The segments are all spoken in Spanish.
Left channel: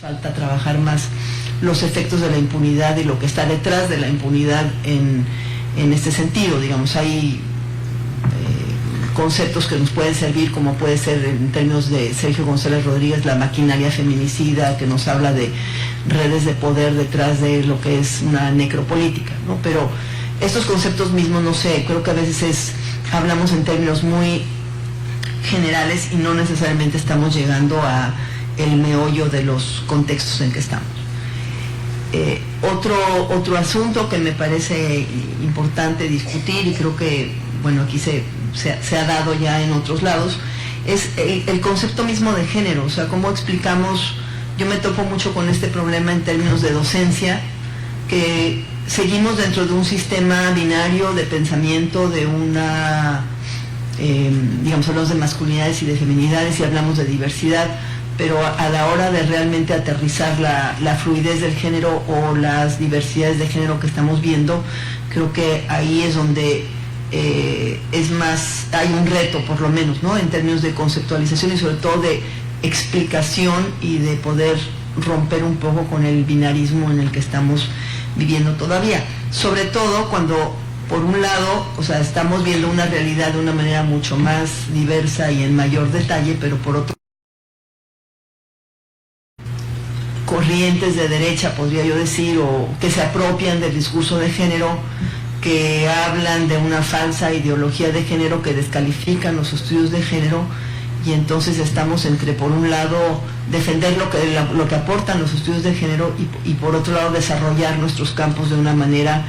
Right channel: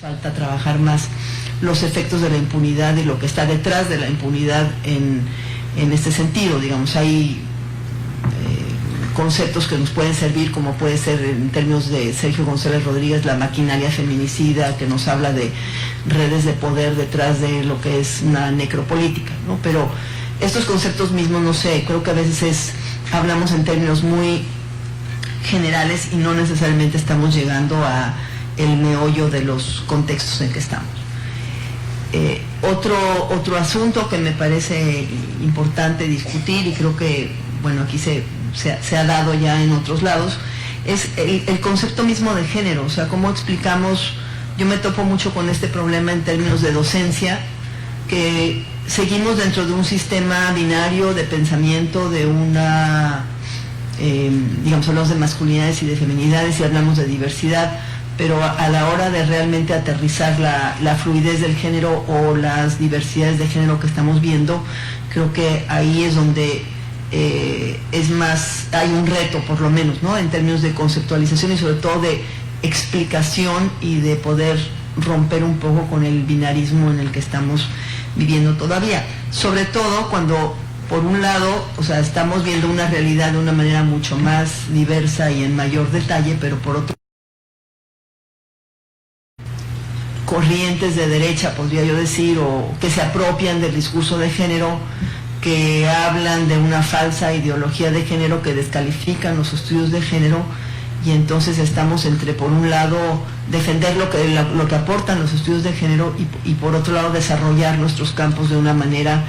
Falta trabajar más los efectos de la impunidad y lo que está detrás de la impunidad en este sentido. Digamos, hay conceptos que nos pueden servir, como puede ser en términos de Sergio González Rodríguez, la maquinaria feminicida, que nos habla de redes de poder detrás de lo que es una necropolítica, ¿no? Pero estos conceptos mismos, no sé, creo que a veces hablamos en términos muy generales y no necesariamente estamos llegando a el meollo de los contextos en que estamos. Otro asunto que me parece importante discutir, y creo que, bueno, aquí se ha dado ya en otros lados, es el concepto mismo de género. O sea, cómo explicamos. Yo me topo mucho con este problema en términos de docencia, que seguimos dentro de un sistema binario de pensamiento, de una, digamos, hablamos de masculinidades y de feminidades y hablamos de diversidad, pero a la hora de realmente aterrizar la fluidez del género o las diversidades de género que estamos viendo, creo que ahí es donde es más, hay un reto por lo menos, ¿no? En términos de conceptualización y sobre todo de explicación y de poder romper un poco con el binarismo en el que estamos viviendo todavía. Sobre todo cuando, por un lado, o sea, estamos viendo una realidad de una manera mucho más diversa y en mayor detalle, pero por otro, corrientes de derecha, podría yo decir, o que se apropian del discurso de género, que hablan de una falsa ideología de género, que descalifican los estudios de género, y entonces estamos entre, por un lado, defender lo que aportan los estudios de género y por otro lado desarrollar nuestros campos de una manera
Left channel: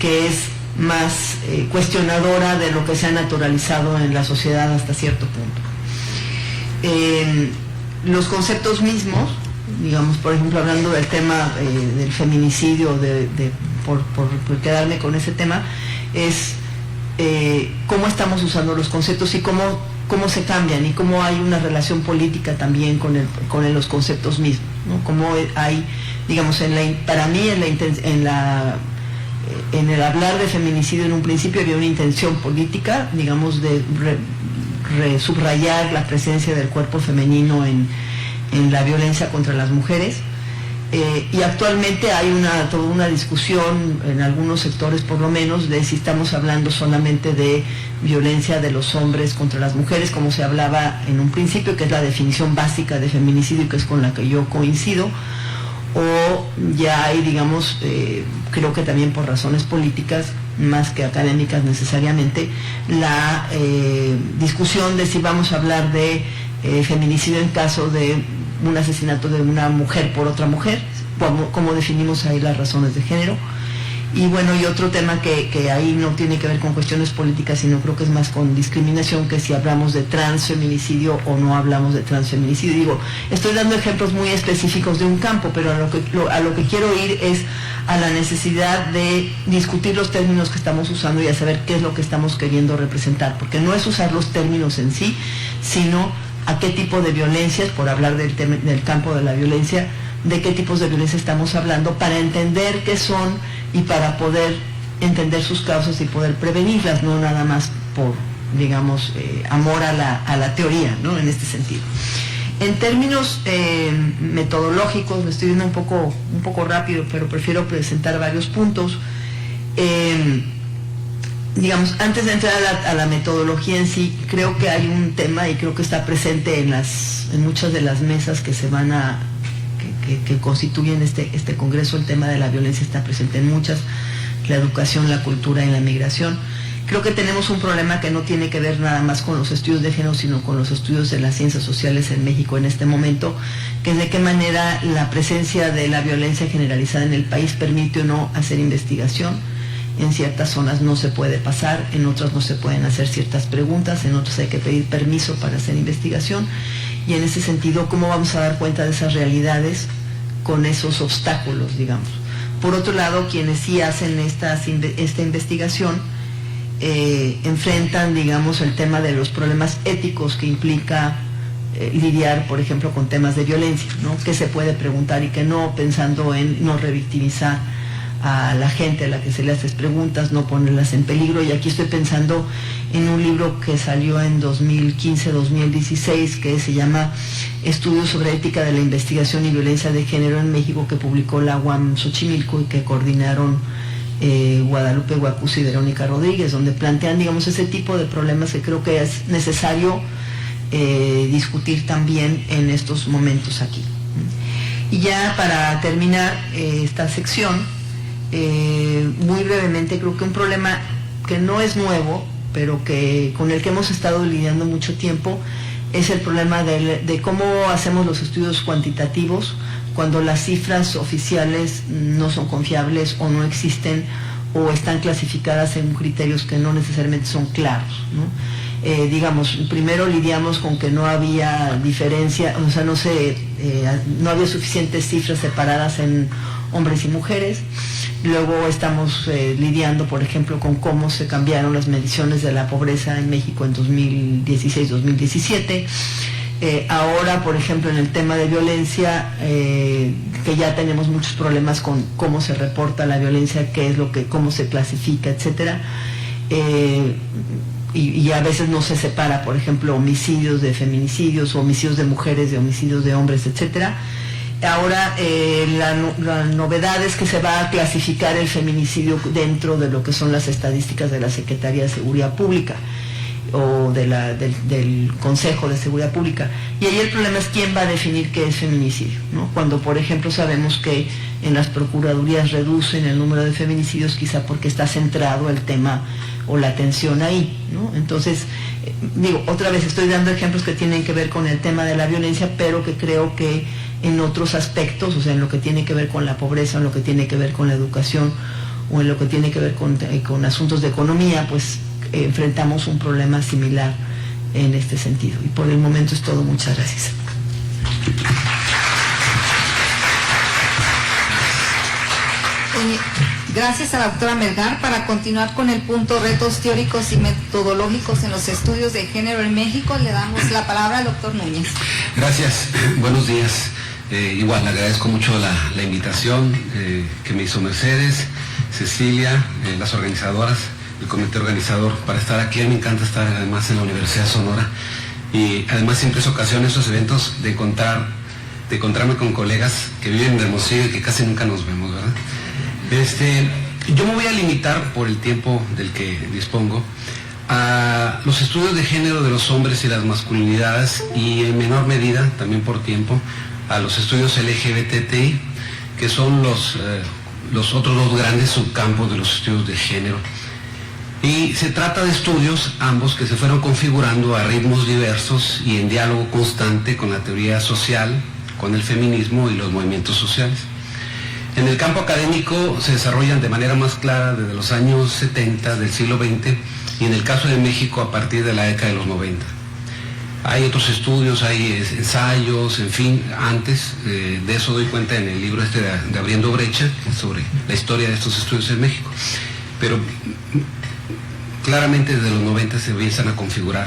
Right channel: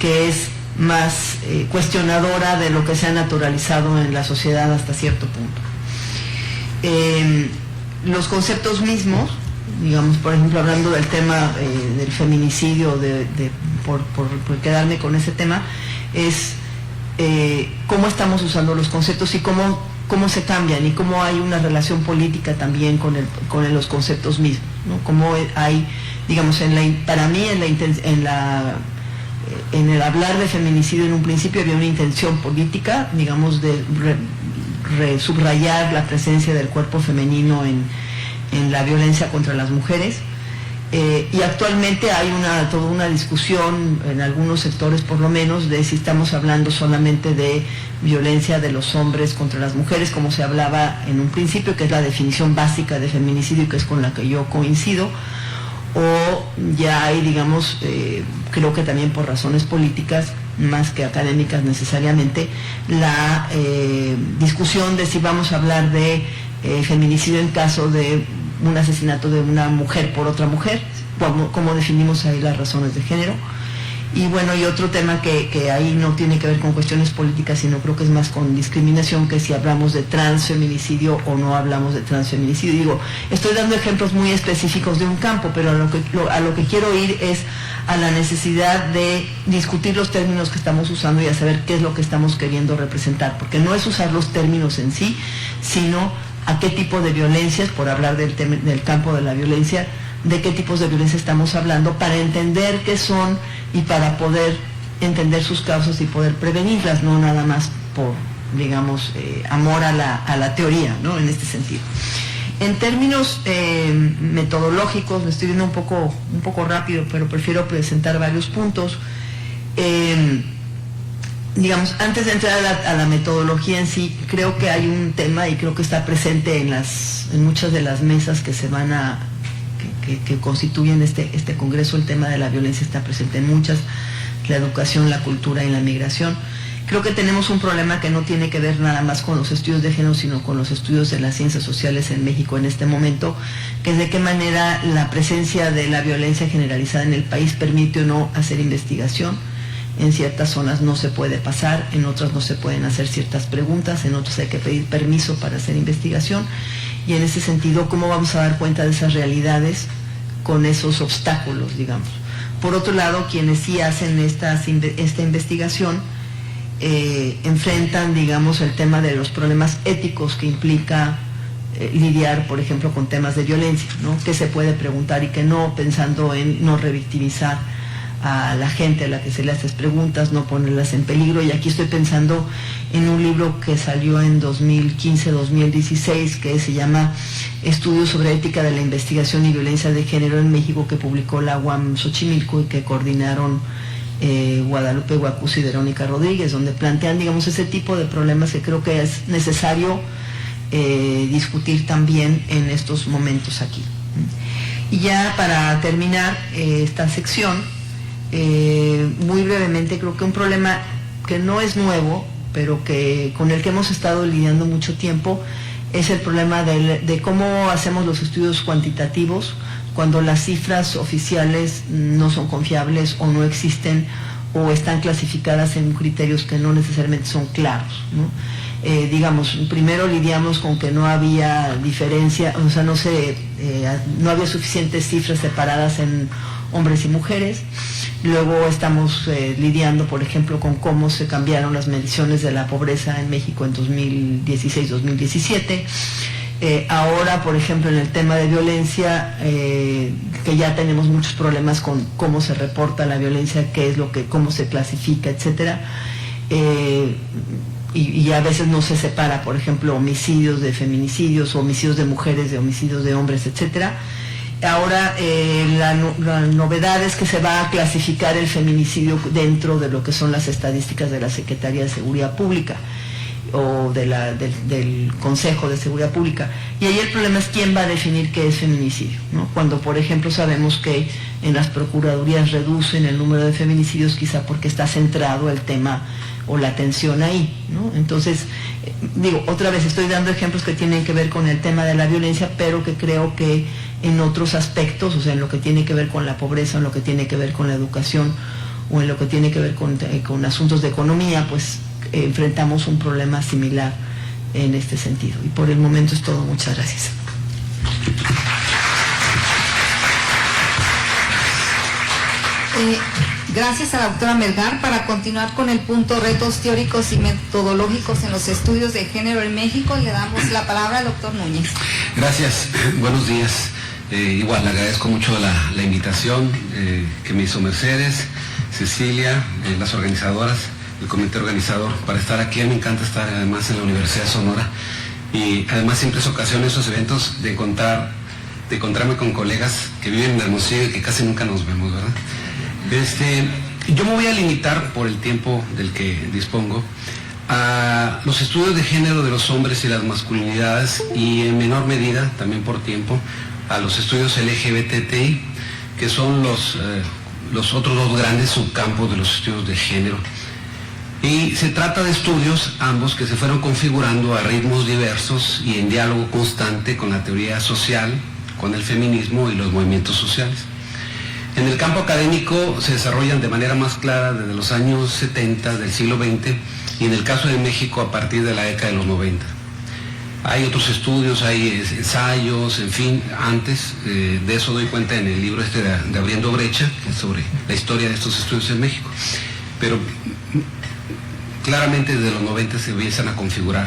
que es más cuestionadora de lo que se ha naturalizado en la sociedad hasta cierto punto. Los conceptos mismos, digamos, por ejemplo, hablando del tema del feminicidio, por quedarme con ese tema, es cómo estamos usando los conceptos y cómo se cambian y cómo hay una relación política también con los conceptos mismos, ¿no? Cómo hay, digamos, para mí en el hablar de feminicidio en un principio había una intención política, digamos, de subrayar la presencia del cuerpo femenino en la violencia contra las mujeres, y actualmente hay toda una discusión en algunos sectores por lo menos de si estamos hablando solamente de violencia de los hombres contra las mujeres, como se hablaba en un principio, que es la definición básica de feminicidio y que es con la que yo coincido, o ya hay, digamos, creo que también por razones políticas más que académicas necesariamente, la discusión de si vamos a hablar de feminicidio en caso de un asesinato de una mujer por otra mujer, cómo definimos ahí las razones de género. Y bueno, y otro tema que ahí no tiene que ver con cuestiones políticas, sino creo que es más con discriminación, que si hablamos de transfeminicidio o no hablamos de transfeminicidio. Digo, estoy dando ejemplos muy específicos de un campo, pero a lo que quiero ir es a la necesidad de discutir los términos que estamos usando y a saber qué es lo que estamos queriendo representar, porque no es usar los términos en sí, sino a qué tipo de violencias, por hablar del campo de la violencia, de qué tipos de violencia estamos hablando, para entender qué son y para poder entender sus causas y poder prevenirlas, no nada más por, digamos, amor a la teoría, ¿no? En este sentido. En términos metodológicos, me estoy viendo un poco rápido, pero prefiero presentar varios puntos. Digamos, antes de entrar a la metodología en sí, creo que hay un tema, y creo que está presente en muchas de las mesas que se van que constituyen este congreso. El tema de la violencia está presente en muchas, la educación, la cultura y la migración. Creo que tenemos un problema que no tiene que ver nada más con los estudios de género, sino con los estudios de las ciencias sociales en México en este momento, que es de qué manera la presencia de la violencia generalizada en el país permite o no hacer investigación. En ciertas zonas no se puede pasar, en otras no se pueden hacer ciertas preguntas, en otras hay que pedir permiso para hacer investigación, y en ese sentido, ¿cómo vamos a dar cuenta de esas realidades con esos obstáculos, digamos? Por otro lado, quienes sí hacen esta investigación enfrentan, digamos, el tema de los problemas éticos que implica lidiar, por ejemplo, con temas de violencia, ¿no? ¿Qué se puede preguntar y qué no, pensando en no revictimizar a la gente a la que se le haces preguntas, no ponerlas en peligro. Y aquí estoy pensando en un libro que salió en 2015-2016 que se llama Estudios sobre ética de la investigación y violencia de género en México, que publicó la UAM Xochimilco y que coordinaron Guadalupe Guacuz y Verónica Rodríguez, donde plantean, digamos, ese tipo de problemas que creo que es necesario discutir también en estos momentos aquí. Y ya para terminar esta sección, muy brevemente, creo que un problema que no es nuevo, pero que con el que hemos estado lidiando mucho tiempo, es el problema de cómo hacemos los estudios cuantitativos cuando las cifras oficiales no son confiables o no existen o están clasificadas en criterios que no necesariamente son claros, ¿no? Digamos, primero lidiamos con que no había diferencia, o sea, no había suficientes cifras separadas en hombres y mujeres. Luego estamos lidiando, por ejemplo, con cómo se cambiaron las mediciones de la pobreza en México en 2016-2017. Ahora, por ejemplo, en el tema de violencia, que ya tenemos muchos problemas con cómo se reporta la violencia, cómo se clasifica, etcétera. Y a veces no se separa, por ejemplo, homicidios de feminicidios, o homicidios de mujeres de homicidios de hombres, etcétera. Ahora la novedad es que se va a clasificar el feminicidio dentro de lo que son las estadísticas de la Secretaría de Seguridad Pública o del Consejo de Seguridad Pública. Y ahí el problema es quién va a definir qué es feminicidio, ¿no? Cuando, por ejemplo, sabemos que en las procuradurías reducen el número de feminicidios, quizá porque está centrado el tema o la atención ahí, ¿no? Entonces, otra vez estoy dando ejemplos que tienen que ver con el tema de la violencia, pero que creo que en otros aspectos, o sea, en lo que tiene que ver con la pobreza, en lo que tiene que ver con la educación o en lo que tiene que ver con asuntos de economía, pues enfrentamos un problema similar en este sentido. Y por el momento es todo. Muchas gracias. Gracias a la doctora Melgar. Para continuar con el punto retos teóricos y metodológicos en los estudios de género en México, le damos la palabra al doctor Núñez. Gracias, buenos días. Igual, le agradezco mucho la invitación que me hizo Mercedes, Cecilia, las organizadoras, el comité organizador, para estar aquí. Me encanta estar además en la Universidad de Sonora, y además siempre es ocasión esos eventos de encontrarme con colegas que viven en Hermosillo y que casi nunca nos vemos, ¿verdad? Yo me voy a limitar, por el tiempo del que dispongo, a los estudios de género de los hombres y las masculinidades, y en menor medida, también por tiempo, a los estudios LGBTI, que son los otros dos grandes subcampos de los estudios de género. Y se trata de estudios, ambos, que se fueron configurando a ritmos diversos y en diálogo constante con la teoría social, con el feminismo y los movimientos sociales. En el campo académico se desarrollan de manera más clara desde los años 70 del siglo XX, y en el caso de México a partir de la década de los 90. Hay otros estudios, hay ensayos, en fin, antes de eso doy cuenta en el libro de Abriendo Brecha, sobre la historia de estos estudios en México. Pero claramente desde los 90 se empiezan a configurar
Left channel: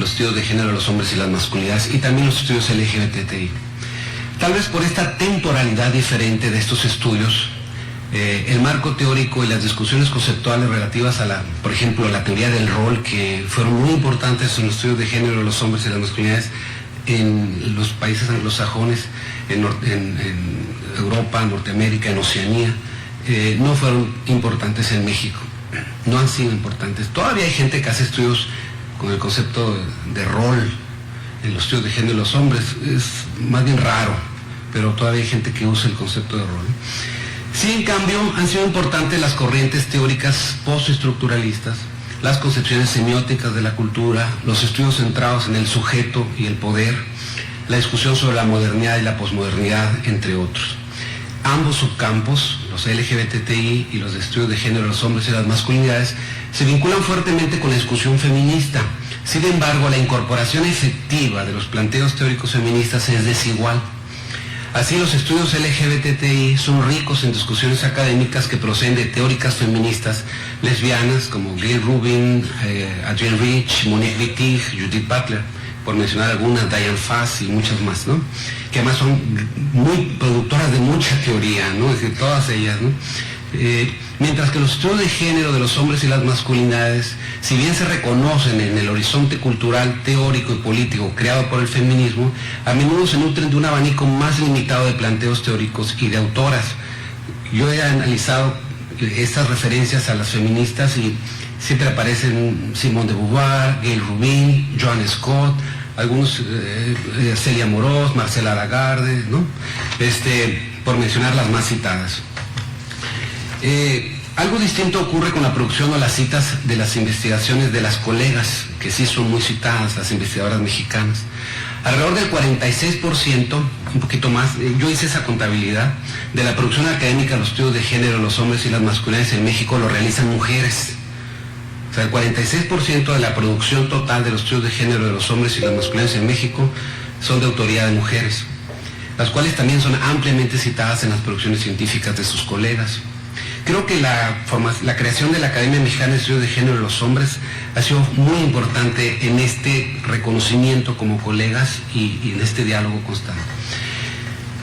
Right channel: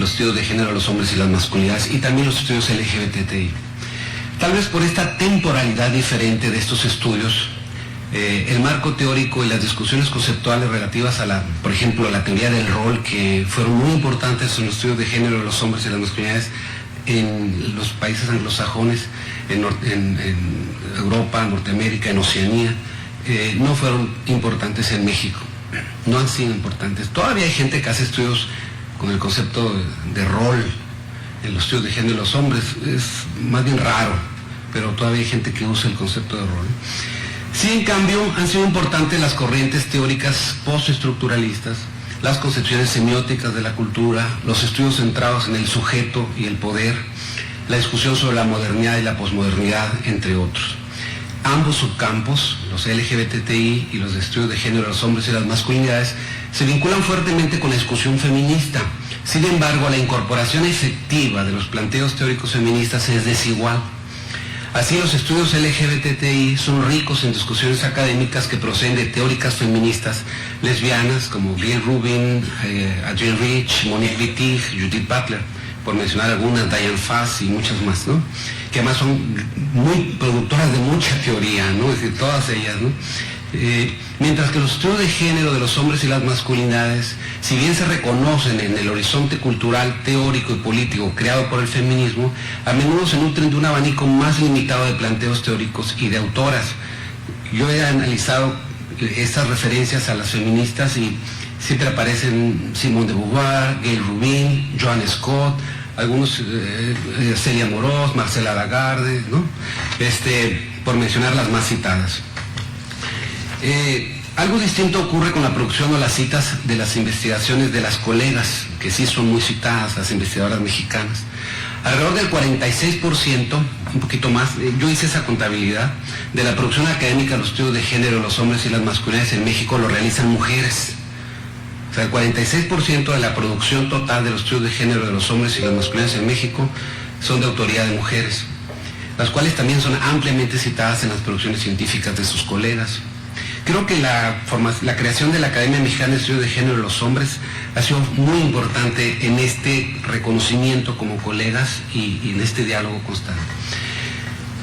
los estudios de género de los hombres y las masculinidades, y también los estudios LGBTI. Tal vez por esta temporalidad diferente de estos estudios, el marco teórico y las discusiones conceptuales relativas a por ejemplo, a la teoría del rol, que fueron muy importantes en los estudios de género de los hombres y las masculinidades en los países anglosajones, en Europa, Norteamérica, en Oceanía, no fueron importantes en México, no han sido importantes. Todavía hay gente que hace estudios con el concepto de rol en los estudios de género de los hombres, es más bien raro, pero todavía hay gente que usa el concepto de rol. Sí, en cambio, han sido importantes las corrientes teóricas postestructuralistas, las concepciones semióticas de la cultura, los estudios centrados en el sujeto y el poder, la discusión sobre la modernidad y la posmodernidad, entre otros. Ambos subcampos, los LGBTI y los estudios de género de los hombres y las masculinidades, se vinculan fuertemente con la discusión feminista. Sin embargo, la incorporación efectiva de los planteos teóricos feministas es desigual. Así, los estudios LGBTI son ricos en discusiones académicas que proceden de teóricas feministas lesbianas como Gayle Rubin, Adrienne Rich, Monique Wittig, Judith Butler, por mencionar algunas, Diane Fass y muchas más, ¿no? Que además son muy productoras de mucha teoría, ¿no? Es decir, todas ellas, ¿no? Mientras que los estudios de género de los hombres y las masculinidades, si bien se reconocen en el horizonte cultural, teórico y político creado por el feminismo, a menudo se nutren de un abanico más limitado de planteos teóricos y de autoras. Yo he analizado estas referencias a las feministas y siempre aparecen Simone de Beauvoir, Gayle Rubin, Joan Scott, algunos, Celia Amorós, Marcela Lagarde, ¿no? Por mencionar las más citadas. Algo distinto ocurre con la producción o las citas de las investigaciones de las colegas, que sí son muy citadas, las investigadoras mexicanas. Alrededor del 46%, un poquito más, yo hice esa contabilidad, de la producción académica, los estudios de género, los hombres y las masculinidades en México lo realizan mujeres. O sea, el 46% de la producción total de los estudios de género de los hombres y las masculinidades en México son de autoría de mujeres, las cuales también son ampliamente citadas en las producciones científicas de sus colegas. Creo que la creación de la Academia Mexicana de Estudios de Género de los Hombres ha sido muy importante en este reconocimiento como colegas y en este diálogo constante.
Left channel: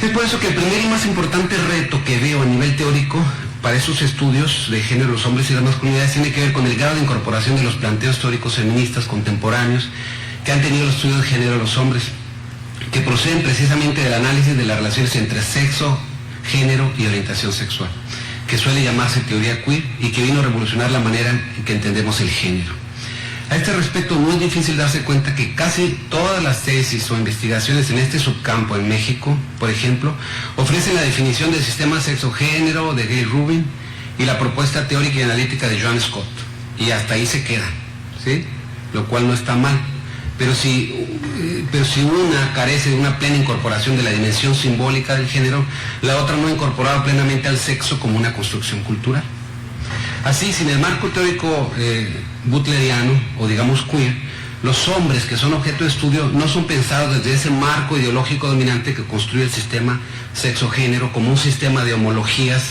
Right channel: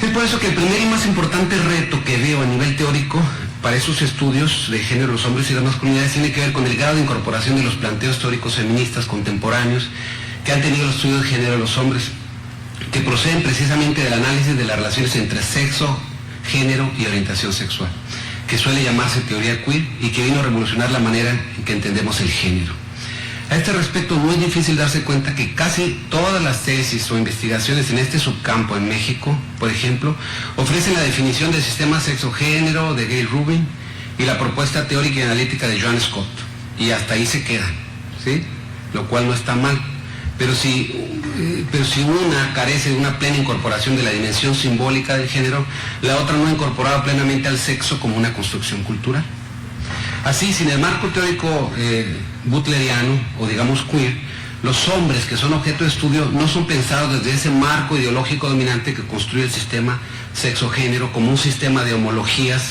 Es por eso que el primer y más importante reto que veo a nivel teórico para esos estudios de género de los hombres y las masculinidades tiene que ver con el grado de incorporación de los planteos teóricos feministas contemporáneos que han tenido los estudios de género de los hombres, que proceden precisamente del análisis de las relaciones entre sexo, género y orientación sexual, que suele llamarse teoría queer y que vino a revolucionar la manera en que entendemos el género. A este respecto, no es difícil darse cuenta que casi todas las tesis o investigaciones en este subcampo en México, por ejemplo, ofrecen la definición del sistema sexo-género de Gayle Rubin y la propuesta teórica y analítica de Joan Scott, y hasta ahí se quedan, ¿sí? Lo cual no está mal. Pero si una carece de una plena incorporación de la dimensión simbólica del género, la otra no ha incorporado plenamente al sexo como una construcción cultural. Así, sin el marco teórico butleriano, o digamos queer, los hombres que son objeto de estudio no son pensados desde ese marco ideológico dominante que construye el sistema sexo-género como un sistema de homologías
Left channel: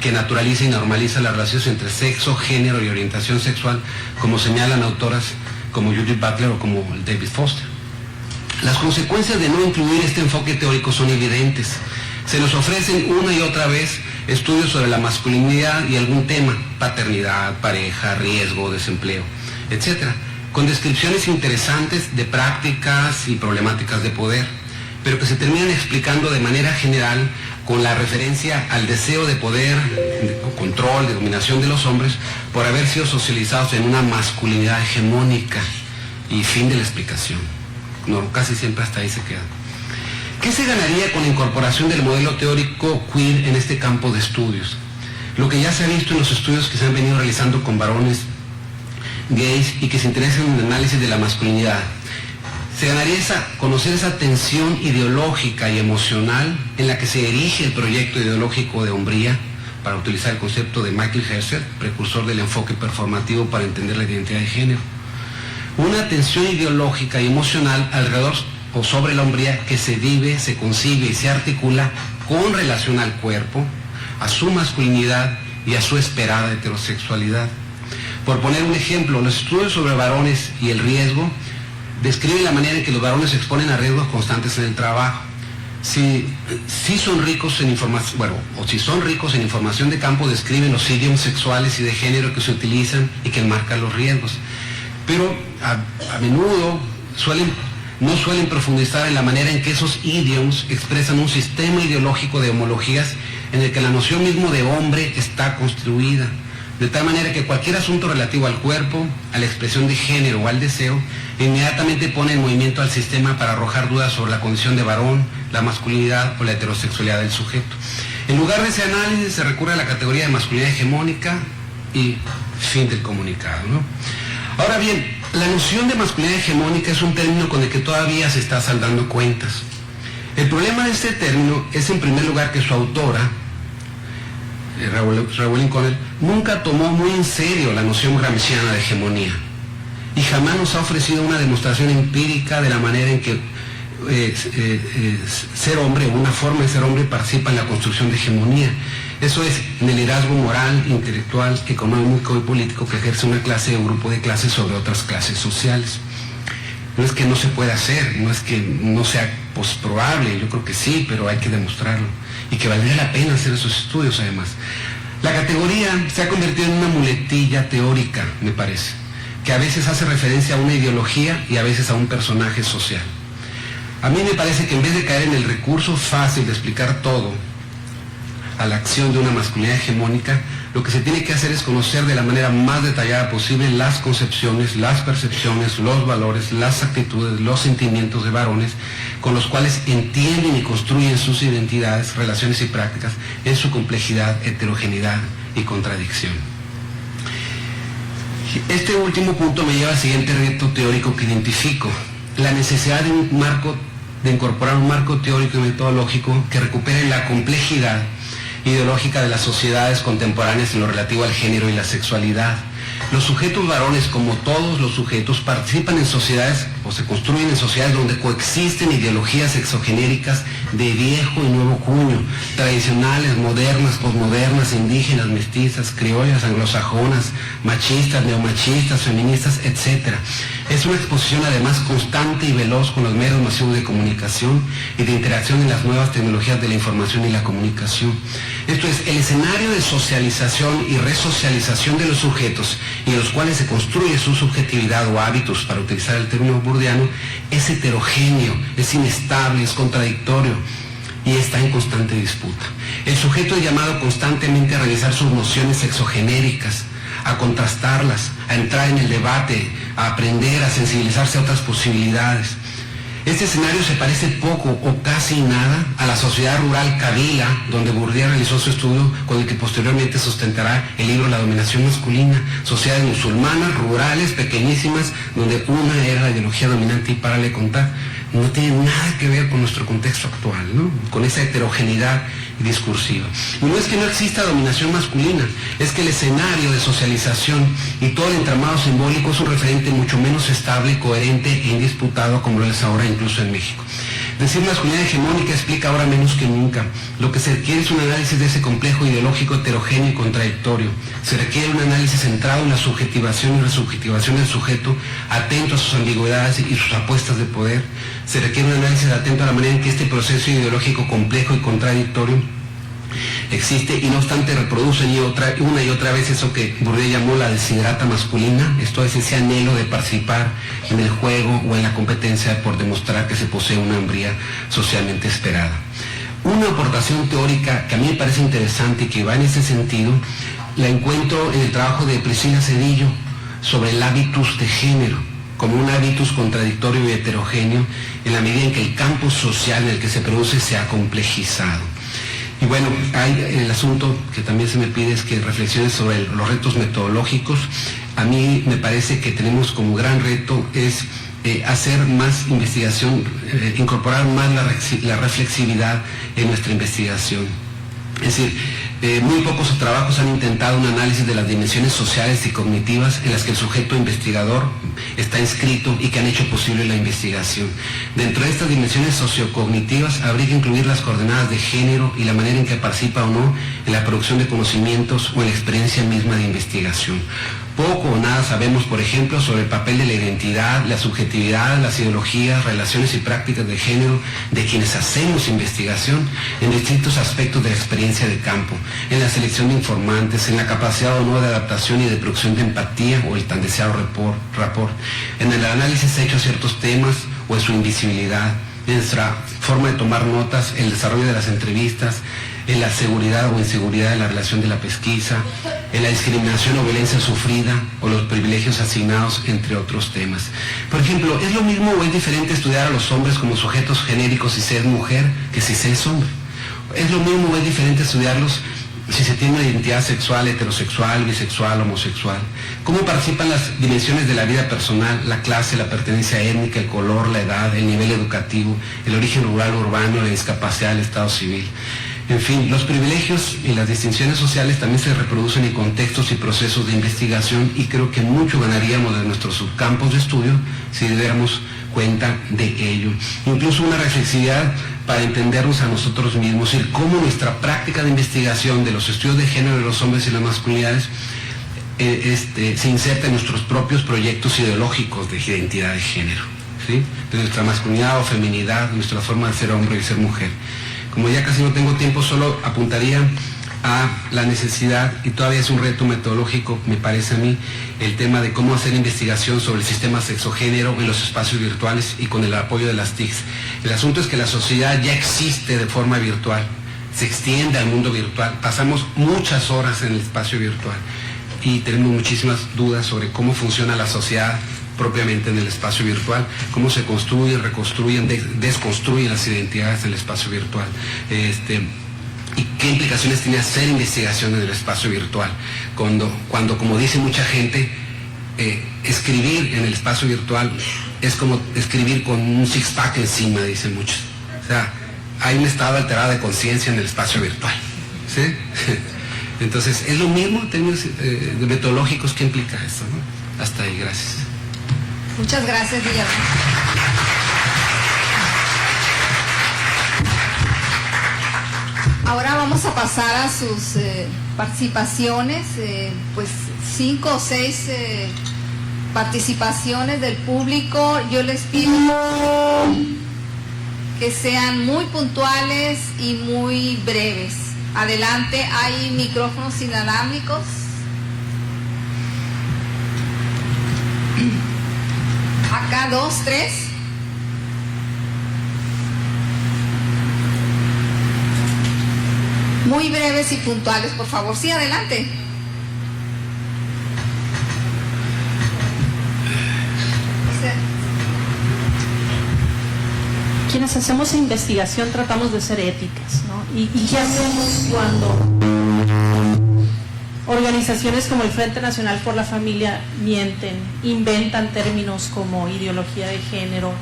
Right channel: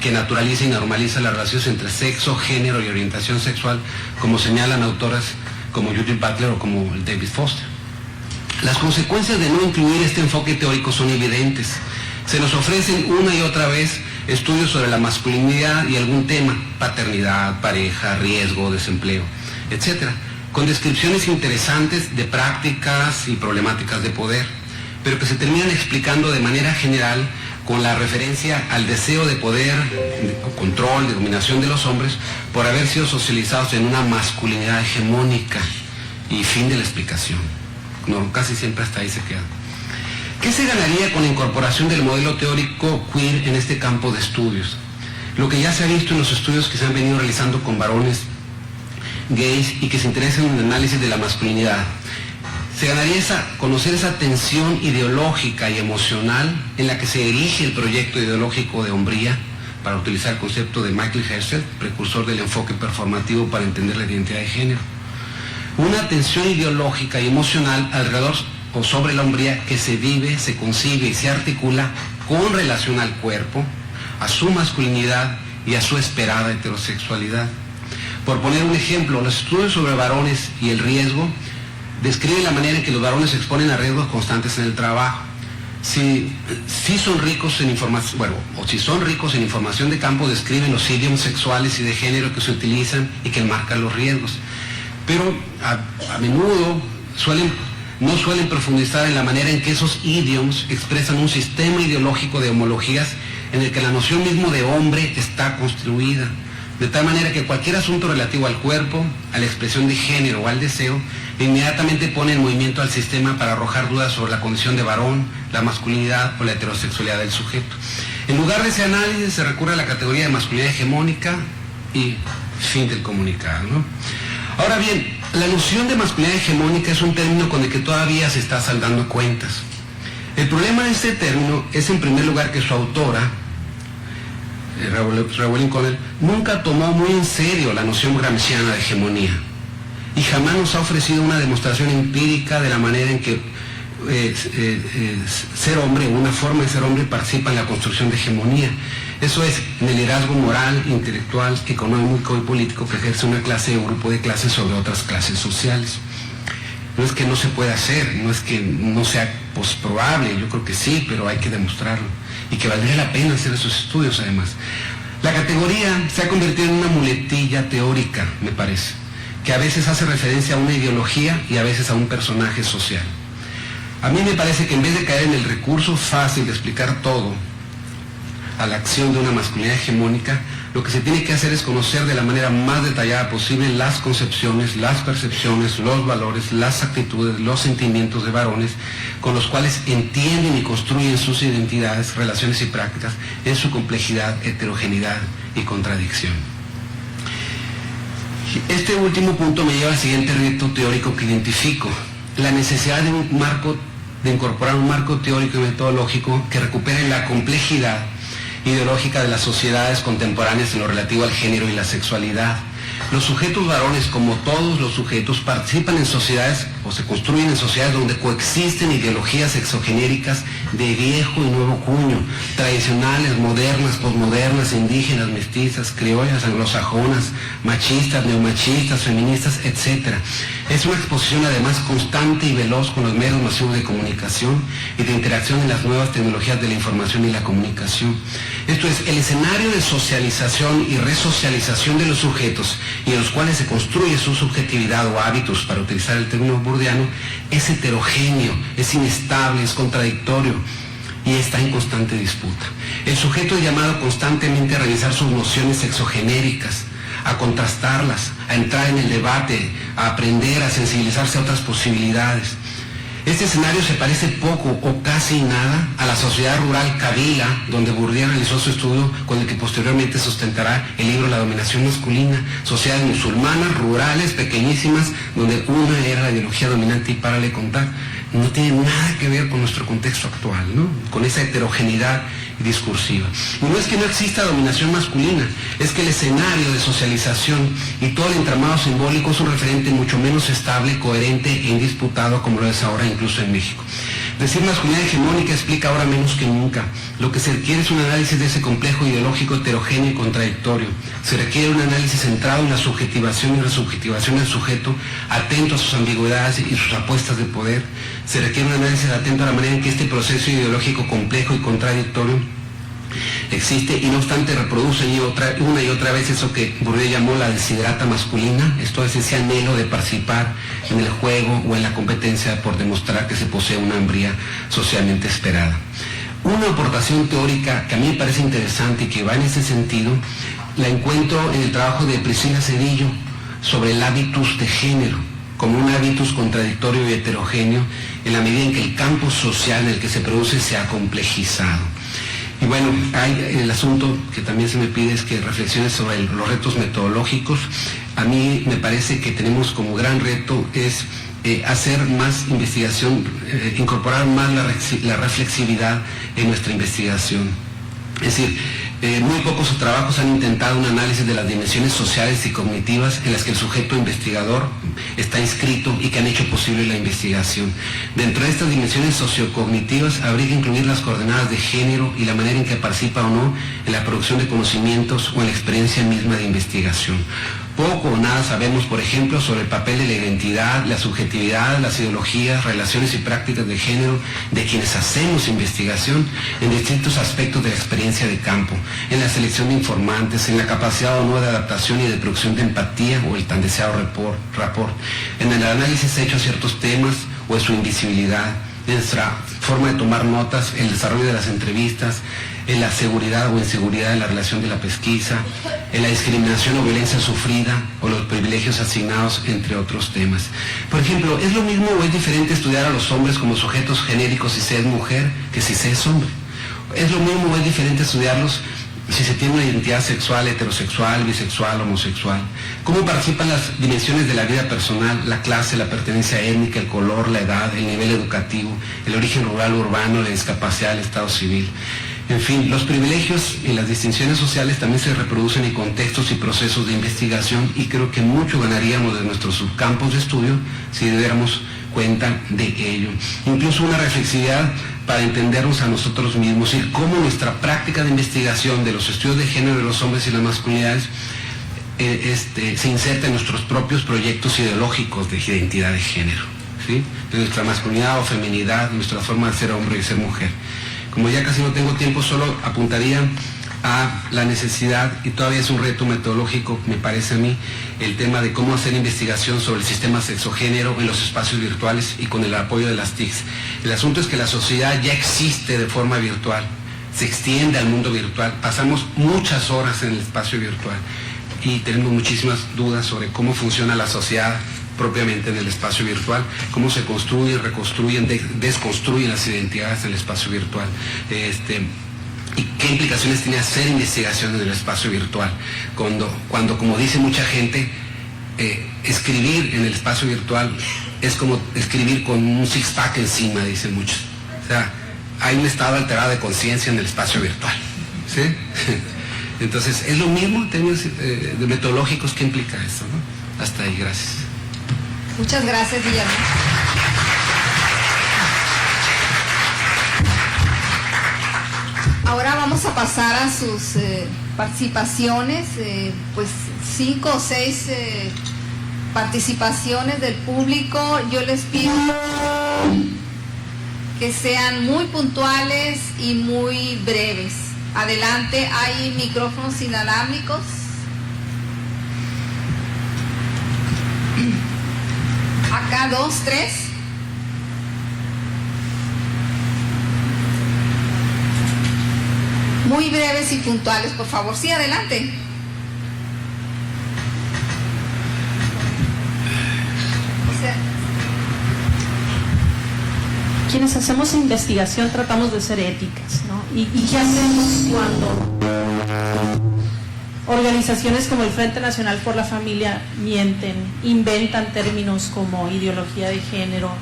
que naturaliza y normaliza las relaciones entre sexo, género y orientación sexual, como señalan autoras como Judith Butler o como David Foster. Las consecuencias de no incluir este enfoque teórico son evidentes. Se nos ofrecen una y otra vez estudios sobre la masculinidad y algún tema, paternidad, pareja, riesgo, desempleo, etc., con descripciones interesantes de prácticas y problemáticas de poder, pero que se terminan explicando de manera general con la referencia al deseo de poder, de control, de dominación de los hombres, por haber sido socializados en una masculinidad hegemónica, y fin de la explicación. No, casi siempre hasta ahí se queda. ¿Qué se ganaría con la incorporación del modelo teórico queer en este campo de estudios? Lo que ya se ha visto en los estudios que se han venido realizando con varones gays y que se interesan en el análisis de la masculinidad. Se ganaría conocer esa tensión ideológica y emocional en la que se erige el proyecto ideológico de hombría, para utilizar el concepto de Michael Herzl, precursor del enfoque performativo para entender la identidad de género. Una tensión ideológica y emocional alrededor o sobre la hombría que se vive, se concibe y se articula con relación al cuerpo, a su masculinidad y a su esperada heterosexualidad. Por poner un ejemplo, los estudios sobre varones y el riesgo describen la manera en que los varones se exponen a riesgos constantes en el trabajo. Si son ricos en información, si son ricos en información de campo, describen los idiomas sexuales y de género que se utilizan y que enmarcan los riesgos. Pero a menudo no suelen profundizar en la manera en que esos idiomas expresan un sistema ideológico de homologías en el que la noción mismo de hombre está construida, de tal manera que cualquier asunto relativo al cuerpo, a la expresión de género o al deseo, inmediatamente pone en movimiento al sistema para arrojar dudas sobre la condición de varón, la masculinidad o la heterosexualidad del sujeto. En lugar de ese análisis se recurre a la categoría de masculinidad hegemónica y fin del comunicado, ¿no? Ahora bien, la noción de masculinidad hegemónica es un término con el que todavía se está saldando cuentas. El problema de este término es, en primer lugar, que su autora, Rewelyn Connell, nunca tomó muy en serio la noción gramsciana de hegemonía y jamás nos ha ofrecido una demostración empírica de la manera en que ser hombre, una forma de ser hombre, participa en la construcción de hegemonía. Eso es, en el liderazgo moral, intelectual, económico y político que ejerce una clase o grupo de clases sobre otras clases sociales. No es que no se pueda hacer, no es que no sea probable, yo creo que sí, pero hay que demostrarlo. Y que valdría la pena hacer esos estudios además. La categoría se ha convertido en una muletilla teórica, me parece, que a veces hace referencia a una ideología y a veces a un personaje social. A mí me parece que en vez de caer en el recurso fácil de explicar todo a la acción de una masculinidad hegemónica, lo que se tiene que hacer es conocer de la manera más detallada posible las concepciones, las percepciones, los valores, las actitudes, los sentimientos de varones con los cuales entienden y construyen sus identidades, relaciones y prácticas en su complejidad, heterogeneidad y contradicción. Este último punto me lleva al siguiente reto teórico que identifico: la necesidad de incorporar un marco teórico y metodológico que recupere la complejidad ideológica de las sociedades contemporáneas en lo relativo al género y la sexualidad. Los sujetos varones, como todos los sujetos, participan en sociedades o se construyen en sociedades donde coexisten ideologías exogenéricas de viejo y nuevo cuño, tradicionales, modernas, posmodernas, indígenas, mestizas, criollas, anglosajonas, machistas, neomachistas, feministas, etc. Es una exposición además constante y veloz con los medios masivos de comunicación y de interacción en las nuevas tecnologías de la información y la comunicación. Esto es, el escenario de socialización y resocialización de los sujetos y en los cuales se construye su subjetividad o hábitos, para utilizar el término bourdiano, es heterogéneo, es inestable, es contradictorio y está en constante disputa. El sujeto es llamado constantemente a revisar sus nociones exogenéricas, a contrastarlas, a entrar en el debate, a aprender, a sensibilizarse a otras posibilidades. Este escenario se parece poco o casi nada a la sociedad rural Kabila, donde Bourdieu realizó su estudio con el que posteriormente sustentará el libro La dominación masculina. Sociedades musulmanas, rurales, pequeñísimas, donde una era la ideología dominante y para le contar. No tiene nada que ver con nuestro contexto actual, ¿no? Con esa heterogeneidad discursiva. Y no es que no exista dominación masculina, es que el escenario de socialización y todo el entramado simbólico es un referente mucho menos estable, coherente e indisputado como lo es ahora incluso en México. Decir masculinidad hegemónica explica ahora menos que nunca. Lo que se requiere es un análisis de ese complejo ideológico heterogéneo y contradictorio. Se requiere un análisis centrado en la subjetivación y la subjetivación del sujeto, atento a sus ambigüedades y sus apuestas de poder. Se requiere un análisis atento a la manera en que este proceso ideológico complejo y contradictorio existe y no obstante reproduce una y otra vez eso que Bourdieu llamó la desiderata masculina, esto es ese anhelo de participar en el juego o en la competencia por demostrar que se posee una hombría socialmente esperada. Una aportación teórica que a mí me parece interesante y que va en ese sentido, la encuentro en el trabajo de Priscila Cedillo sobre el hábitus de género, como un hábitus contradictorio y heterogéneo en la medida en que el campo social en el que se produce se ha complejizado. Y bueno, hay el asunto que también se me pide es que reflexione sobre los retos metodológicos. A mí me parece que tenemos como gran reto es hacer más investigación, incorporar más la reflexividad en nuestra investigación. Es decir, muy pocos trabajos han intentado un análisis de las dimensiones sociales y cognitivas en las que el sujeto investigador está inscrito y que han hecho posible la investigación. Dentro de estas dimensiones sociocognitivas habría que incluir las coordenadas de género y la manera en que participa o no en la producción de conocimientos o en la experiencia misma de investigación. Poco o nada sabemos, por ejemplo, sobre el papel de la identidad, la subjetividad, las ideologías, relaciones y prácticas de género de quienes hacemos investigación en distintos aspectos de la experiencia de campo, en la selección de informantes, en la capacidad o no de adaptación y de producción de empatía o el tan deseado rapport, en el análisis hecho a ciertos temas o en su invisibilidad, en nuestra forma de tomar notas, el desarrollo de las entrevistas, en la seguridad o inseguridad de la relación de la pesquisa, en la discriminación o violencia sufrida o los privilegios asignados, entre otros temas. Por ejemplo, ¿es lo mismo o es diferente estudiar a los hombres como sujetos genéricos si se es mujer que si se es hombre? ¿Es lo mismo o es diferente estudiarlos si se tiene una identidad sexual, heterosexual, bisexual, homosexual? ¿Cómo participan las dimensiones de la vida personal, la clase, la pertenencia étnica, el color, la edad, el nivel educativo, el origen rural, urbano, la discapacidad, el estado civil? En fin, los privilegios y las distinciones sociales también se reproducen en contextos y procesos de investigación y creo que mucho ganaríamos de nuestros subcampos de estudio si diéramos cuenta de ello. Incluso una reflexividad para entendernos a nosotros mismos y cómo nuestra práctica de investigación de los estudios de género de los hombres y las masculinidades se inserta en nuestros propios proyectos ideológicos de identidad de género. ¿sí? De nuestra masculinidad o feminidad, nuestra forma de ser hombre y ser mujer. Como ya casi no tengo tiempo, solo apuntaría a la necesidad, y todavía es un reto metodológico, me parece a mí, el tema de cómo hacer investigación sobre el sistema sexogénero en los espacios virtuales y con el apoyo de las TICs. El asunto es que la sociedad ya existe de forma virtual, se extiende al mundo virtual, pasamos muchas horas en el espacio virtual y tenemos muchísimas dudas sobre cómo funciona la sociedad propiamente en el espacio virtual, cómo se construyen, reconstruyen, desconstruyen las identidades del espacio virtual. Y qué implicaciones tiene hacer investigación en el espacio virtual, cuando como dice mucha gente, escribir en el espacio virtual es como escribir con un six-pack encima, dicen muchos. O sea, hay un estado alterado de conciencia en el espacio virtual, ¿sí? Entonces, es lo mismo en términos metodológicos que implica esto, ¿no? Hasta ahí, gracias. Muchas gracias, Guillermo. Ahora vamos a pasar a sus participaciones, pues 5 o 6 participaciones del público. Yo les pido que sean muy puntuales y muy breves. Adelante, hay micrófonos inalámbricos. Acá 2, 3. Muy breves y puntuales, por favor. Sí, adelante. Quienes hacemos investigación tratamos de ser éticas, ¿no? ¿Y qué hacemos cuando organizaciones como el Frente Nacional por la Familia mienten, inventan términos como ideología de género,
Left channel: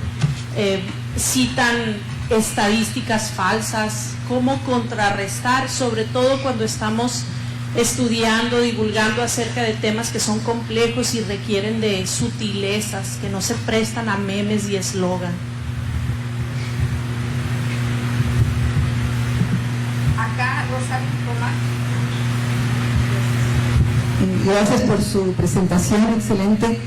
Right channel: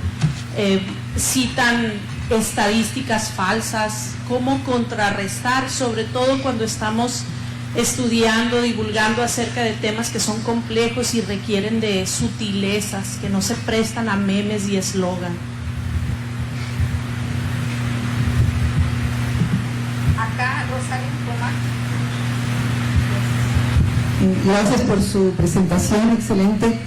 citan estadísticas falsas? ¿Cómo contrarrestar, sobre todo cuando estamos estudiando, divulgando acerca de temas que son complejos y requieren de sutilezas, que no se prestan a memes y eslogan? Acá, Rosario Román. Gracias por su presentación, excelente.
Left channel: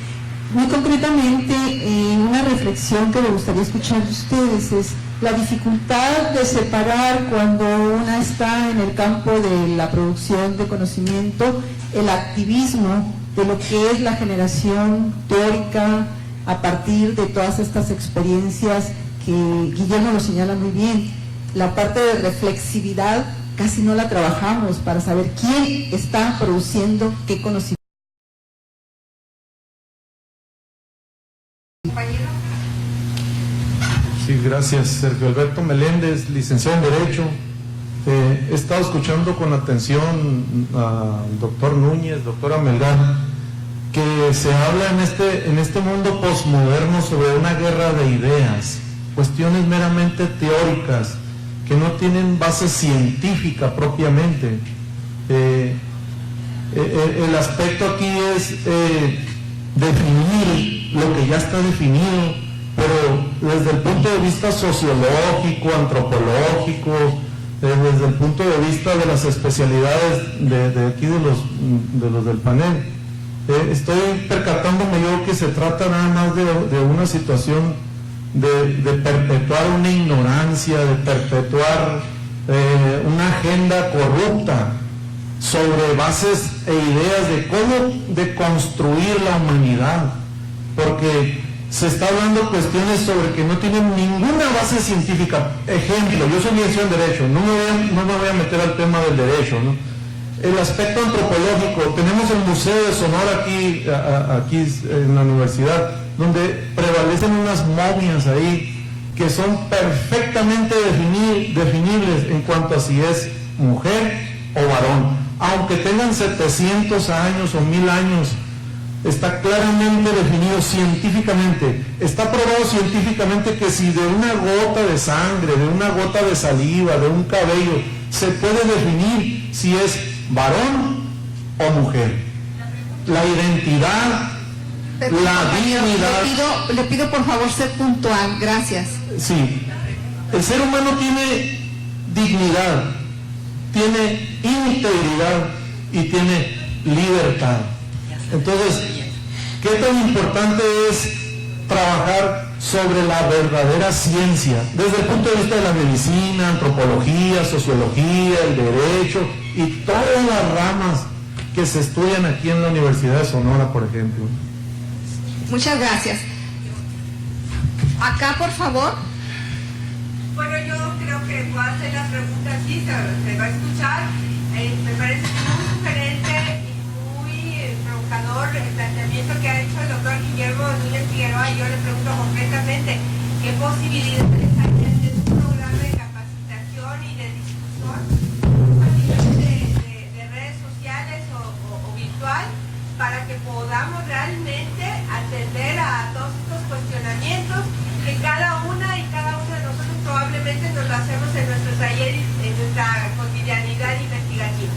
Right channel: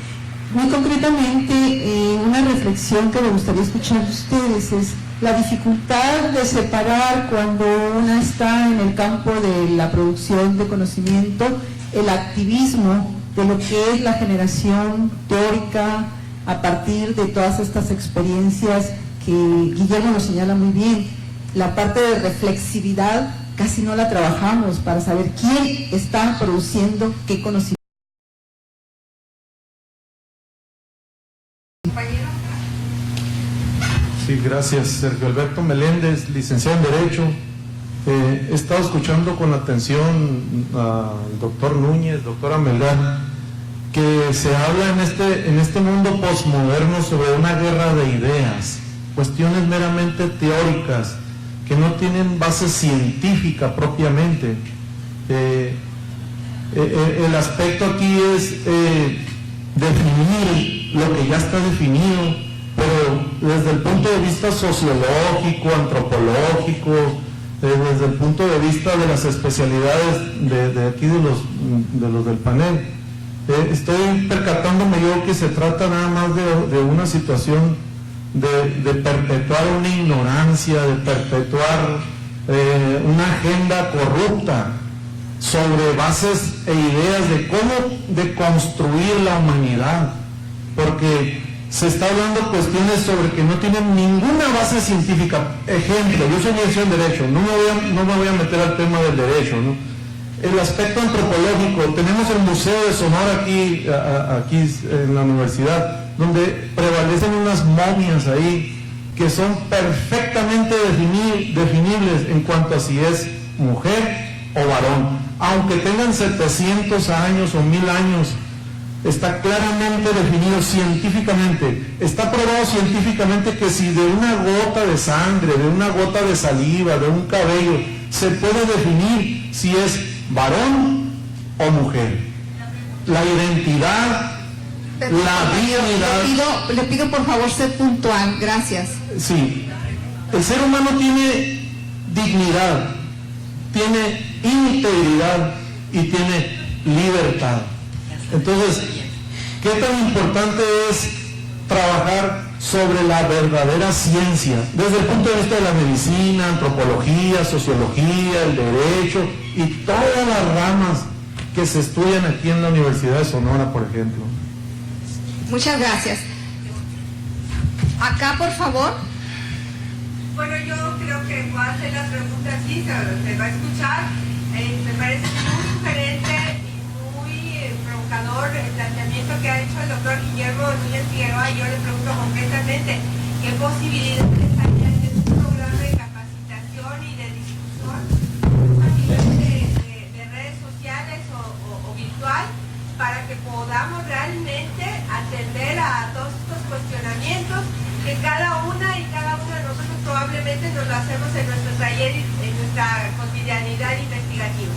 Muy concretamente, una reflexión que me gustaría escuchar de ustedes es la dificultad de separar cuando una está en el campo de la producción de conocimiento, el activismo de lo que es la generación teórica a partir de todas estas experiencias que Guillermo lo señala muy bien. La parte de reflexividad casi no la trabajamos para saber quién está produciendo qué conocimiento. Sí, gracias. Sergio Alberto Meléndez, licenciado en Derecho. He estado escuchando con atención al doctor Núñez, doctora Melgar, que se habla en este mundo posmoderno sobre una guerra de ideas, cuestiones meramente teóricas, que no tienen base científica propiamente. El aspecto aquí es definir lo que ya está definido, pero desde el punto de vista sociológico, antropológico, desde el punto de vista de las especialidades de aquí de los del panel. Estoy percatándome yo que se trata nada más de una situación de perpetuar una ignorancia, de perpetuar una agenda corrupta sobre bases e ideas de cómo construir la humanidad, porque se está hablando cuestiones sobre que no tienen ninguna base científica. Ejemplo, yo soy licenciado en Derecho, no me voy a meter al tema del derecho, ¿no? El aspecto antropológico, tenemos el Museo de Sonora aquí en la universidad, donde prevalecen unas momias ahí que son perfectamente definibles en cuanto a si es mujer o varón, aunque tengan 700 años o 1000 años. Está claramente definido científicamente, está probado científicamente que si de una gota de sangre, de una gota de saliva, de un cabello, se puede definir si es varón o mujer. La identidad, la dignidad. Le pido por favor ser puntual, gracias. Sí, el ser humano tiene dignidad, tiene integridad y tiene libertad. Entonces, ¿qué tan importante es trabajar sobre la verdadera ciencia, desde el punto de vista de la medicina, antropología, sociología, el derecho y todas las ramas que se estudian aquí en la Universidad de Sonora, por ejemplo. Muchas gracias. Acá, por favor. Bueno, yo creo que puedo hacer las preguntas, sí, se va a escuchar. Me parece muy sugerente y muy provocador el planteamiento que ha hecho el doctor Guillermo Núñez Figueroa, y yo le pregunto concretamente, ¿qué posibilidades hay de un programa de capacitación y de discusión a nivel de redes sociales o virtual, para que podamos realmente atender a todos estos cuestionamientos que cada una de nosotros probablemente nos lo hacemos en nuestro taller y en nuestra cotidianidad investigativa?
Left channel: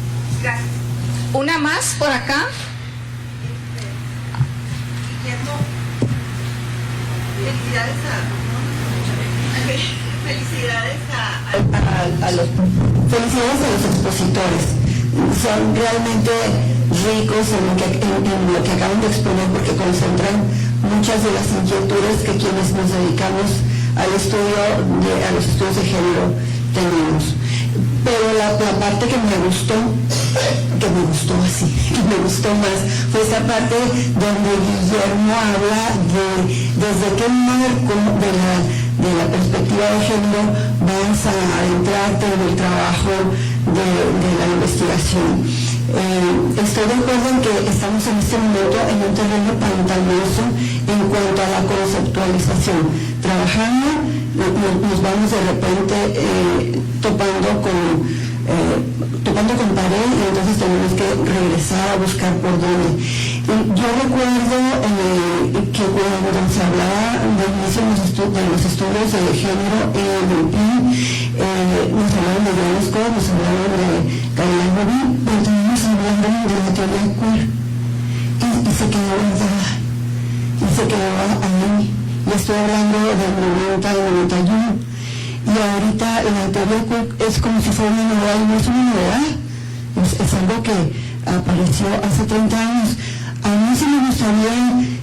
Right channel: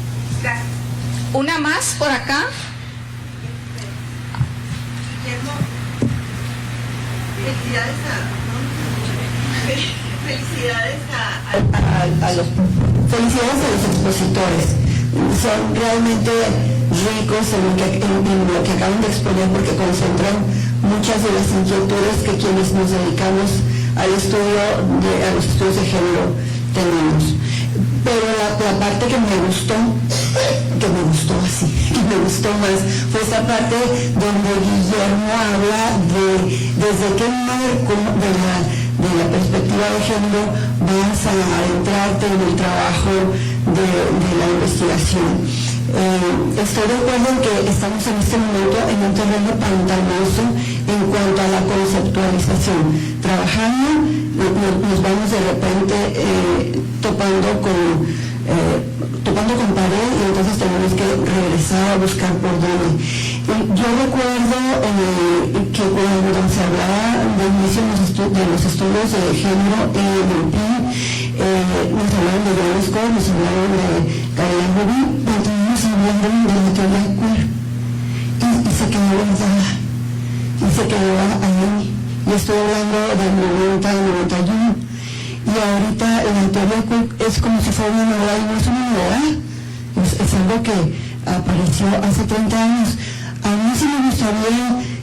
Gracias. Una más por acá. Guillermo, felicidades a los expositores. Son realmente ricos en lo que acaban de exponer, porque concentran muchas de las inquietudes que quienes nos dedicamos a los estudios de género tenemos. Pero la parte que me gustó más, fue esa parte donde Guillermo habla desde qué marco de la perspectiva de género vas a adentrarte en el trabajo de la investigación. Estoy de acuerdo en que estamos en este momento en un terreno pantanoso en cuanto a la conceptualización. Trabajando, nos vamos de repente topando con pared, y entonces tenemos que regresar a buscar por dónde. Yo recuerdo que cuando se hablaba del inicio de los estudios de género en el PIN, nos hablaban de John Scott, nos hablaban de Caroline Rubin, entonces hablando de la teoría queer, y se quedó guardada, y se quedó ahí. Y estoy hablando del 90, del 91. Y ahorita la teoría queer es como si fuera una novedad, y no es una novedad, es algo que apareció hace 30 años. A mí sí me gustaría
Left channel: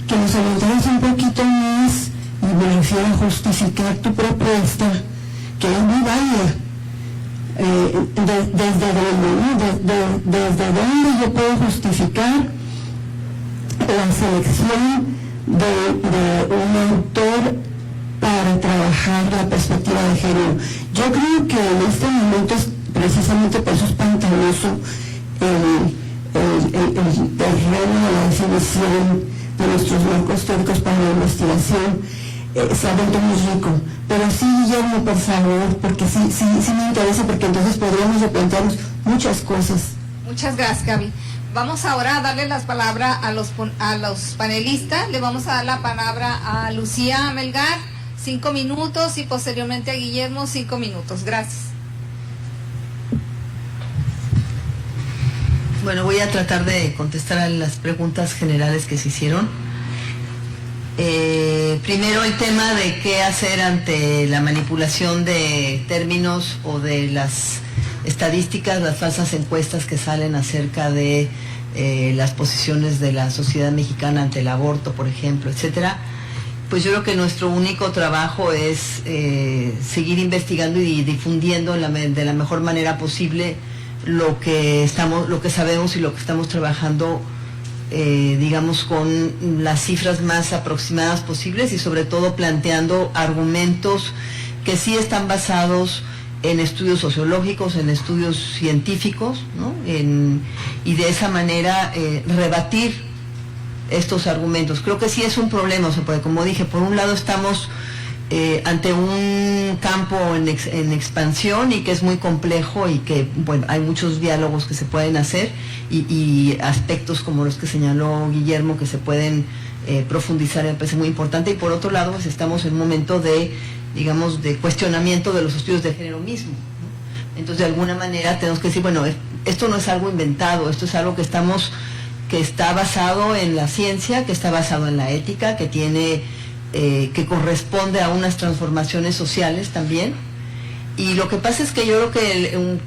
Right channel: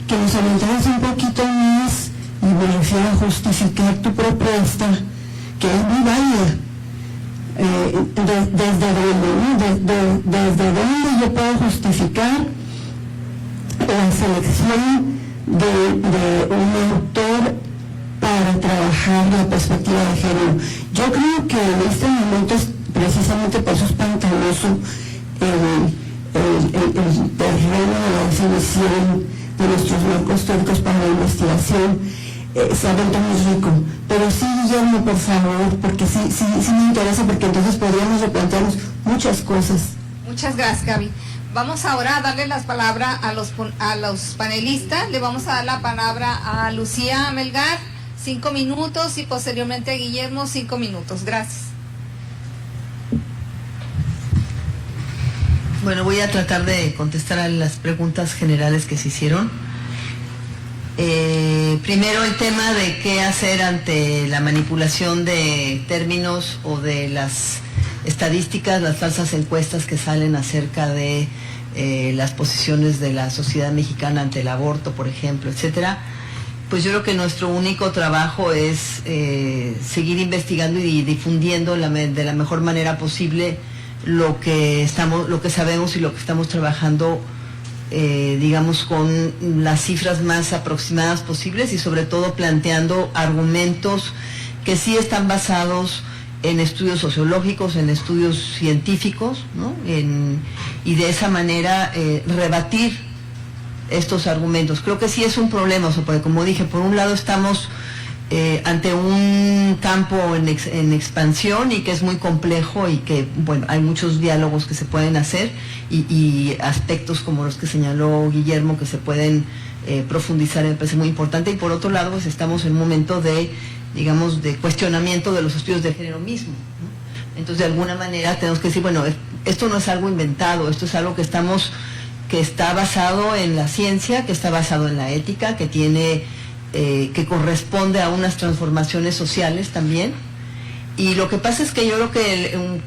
que nos aventaras un poquito más, y me refiero a justificar tu propuesta, que es muy válida. Desde dónde yo puedo justificar la selección de un autor para trabajar la perspectiva de género. Yo creo que en este momento, precisamente por eso es pantanoso el terreno de la definición de nuestros marcos teóricos para la investigación. Se ha vuelto muy rico, pero sí, Guillermo, por favor, porque sí me interesa, porque entonces podríamos replantearnos muchas cosas. Muchas gracias, Gaby. Vamos ahora a darle las palabras a los panelistas. Le vamos a dar la palabra a Lucía Melgar, 5 minutos, y posteriormente a Guillermo, 5 minutos. Gracias. Bueno, voy a tratar de contestar a las preguntas generales que se hicieron. Primero, el tema de qué hacer ante la manipulación de términos o de las estadísticas, las falsas encuestas que salen acerca de las posiciones de la sociedad mexicana ante el aborto, por ejemplo, etcétera. Pues yo creo que nuestro único trabajo es seguir investigando y difundiendo de la mejor manera posible lo que sabemos y lo que estamos trabajando, digamos, con las cifras más aproximadas posibles, y sobre todo planteando argumentos que sí están basados en estudios sociológicos, en estudios científicos, ¿no? Y de esa manera rebatir estos argumentos. Creo que sí es un problema, o sea, porque, como dije, por un lado estamos ante un campo en expansión, y que es muy complejo, y que, bueno, hay muchos diálogos que se pueden hacer, y aspectos como los que señaló Guillermo que se pueden profundizar, me parece muy importante. Y por otro lado, pues estamos en un momento de, digamos, de cuestionamiento de los estudios de género mismo, ¿no? Entonces, de alguna manera tenemos que decir, bueno, esto no es algo inventado, esto es algo que está basado en la ciencia, que está basado en la ética, que que corresponde a unas transformaciones sociales también. Y lo que pasa es que yo creo que un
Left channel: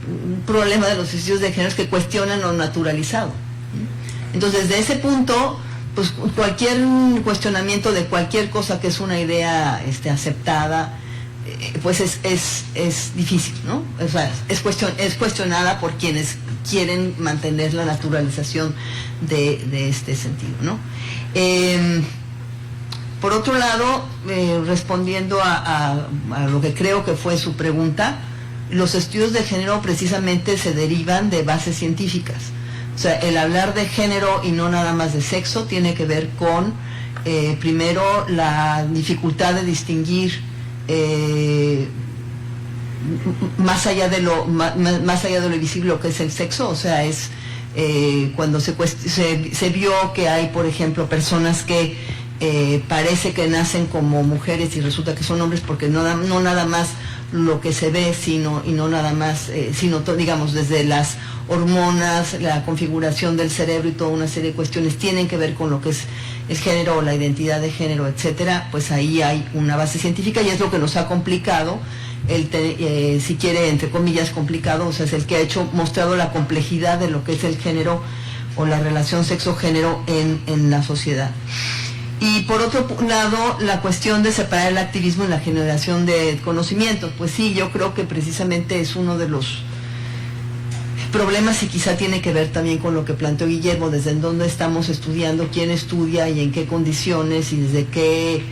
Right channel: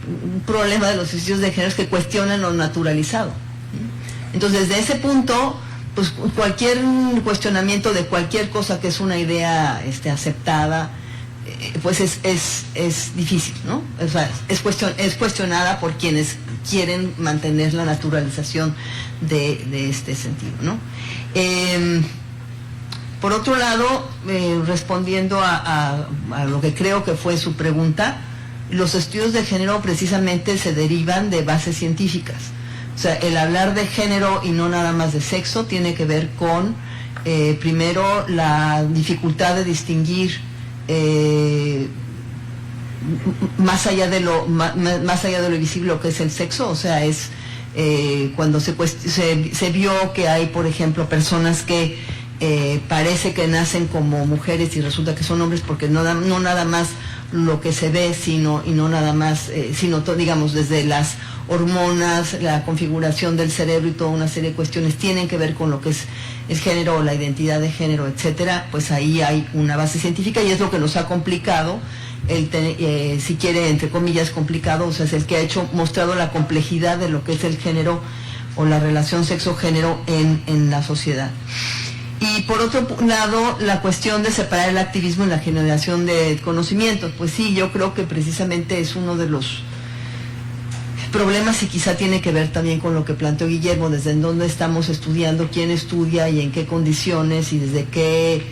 problema de los estudios de género es que cuestionan lo naturalizado. Entonces, desde ese punto, pues cualquier cuestionamiento de cualquier cosa que es una idea aceptada, pues es difícil, ¿no? O sea, es cuestionada por quienes quieren mantener la naturalización de este sentido, ¿no? Por otro lado, respondiendo a lo que creo que fue su pregunta, los estudios de género precisamente se derivan de bases científicas. O sea, el hablar de género y no nada más de sexo tiene que ver con, primero, la dificultad de distinguir más allá de lo visible lo que es el sexo. O sea, es cuando se vio que hay, por ejemplo, personas que parece que nacen como mujeres y resulta que son hombres, porque no nada más lo que se ve, sino digamos desde las hormonas, la configuración del cerebro y toda una serie de cuestiones tienen que ver con lo que es el género o la identidad de género, etcétera. Pues ahí hay una base científica y es lo que nos ha complicado, si quiere, entre comillas, complicado, o sea, es el que ha mostrado la complejidad de lo que es el género o la relación sexo-género en la sociedad. Y por otro lado, la cuestión de separar el activismo y la generación de conocimientos. Pues sí, yo creo que precisamente es uno de los problemas y quizá tiene que ver también con lo que planteó Guillermo, desde en dónde estamos estudiando, quién estudia y en qué condiciones y desde qué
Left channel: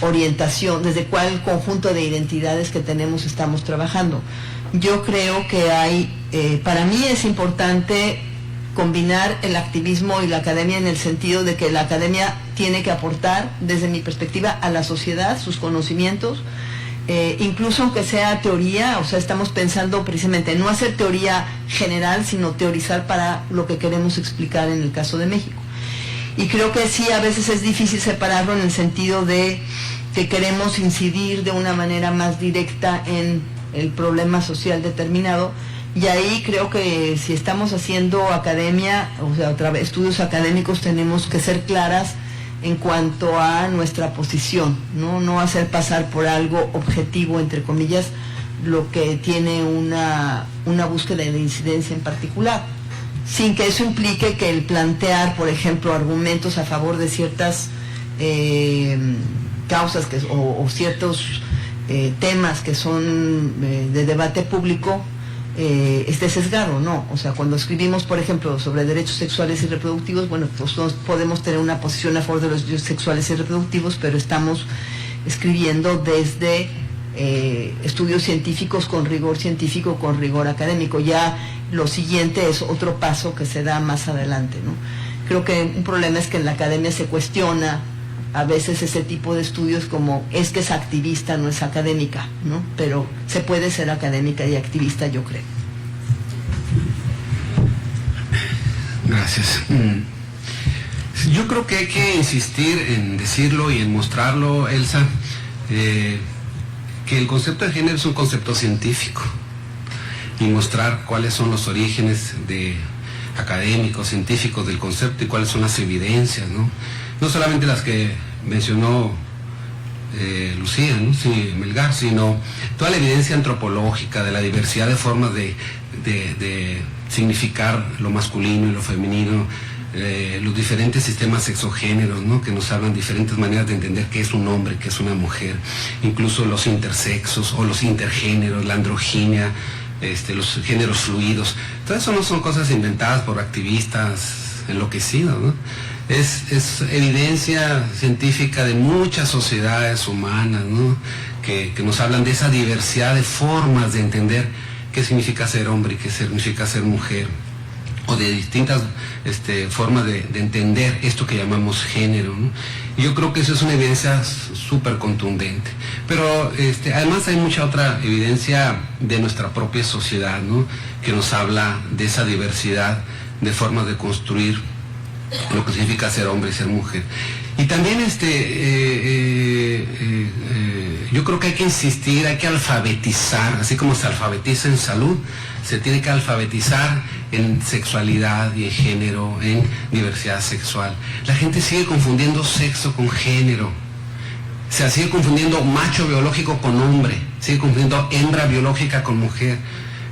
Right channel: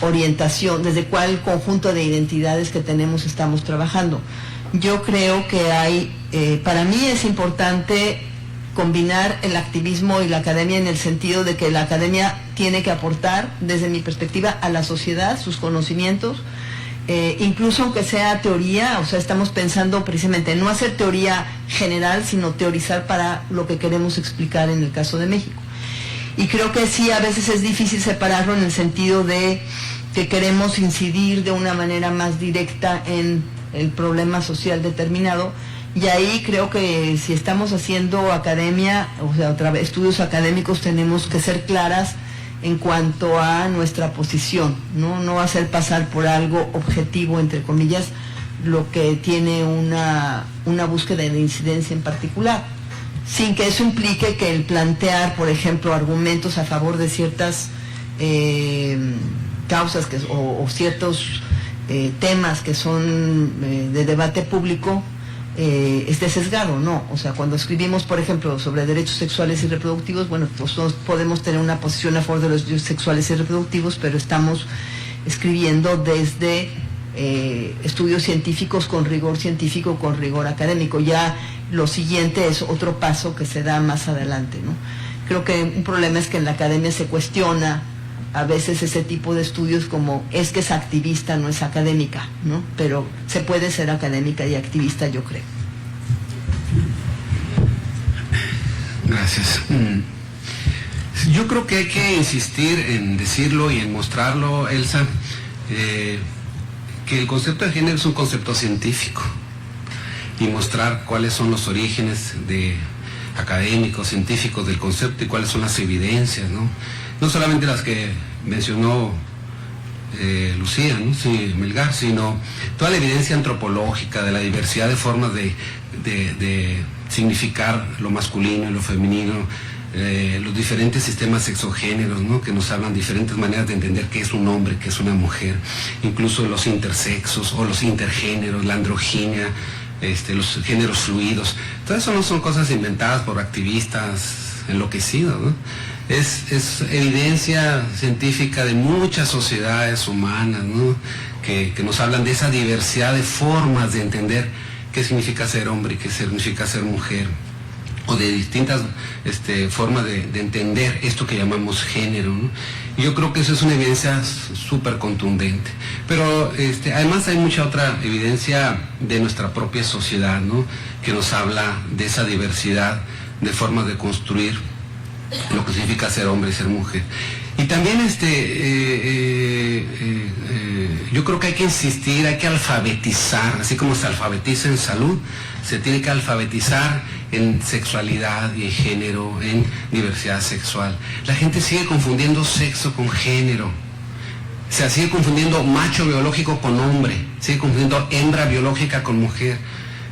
orientación, desde cuál conjunto de identidades que tenemos estamos trabajando. Yo creo que para mí es importante combinar el activismo y la academia en el sentido de que la academia tiene que aportar, desde mi perspectiva, a la sociedad sus conocimientos, incluso aunque sea teoría. O sea, estamos pensando precisamente en no hacer teoría general, sino teorizar para lo que queremos explicar en el caso de México. Y creo que sí, a veces es difícil separarlo en el sentido de que queremos incidir de una manera más directa en el problema social determinado. Y ahí creo que si estamos haciendo academia, o sea, estudios académicos, tenemos que ser claras en cuanto a nuestra posición, no hacer pasar por algo objetivo, entre comillas, lo que tiene una búsqueda de incidencia en particular, sin que eso implique que el plantear, por ejemplo, argumentos a favor de ciertas causas o ciertos temas que son de debate público, esté sesgado, no. O sea, cuando escribimos, por ejemplo, sobre derechos sexuales y reproductivos, bueno, pues no podemos tener una posición a favor de los derechos sexuales y reproductivos, pero estamos escribiendo desde estudios científicos con rigor científico, con rigor académico. Ya lo siguiente es otro paso que se da más adelante, ¿no? Creo que un problema es que en la academia se cuestiona a veces ese tipo de estudios como es que es activista, no es académica, ¿no? Pero se puede ser académica y activista, yo creo. Gracias. Yo creo que hay que insistir en decirlo y en mostrarlo, Elsa, que el concepto de género es un concepto científico y mostrar cuáles son los orígenes académicos, científicos del concepto y cuáles son las evidencias, ¿no? No solamente las que mencionó Lucía, ¿no? Sí, Melgar, sino toda la evidencia antropológica de la diversidad de formas de significar lo masculino y lo femenino, los diferentes sistemas sexogéneros, ¿no? Que nos hablan diferentes maneras de entender qué es un hombre, qué es una mujer, incluso los intersexos o los intergéneros, la androginia, los géneros fluidos. Todo eso no son cosas inventadas por activistas enloquecidos, ¿no? Es evidencia científica de muchas sociedades humanas, ¿no? que nos hablan de esa diversidad de formas de entender qué significa ser hombre y qué significa ser mujer, o de distintas formas de entender esto que llamamos género, ¿no? Y yo creo que eso es una evidencia súper contundente. Pero además hay mucha otra evidencia de nuestra propia sociedad, ¿no? Que nos habla de esa diversidad de formas de construir lo que significa ser hombre y ser mujer. Y también yo creo que hay que insistir, hay que alfabetizar, así como se alfabetiza en salud, se tiene que alfabetizar en sexualidad y en género, en diversidad sexual. La gente sigue confundiendo sexo con género, se sigue confundiendo macho biológico con hombre, sigue confundiendo hembra biológica con mujer.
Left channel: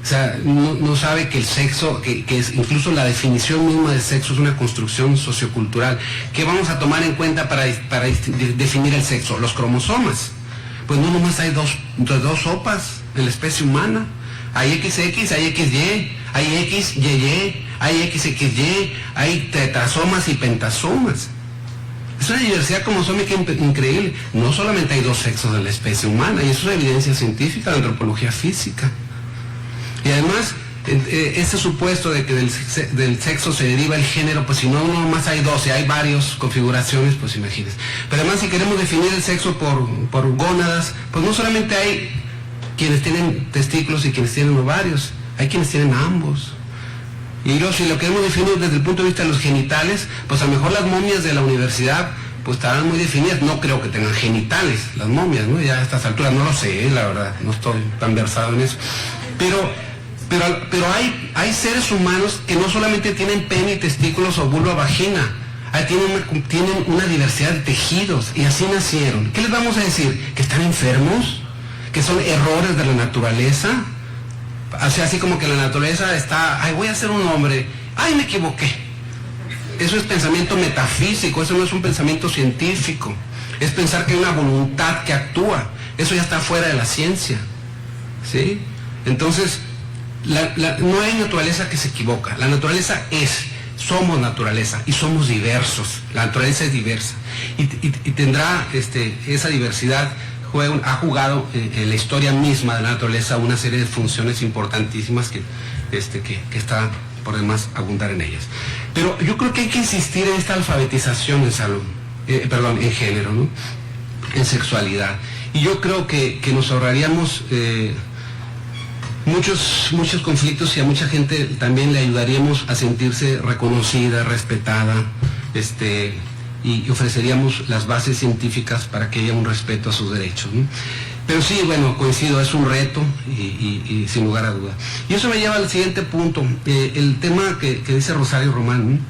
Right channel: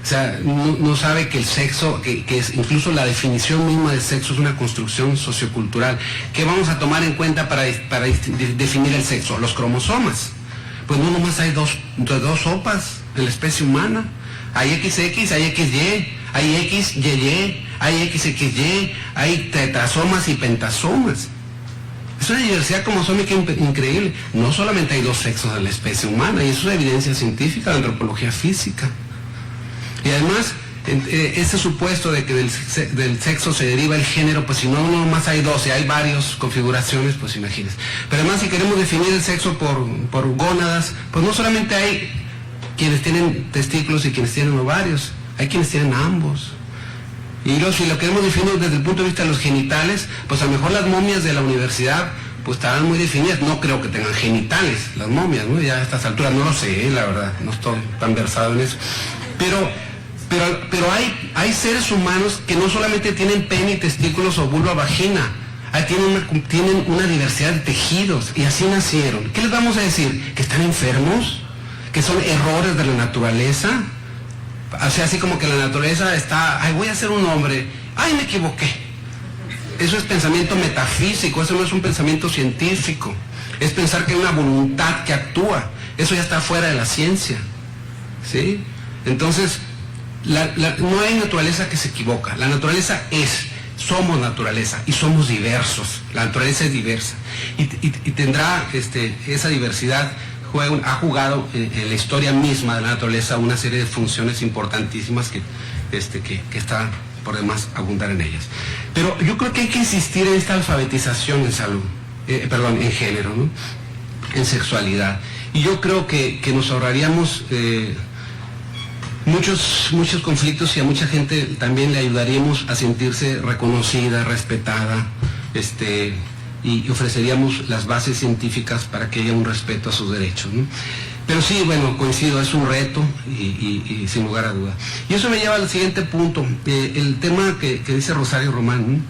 O sea, no sabe que el sexo, que es incluso la definición misma del sexo es una construcción sociocultural. ¿Qué vamos a tomar en cuenta para definir el sexo? Los cromosomas. Pues no nomás hay dos sopas en la especie humana. Hay XX, hay XY, hay XYY, hay XXY, hay tetrasomas y pentasomas. Es una diversidad cromosómica increíble. No solamente hay dos sexos en la especie humana, y eso es evidencia científica de antropología física. Y además, ese supuesto de que del sexo se deriva el género, pues si no más hay dos, y hay varias configuraciones, pues imagínense. Pero además, si queremos definir el sexo por gónadas, pues no solamente hay quienes tienen testículos y quienes tienen ovarios, hay quienes tienen ambos. Y si lo queremos definir desde el punto de vista de los genitales, pues a lo mejor las momias de la universidad pues estarán muy definidas. No creo que tengan genitales las momias, ¿no? Ya a estas alturas no lo sé, la verdad, no estoy tan versado en eso. Pero hay seres humanos que no solamente tienen pene y testículos o vulva vagina, tienen una diversidad de tejidos, y así nacieron. ¿Qué les vamos a decir? ¿Que están enfermos? ¿Que son errores de la naturaleza? O sea, así como que la naturaleza está, ay, voy a ser un hombre, ay, me equivoqué. Eso es pensamiento metafísico, eso no es un pensamiento científico. Es pensar que hay una voluntad que actúa. Eso ya está fuera de la ciencia, ¿sí? Entonces, no hay naturaleza que se equivoca. La naturaleza somos naturaleza y somos diversos. La naturaleza es diversa y tendrá esa diversidad. Ha jugado en la historia misma de la naturaleza una serie de funciones importantísimas que está por demás abundar en ellas. Pero yo creo que hay que insistir en esta alfabetización en salud, en género, ¿no? En sexualidad. Y yo creo que nos ahorraríamos muchos conflictos, y a mucha gente también le ayudaríamos a sentirse reconocida, respetada, y ofreceríamos las bases científicas para que haya un respeto a sus derechos, ¿no? Pero sí, bueno, coincido, es un reto y sin lugar a duda. Y eso me lleva al siguiente punto, el tema que dice Rosario Román, ¿no?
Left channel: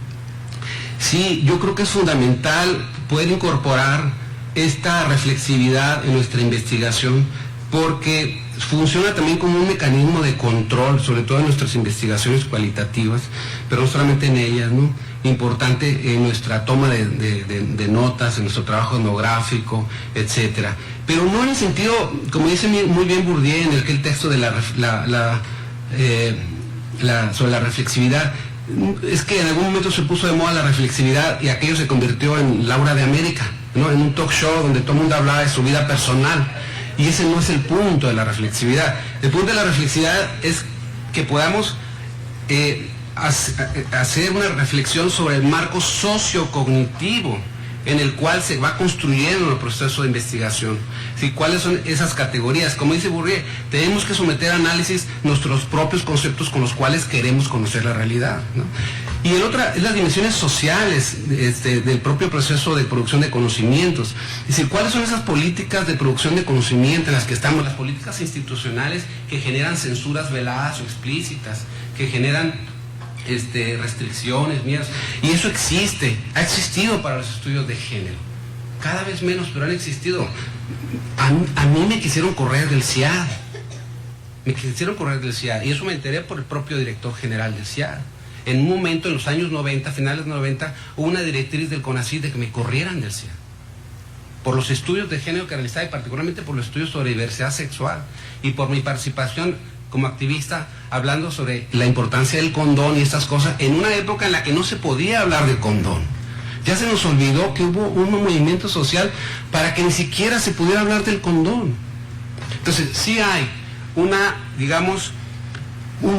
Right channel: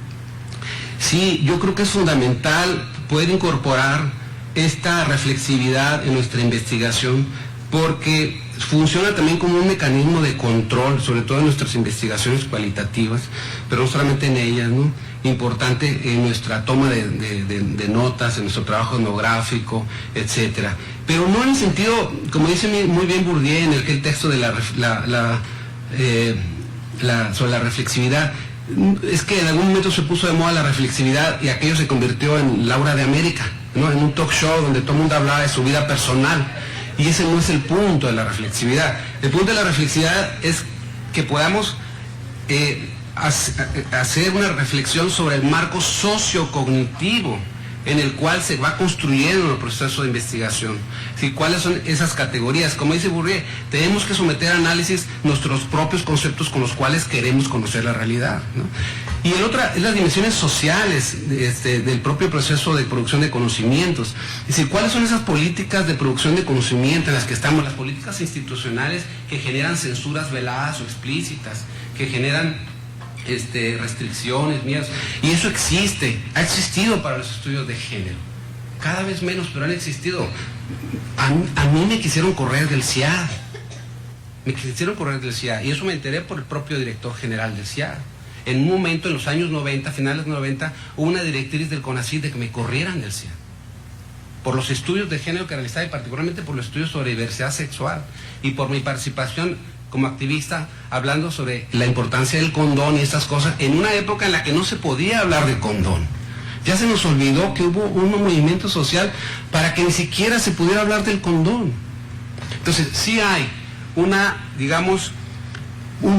Sí, yo creo que es fundamental poder incorporar esta reflexividad en nuestra investigación, porque funciona también como un mecanismo de control, sobre todo en nuestras investigaciones cualitativas, pero no solamente en ellas, ¿no? Importante en nuestra toma de notas, en nuestro trabajo etnográfico, etcétera. Pero no en el sentido, como dice muy bien Bourdieu en el texto de sobre la reflexividad, es que en algún momento se puso de moda la reflexividad y aquello se convirtió en Laura de América, ¿no? En un talk show donde todo el mundo hablaba de su vida personal. Y ese no es el punto de la reflexividad. El punto de la reflexividad es que podamos hacer una reflexión sobre el marco sociocognitivo en el cual se va construyendo el proceso de investigación. ¿Sí? ¿Cuáles son esas categorías? Como dice Bourdieu, tenemos que someter a análisis nuestros propios conceptos con los cuales queremos conocer la realidad, ¿no? Y el otro es las dimensiones sociales del propio proceso de producción de conocimientos. Es decir, ¿cuáles son esas políticas de producción de conocimiento en las que estamos? Las políticas institucionales que generan censuras veladas o explícitas, que generan restricciones, miedos. Y eso ha existido para los estudios de género. Cada vez menos, pero han existido. A mí me quisieron correr del CIAD. Y eso me enteré por el propio director general del CIAD. En un momento, en los años 90, finales de 90, hubo una directriz del CONACYT de que me corrieran del CIAD por los estudios de género que realizaba, y particularmente por los estudios sobre diversidad sexual, y por mi participación como activista hablando sobre la importancia del condón y estas cosas, en una época en la que no se podía hablar de condón. Ya se nos olvidó que hubo un movimiento social para que ni siquiera se pudiera hablar del condón. Entonces, sí hay un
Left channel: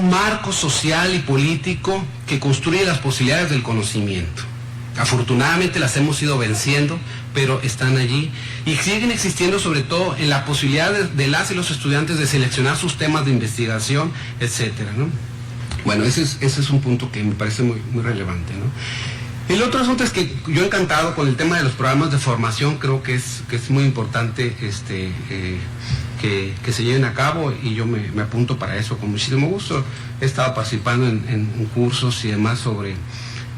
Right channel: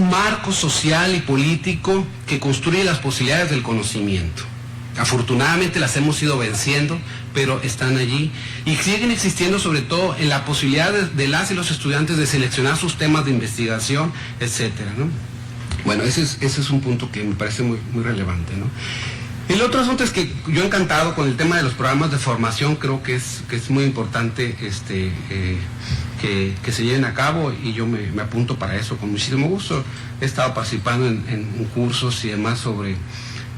marco social y político que construye las posibilidades del conocimiento. Afortunadamente las hemos ido venciendo, pero están allí y siguen existiendo, sobre todo en la posibilidad de las y los estudiantes de seleccionar sus temas de investigación, etcétera, ¿no? Bueno, ese es un punto que me parece muy, muy relevante, ¿no? El otro asunto es que yo encantado con el tema de los programas de formación, creo que es muy importante que se lleven a cabo, y yo me apunto para eso con muchísimo gusto. He estado participando en cursos y demás sobre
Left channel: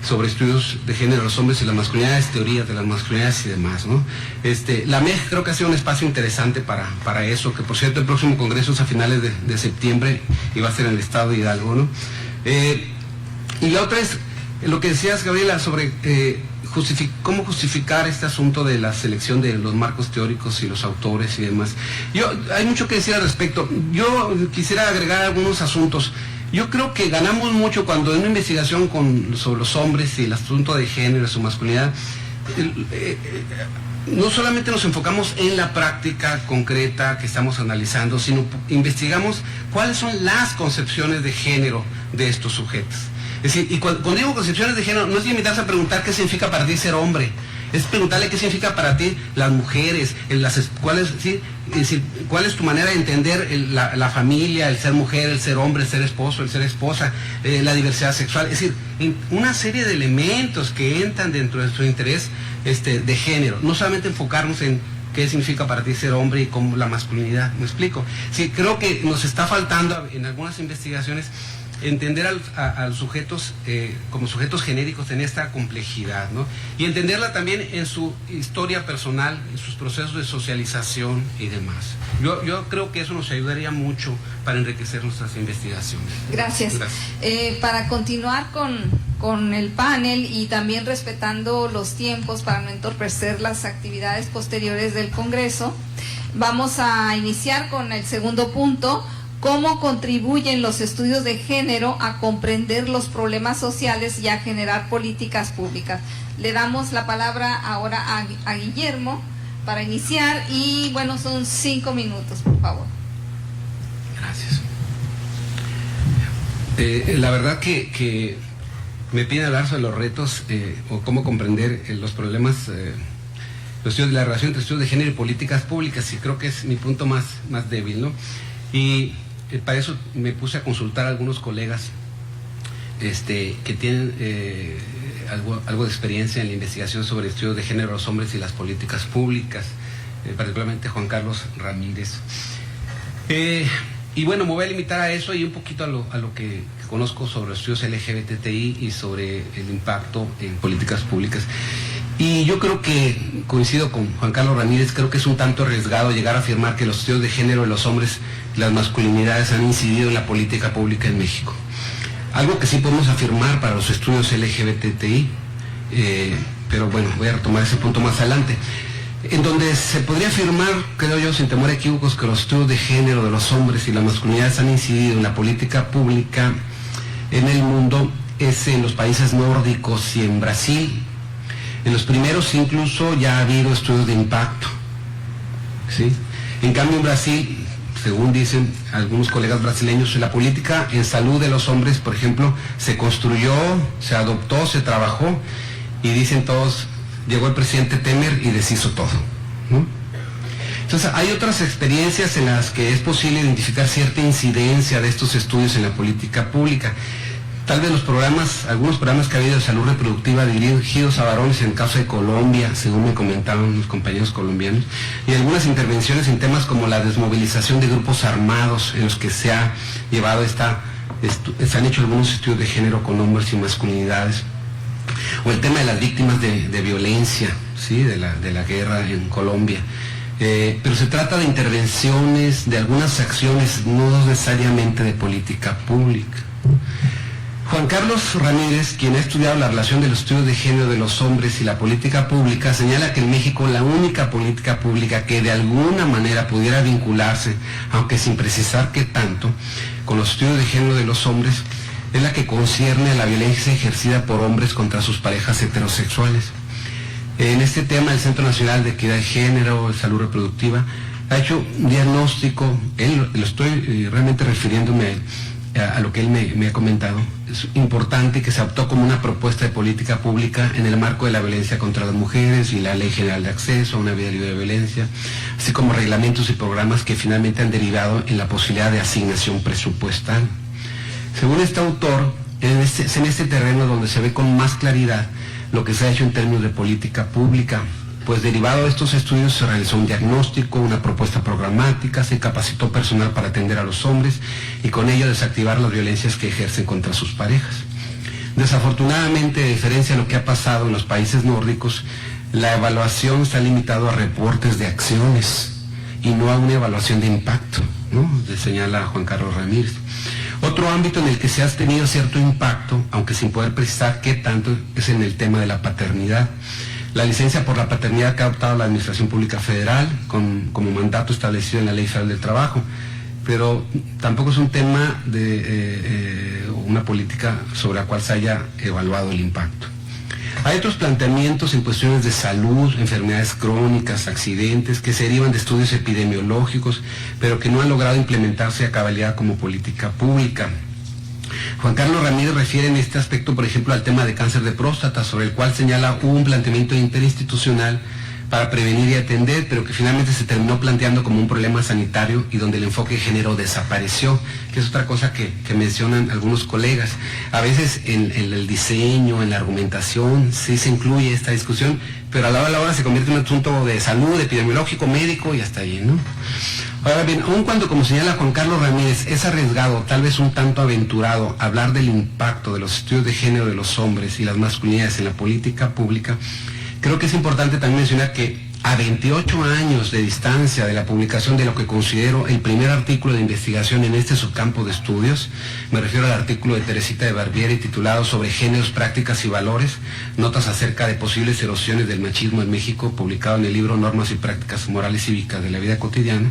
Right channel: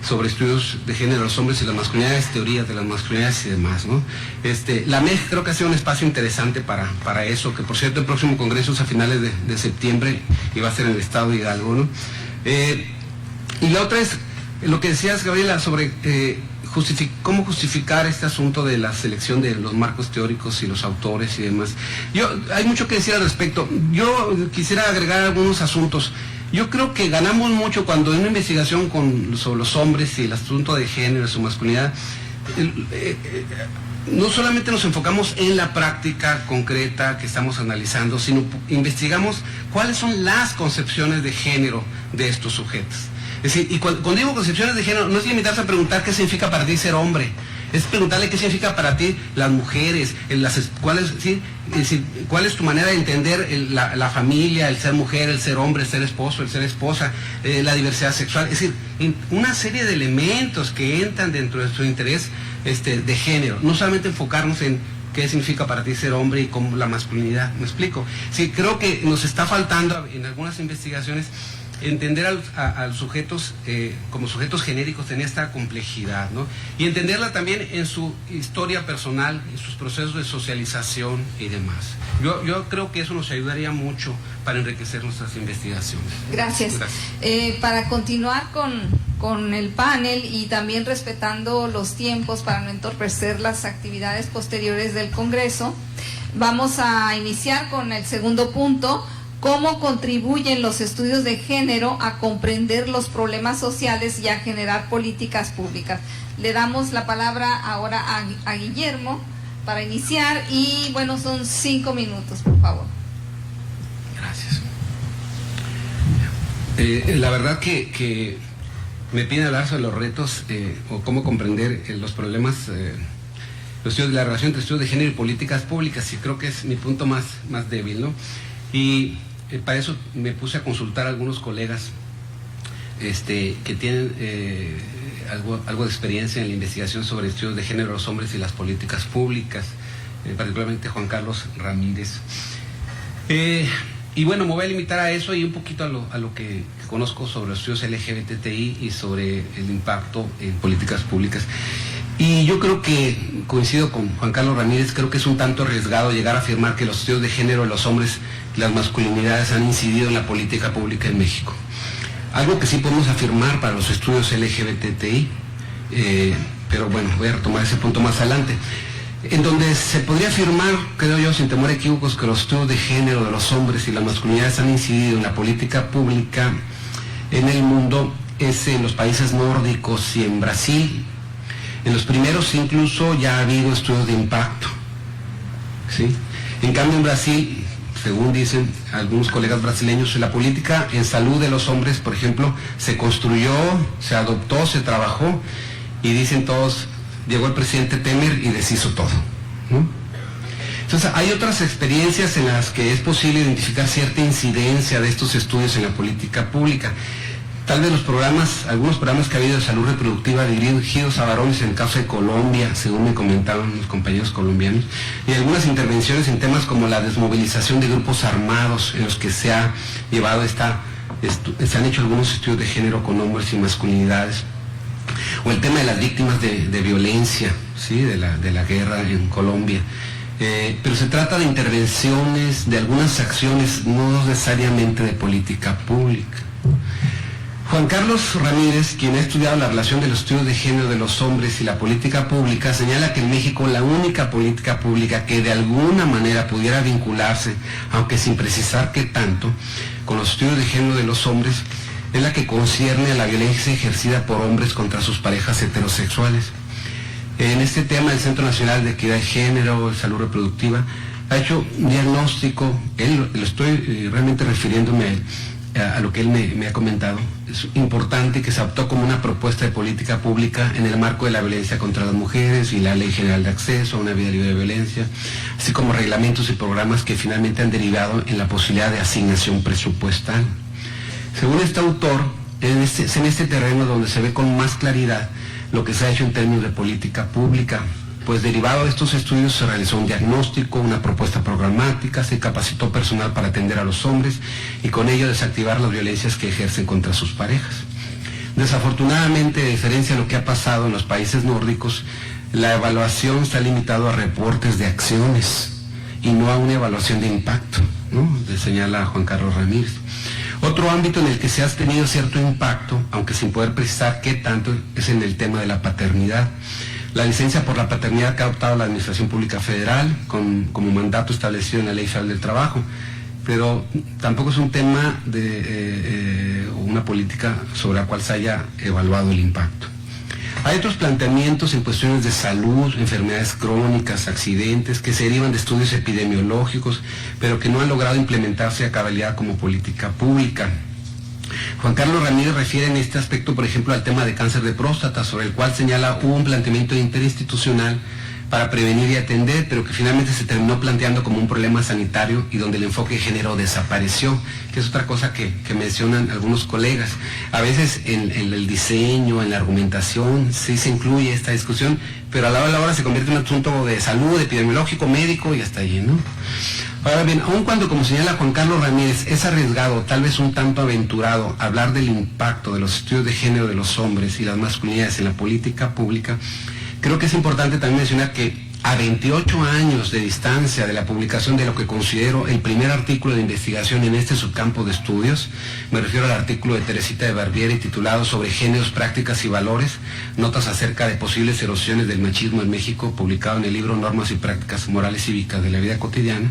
sobre estudios de género de los hombres y las masculinidades, teorías de las masculinidades y demás, ¿no? La MEG creo que ha sido un espacio interesante para eso, que por cierto el próximo congreso es a finales de septiembre y va a ser en el estado de Hidalgo, ¿no? Y la otra es lo que decías, Gabriela, sobre cómo justificar este asunto de la selección de los marcos teóricos y los autores y demás. Hay mucho que decir al respecto. Yo quisiera agregar algunos asuntos. Yo creo que ganamos mucho cuando en una investigación sobre los hombres y el asunto de género, su masculinidad, no solamente nos enfocamos en la práctica concreta que estamos analizando, sino investigamos cuáles son las concepciones de género de estos sujetos. Es decir, y cuando digo concepciones de género, no es limitarse a preguntar qué significa para ti ser hombre, es preguntarle qué significa para ti las mujeres, cuál es tu manera de entender la familia, el ser mujer, el ser hombre, el ser esposo, el ser esposa, la diversidad sexual. Es decir, una serie de elementos que entran dentro de nuestro interés de género, no solamente enfocarnos en qué significa para ti ser hombre y cómo la masculinidad. ¿Me explico? Sí, creo que nos está faltando en algunas investigaciones entender a los sujetos como sujetos genéricos en esta complejidad, ¿no? Y entenderla también en su historia personal, en sus procesos de socialización y demás. Yo creo que eso nos ayudaría mucho para enriquecer nuestras investigaciones. Gracias. Para continuar con el panel y también respetando los tiempos para no entorpecer las actividades posteriores del Congreso, vamos a iniciar con el segundo punto: cómo contribuyen los estudios de género a comprender los problemas sociales y a generar políticas públicas. Le damos la palabra ahora a Guillermo para iniciar y bueno, son 5 minutos, por favor. Gracias. La verdad que me piden hablar sobre los retos o cómo comprender los problemas, los estudios de la relación entre estudios de género y políticas públicas, y creo que es mi punto más débil, ¿no? Y para eso me puse a consultar a algunos colegas que tienen algo de experiencia en la investigación sobre estudios de género de los hombres y las políticas públicas, particularmente Juan Carlos Ramírez. Y bueno, me voy a limitar a eso y un poquito a lo que conozco sobre los estudios LGBTI y sobre el impacto en políticas públicas. Y yo creo que coincido con Juan Carlos Ramírez, creo que es un tanto arriesgado llegar a afirmar que los estudios de género de los hombres y las masculinidades han incidido en la política pública en México. Algo que sí podemos afirmar para los estudios LGBTI, pero bueno, voy a retomar ese punto más adelante, en donde se podría afirmar, creo yo, sin temor a equívocos, que los estudios de género de los hombres y las masculinidades han incidido en la política pública en el mundo, es en los países nórdicos y en Brasil. En los primeros incluso ya ha habido estudios de impacto, ¿sí? En cambio en Brasil, según dicen algunos colegas brasileños, la política en salud de los hombres, por ejemplo, se construyó, se adoptó, se trabajó, y dicen todos, llegó el presidente Temer y deshizo todo, ¿no? Entonces hay otras experiencias en las que es posible identificar cierta incidencia de estos estudios en la política pública. Tal vez algunos programas que ha habido de salud reproductiva dirigidos a varones en el caso de Colombia, según me comentaban los compañeros colombianos, y algunas intervenciones en temas como la desmovilización de grupos armados en los que se ha llevado se han hecho algunos estudios de género con hombres y masculinidades, o el tema de las víctimas de violencia, ¿sí? de la guerra en Colombia. Pero se trata de intervenciones, de algunas acciones, no necesariamente de política pública. Juan Carlos Ramírez, quien ha estudiado la relación de los estudios de género de los hombres y la política pública, señala que en México la única política pública que de alguna manera pudiera vincularse, aunque sin precisar qué tanto, con los estudios de género de los hombres, es la que concierne a la violencia ejercida por hombres contra sus parejas heterosexuales. En este tema, el Centro Nacional de Equidad de Género y Salud Reproductiva ha hecho un diagnóstico, lo estoy realmente refiriéndome a lo que él me ha comentado. Es importante que se adoptó como una propuesta de política pública en el marco de la violencia contra las mujeres y la Ley General de Acceso a una vida libre de violencia, así como reglamentos y programas que finalmente han derivado en la posibilidad de asignación presupuestal. Según este autor, es en este terreno donde se ve con más claridad lo que se ha hecho en términos de política pública, pues derivado de estos estudios se realizó un diagnóstico, una propuesta programática, se capacitó personal para atender a los hombres y con ello desactivar las violencias que ejercen contra sus parejas. Desafortunadamente, a diferencia de lo que ha pasado en los países nórdicos, la evaluación está limitada a reportes de acciones y no a una evaluación de impacto, ¿no? Le señala Juan Carlos Ramírez. Otro ámbito en el que se ha tenido cierto impacto, aunque sin poder precisar qué tanto, es en el tema de la paternidad. La licencia por la paternidad que ha adoptado la Administración Pública Federal como mandato establecido en la Ley Federal del Trabajo, pero tampoco es un tema de una política sobre la cual se haya evaluado el impacto. Hay otros planteamientos en cuestiones de salud, enfermedades crónicas, accidentes, que se derivan de estudios epidemiológicos, pero que no han logrado implementarse a cabalidad como política pública. Juan Carlos Ramírez refiere en este aspecto, por ejemplo, al tema de cáncer de próstata, sobre el cual señala un planteamiento interinstitucional para prevenir y atender, pero que finalmente se terminó planteando como un problema sanitario y donde el enfoque de género desapareció, que es otra cosa que mencionan algunos colegas. A veces en el diseño, en la argumentación, sí se incluye esta discusión, pero a la hora se convierte en un asunto de salud, epidemiológico, médico y hasta allí, ¿no? Ahora bien, aun cuando, como señala Juan Carlos Ramírez, es arriesgado, tal vez un tanto aventurado, hablar del impacto de los estudios de género de los hombres y las masculinidades en la política pública, creo que es importante también mencionar que a 28 años de distancia de la publicación de lo que considero el primer artículo de investigación en este subcampo de estudios, me refiero al artículo de Teresita de Barbieri titulado Sobre géneros, prácticas y valores, notas acerca de posibles erosiones del machismo en México, publicado en el libro Normas y prácticas morales cívicas de la vida cotidiana,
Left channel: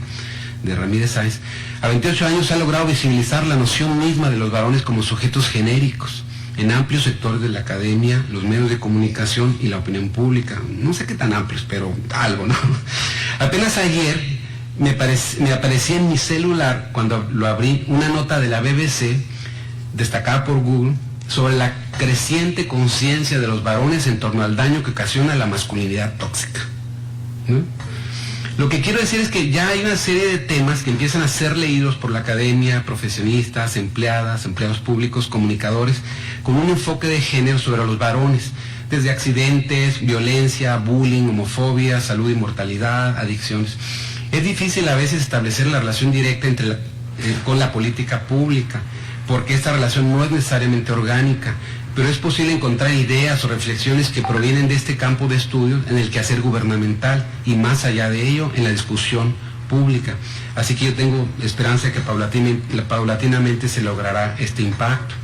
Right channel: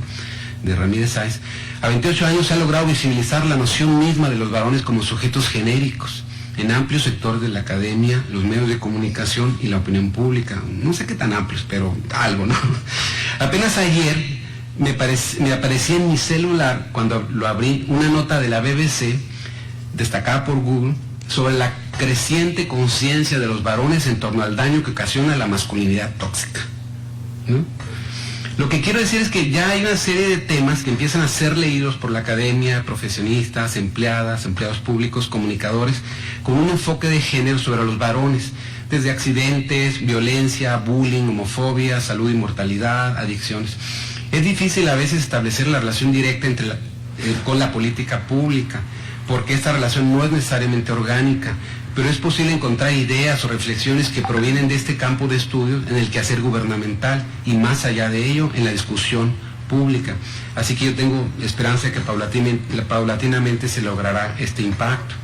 de Ramírez Sáenz. A 28 años se ha logrado visibilizar la noción misma de los varones como sujetos genéricos en amplios sectores de la academia, los medios de comunicación y la opinión pública. No sé qué tan amplios, pero algo, ¿no? Apenas ayer me aparecía en mi celular, cuando lo abrí, una nota de la BBC, destacada por Google, sobre la creciente conciencia de los varones en torno al daño que ocasiona la masculinidad tóxica, ¿no? Lo que quiero decir es que ya hay una serie de temas que empiezan a ser leídos por la academia, profesionistas, empleados públicos, comunicadores, con un enfoque de género sobre los varones, desde accidentes, violencia, bullying, homofobia, salud y mortalidad, adicciones. Es difícil a veces establecer la relación directa con la política pública, porque esta relación no es necesariamente orgánica, pero es posible encontrar ideas o reflexiones que provienen de este campo de estudios en el quehacer gubernamental y más allá de ello en la discusión pública. Así que yo tengo esperanza de que paulatinamente se logrará este impacto.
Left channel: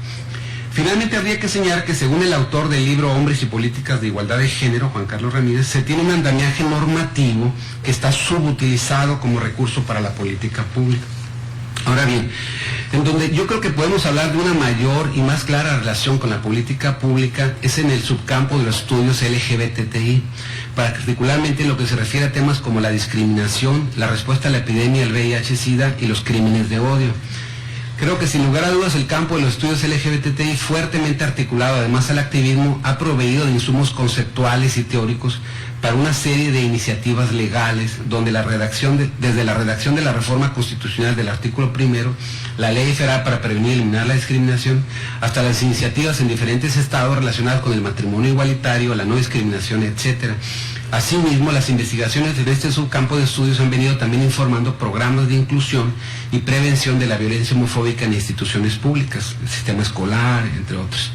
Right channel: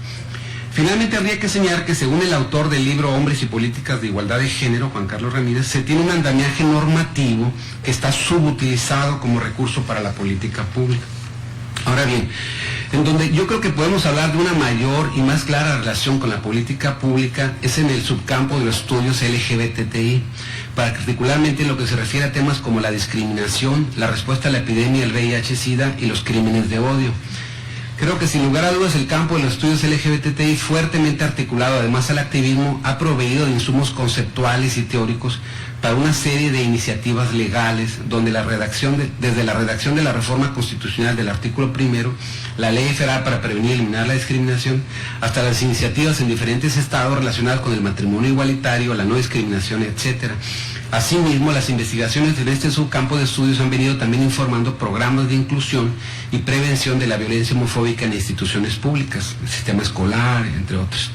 Finalmente habría que señalar que según el autor del libro Hombres y Políticas de Igualdad de Género, Juan Carlos Ramírez, se tiene un andamiaje normativo que está subutilizado como recurso para la política pública. Ahora bien, en donde yo creo que podemos hablar de una mayor y más clara relación con la política pública es en el subcampo de los estudios LGBTI, particularmente en lo que se refiere a temas como la discriminación, la respuesta a la epidemia del VIH-Sida y los crímenes de odio. Creo que sin lugar a dudas el campo de los estudios LGBTI, fuertemente articulado además al activismo, ha proveído de insumos conceptuales y teóricos para una serie de iniciativas legales, donde desde la redacción de la reforma constitucional del artículo 1, la Ley Federal para prevenir y eliminar la discriminación, hasta las iniciativas en diferentes estados relacionadas con el matrimonio igualitario, la no discriminación, etc. Asimismo, las investigaciones en este subcampo de estudios han venido también informando programas de inclusión y prevención de la violencia homofóbica en instituciones públicas, el sistema escolar, entre otros.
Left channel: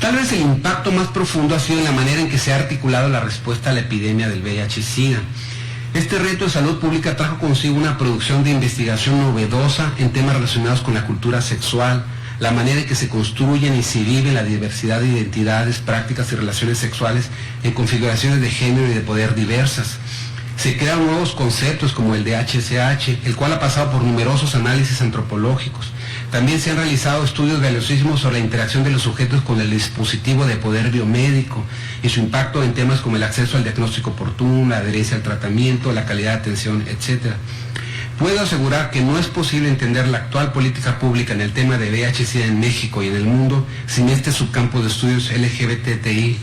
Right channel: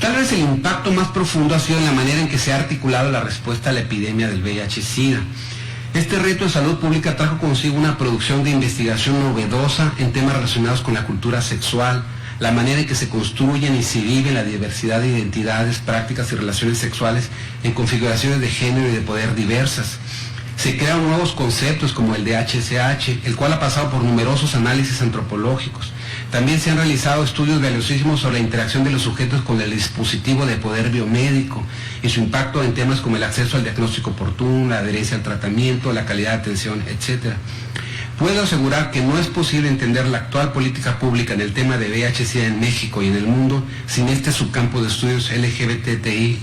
Tal vez el impacto más profundo ha sido en la manera en que se ha articulado la respuesta a la epidemia del VIH-Sida. Este reto de salud pública trajo consigo una producción de investigación novedosa en temas relacionados con la cultura sexual, la manera en que se construyen y se viven la diversidad de identidades, prácticas y relaciones sexuales en configuraciones de género y de poder diversas. Se crean nuevos conceptos como el de HSH, el cual ha pasado por numerosos análisis antropológicos. También se han realizado estudios valiosísimos sobre la interacción de los sujetos con el dispositivo de poder biomédico y su impacto en temas como el acceso al diagnóstico oportuno, la adherencia al tratamiento, la calidad de atención, etc. Puedo asegurar que no es posible entender la actual política pública en el tema de VIH-Sida en México y en el mundo sin este subcampo de estudios LGBTI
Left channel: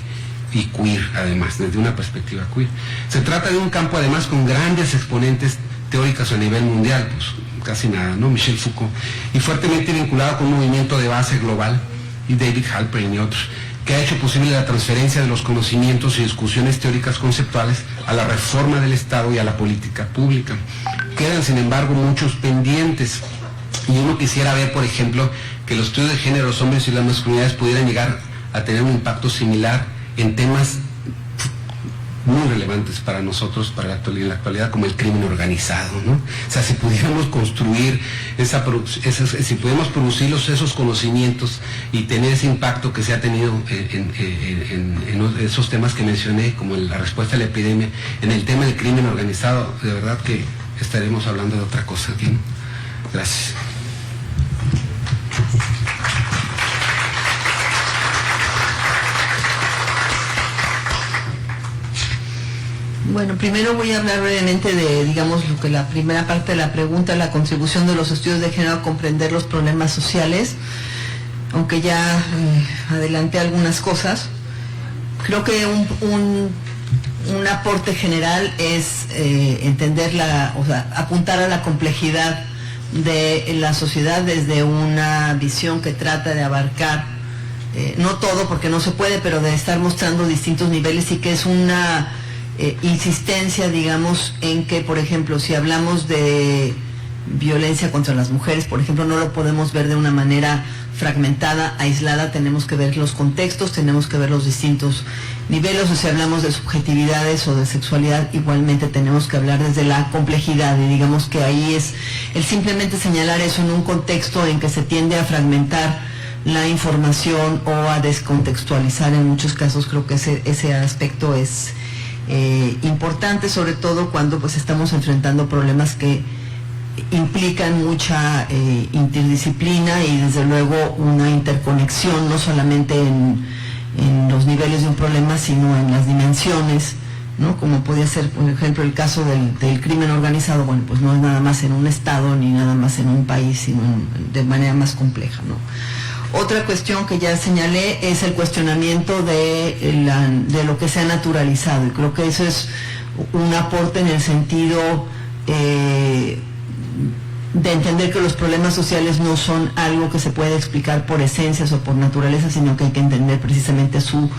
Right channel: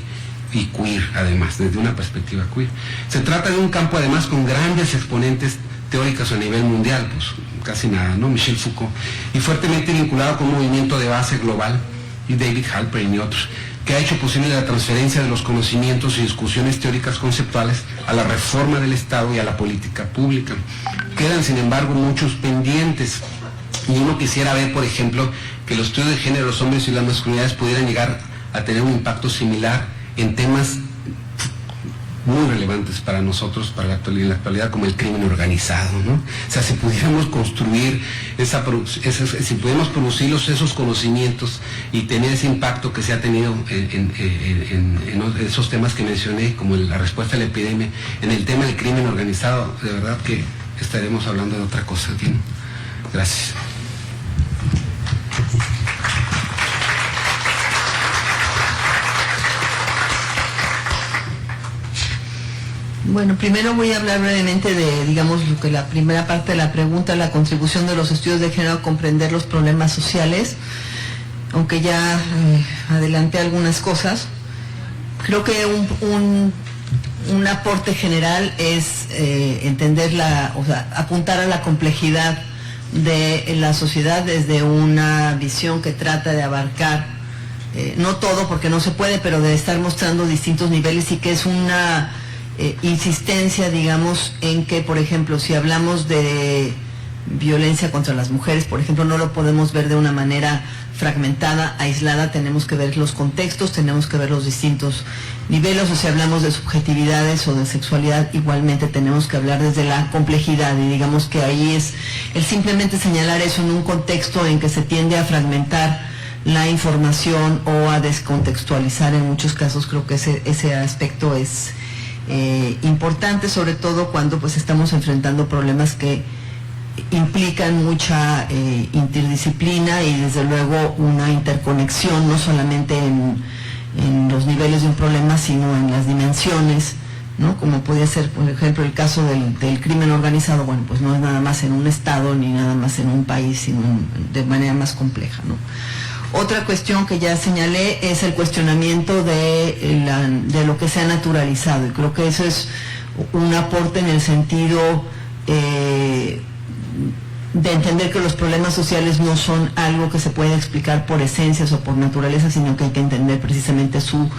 y queer, además, desde una perspectiva queer. Se trata de un campo además con grandes exponentes teóricas a nivel mundial, pues casi nada, ¿no? Michel Foucault, y fuertemente vinculado con un movimiento de base global, y David Halperin y otros, que ha hecho posible la transferencia de los conocimientos y discusiones teóricas conceptuales a la reforma del Estado y a la política pública. Quedan, sin embargo, muchos pendientes, y uno quisiera ver, por ejemplo, que los estudios de género, los hombres y las masculinidades pudieran llegar a tener un impacto similar en temas muy relevantes para nosotros, para la actualidad, como el crimen organizado, ¿no? O sea, si pudiéramos construir si pudiéramos producir esos conocimientos y tener ese impacto que se ha tenido en esos temas que mencioné, como la respuesta a la epidemia, en el tema del crimen organizado, de verdad que estaremos hablando de otra cosa aquí, ¿no? Gracias. Bueno, primero voy a hablar brevemente de, digamos, lo que la primera parte de la pregunta, la contribución de los estudios de género a comprender los problemas sociales, aunque ya adelanté algunas cosas. Creo que un aporte general es entender apuntar a la complejidad de la sociedad desde una visión que trata de abarcar, no todo porque no se puede, pero de estar mostrando distintos niveles, y que es una insistencia, digamos, en que, por ejemplo, si hablamos de violencia contra las mujeres, por ejemplo, no lo podemos ver de una manera fragmentada, aislada, tenemos que ver los contextos, tenemos que ver los distintos niveles, o si hablamos de subjetividades o de sexualidad, igualmente tenemos que hablar desde la complejidad, y digamos que ahí es el simplemente señalar eso en un contexto en que se tiende a fragmentar la información o a descontextualizar en muchos casos. Creo que ese aspecto es importante, sobre todo cuando pues estamos enfrentando problemas que implican mucha interdisciplina y desde luego una interconexión, no solamente en los niveles de un problema, sino en las dimensiones, ¿no? Como podría ser, por ejemplo, el caso del crimen organizado. Bueno, pues no es nada más en un estado ni nada más en un país, sino de manera más compleja, ¿no? Otra cuestión que ya señalé es el cuestionamiento de lo que se ha naturalizado, y creo que eso es un aporte en el sentido de entender que los problemas sociales no son algo que se puede explicar por esencias o por naturaleza, sino que hay que entender precisamente su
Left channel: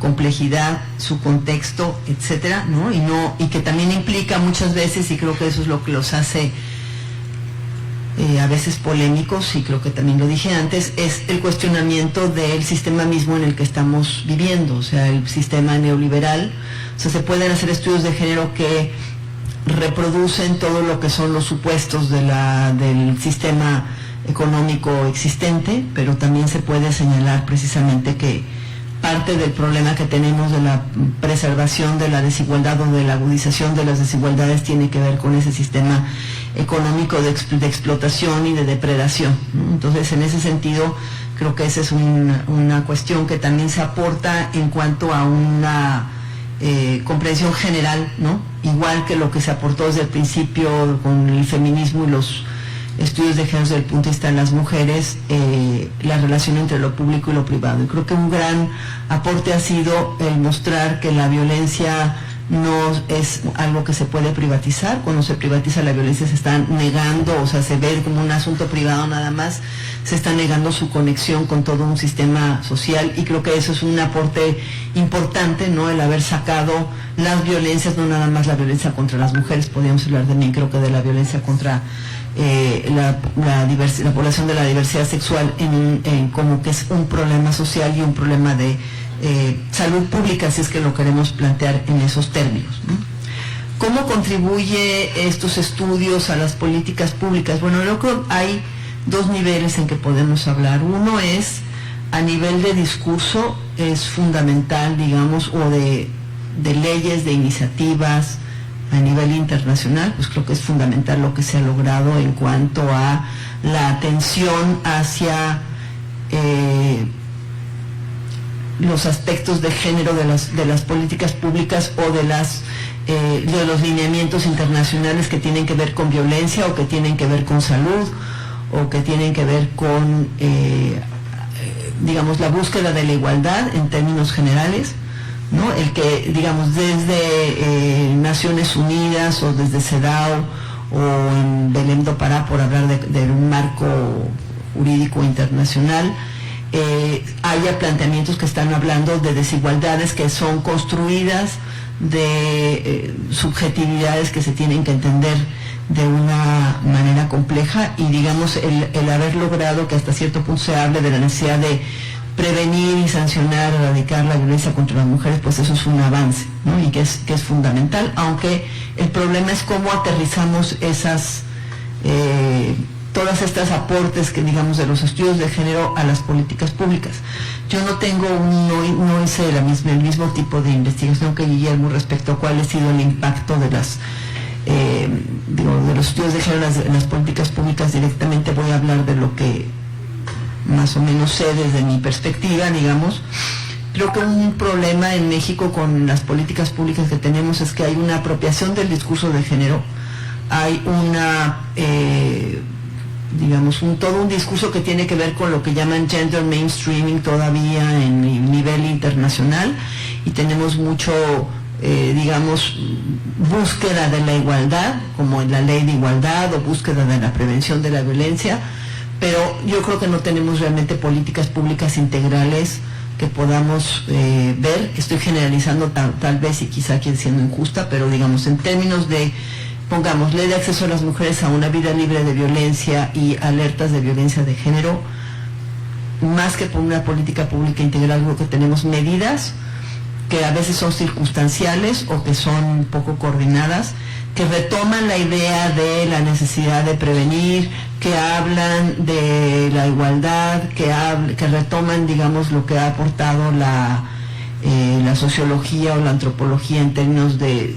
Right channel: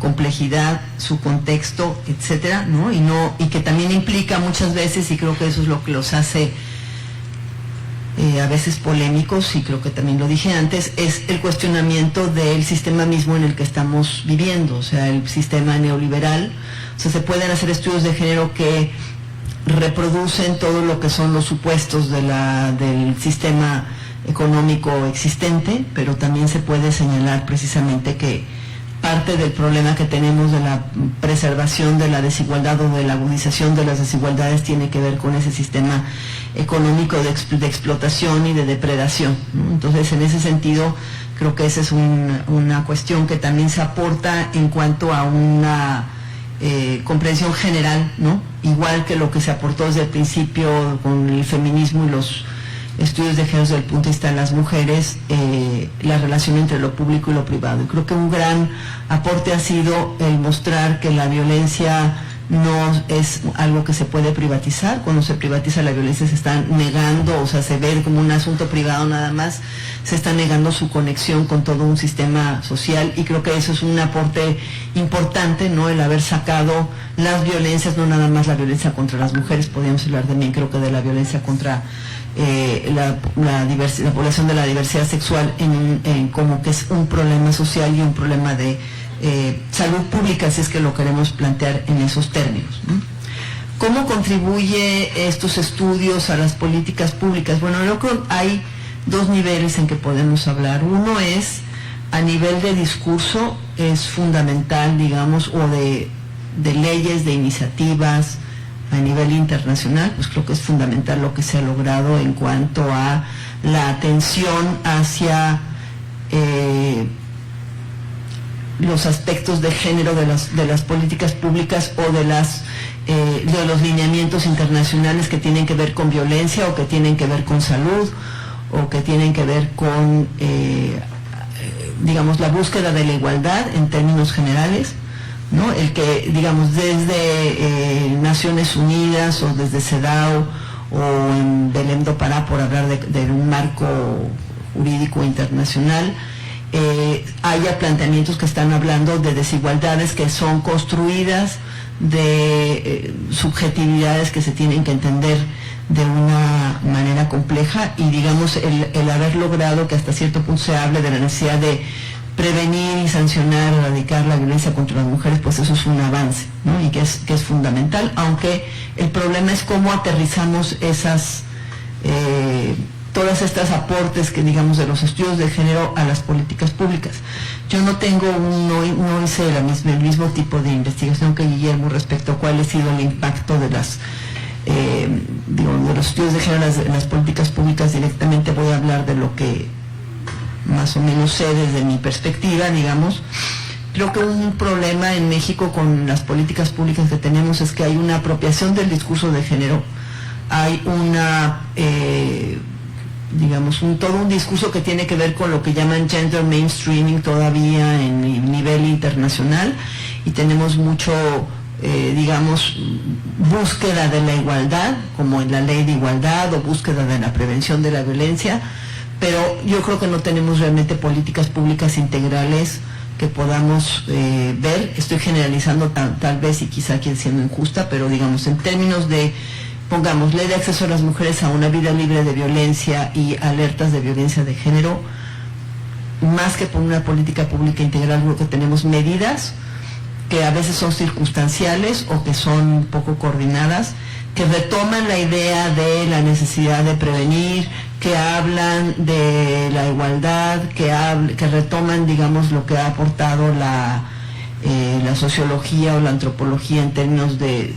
complejidad, su contexto, etcétera, ¿no? Y que también implica muchas veces, y creo que eso es lo que los hace a veces polémicos, y creo que también lo dije antes, es el cuestionamiento del sistema mismo en el que estamos viviendo, o sea, el sistema neoliberal. O sea, se pueden hacer estudios de género que reproducen todo lo que son los supuestos del sistema económico existente, pero también se puede señalar precisamente que parte del problema que tenemos de la preservación de la desigualdad o de la agudización de las desigualdades tiene que ver con ese sistema económico de explotación y de depredación, ¿no? Entonces, en ese sentido, creo que esa es una cuestión que también se aporta en cuanto a una comprensión general, ¿no? Igual que lo que se aportó desde el principio con el feminismo y los estudios de género desde el punto de vista de las mujeres, la relación entre lo público y lo privado. Y creo que un gran aporte ha sido el mostrar que la violencia no es algo que se puede privatizar. Cuando se privatiza la violencia se está negando, o sea, se ve como un asunto privado nada más, se está negando su conexión con todo un sistema social, y creo que eso es un aporte importante, ¿no? El haber sacado las violencias, no nada más la violencia contra las mujeres, podríamos hablar también, creo que de la violencia contra la población de la diversidad sexual, como que es un problema social y un problema de salud pública, si es que lo queremos plantear en esos términos, ¿no? ¿Cómo contribuye estos estudios a las políticas públicas? Bueno, yo creo que hay dos niveles en que podemos hablar. Uno es a nivel de discurso, es fundamental, digamos, o de leyes, de iniciativas a nivel internacional, pues creo que es fundamental lo que se ha logrado en cuanto a la atención hacia los aspectos de género de las políticas públicas o de los lineamientos internacionales que tienen que ver con violencia, o que tienen que ver con salud, o que tienen que ver con digamos, la búsqueda de la igualdad en términos generales, ¿no? El que, digamos, desde Naciones Unidas o desde CEDAW o en Belém do Pará, por hablar de un marco jurídico internacional, haya planteamientos que están hablando de desigualdades que son construidas de subjetividades que se tienen que entender de una manera compleja compleja, y digamos el haber logrado que hasta cierto punto se hable de la necesidad de prevenir y sancionar, erradicar la violencia contra las mujeres, pues eso es un avance, ¿no? Y que es fundamental, aunque el problema es cómo aterrizamos todas estas aportes que digamos de los estudios de género a las políticas públicas. Yo no hice el mismo tipo de investigación que Guillermo respecto a cuál ha sido el impacto de de los estudios de género en las políticas públicas. Directamente voy a hablar de lo que más o menos sé desde mi perspectiva, digamos. Creo que un problema en México con las políticas públicas que tenemos es que hay una apropiación del discurso de género, hay todo un discurso que tiene que ver con lo que llaman gender mainstreaming todavía en nivel internacional, y tenemos mucho, búsqueda de la igualdad, como en la ley de igualdad, o búsqueda de la prevención de la violencia, pero yo creo que no tenemos realmente políticas públicas integrales que podamos ver. Estoy generalizando tal vez, y quizá aquí siendo injusta, pero digamos en términos de, pongamos, ley de acceso a las mujeres a una vida libre de violencia y alertas de violencia de género, más que por una política pública integral, creo que tenemos medidas que a veces son circunstanciales o que son poco coordinadas, que retoman la idea de la necesidad de prevenir, que hablan de la igualdad, que retoman, digamos, lo que ha aportado la sociología o la antropología en términos de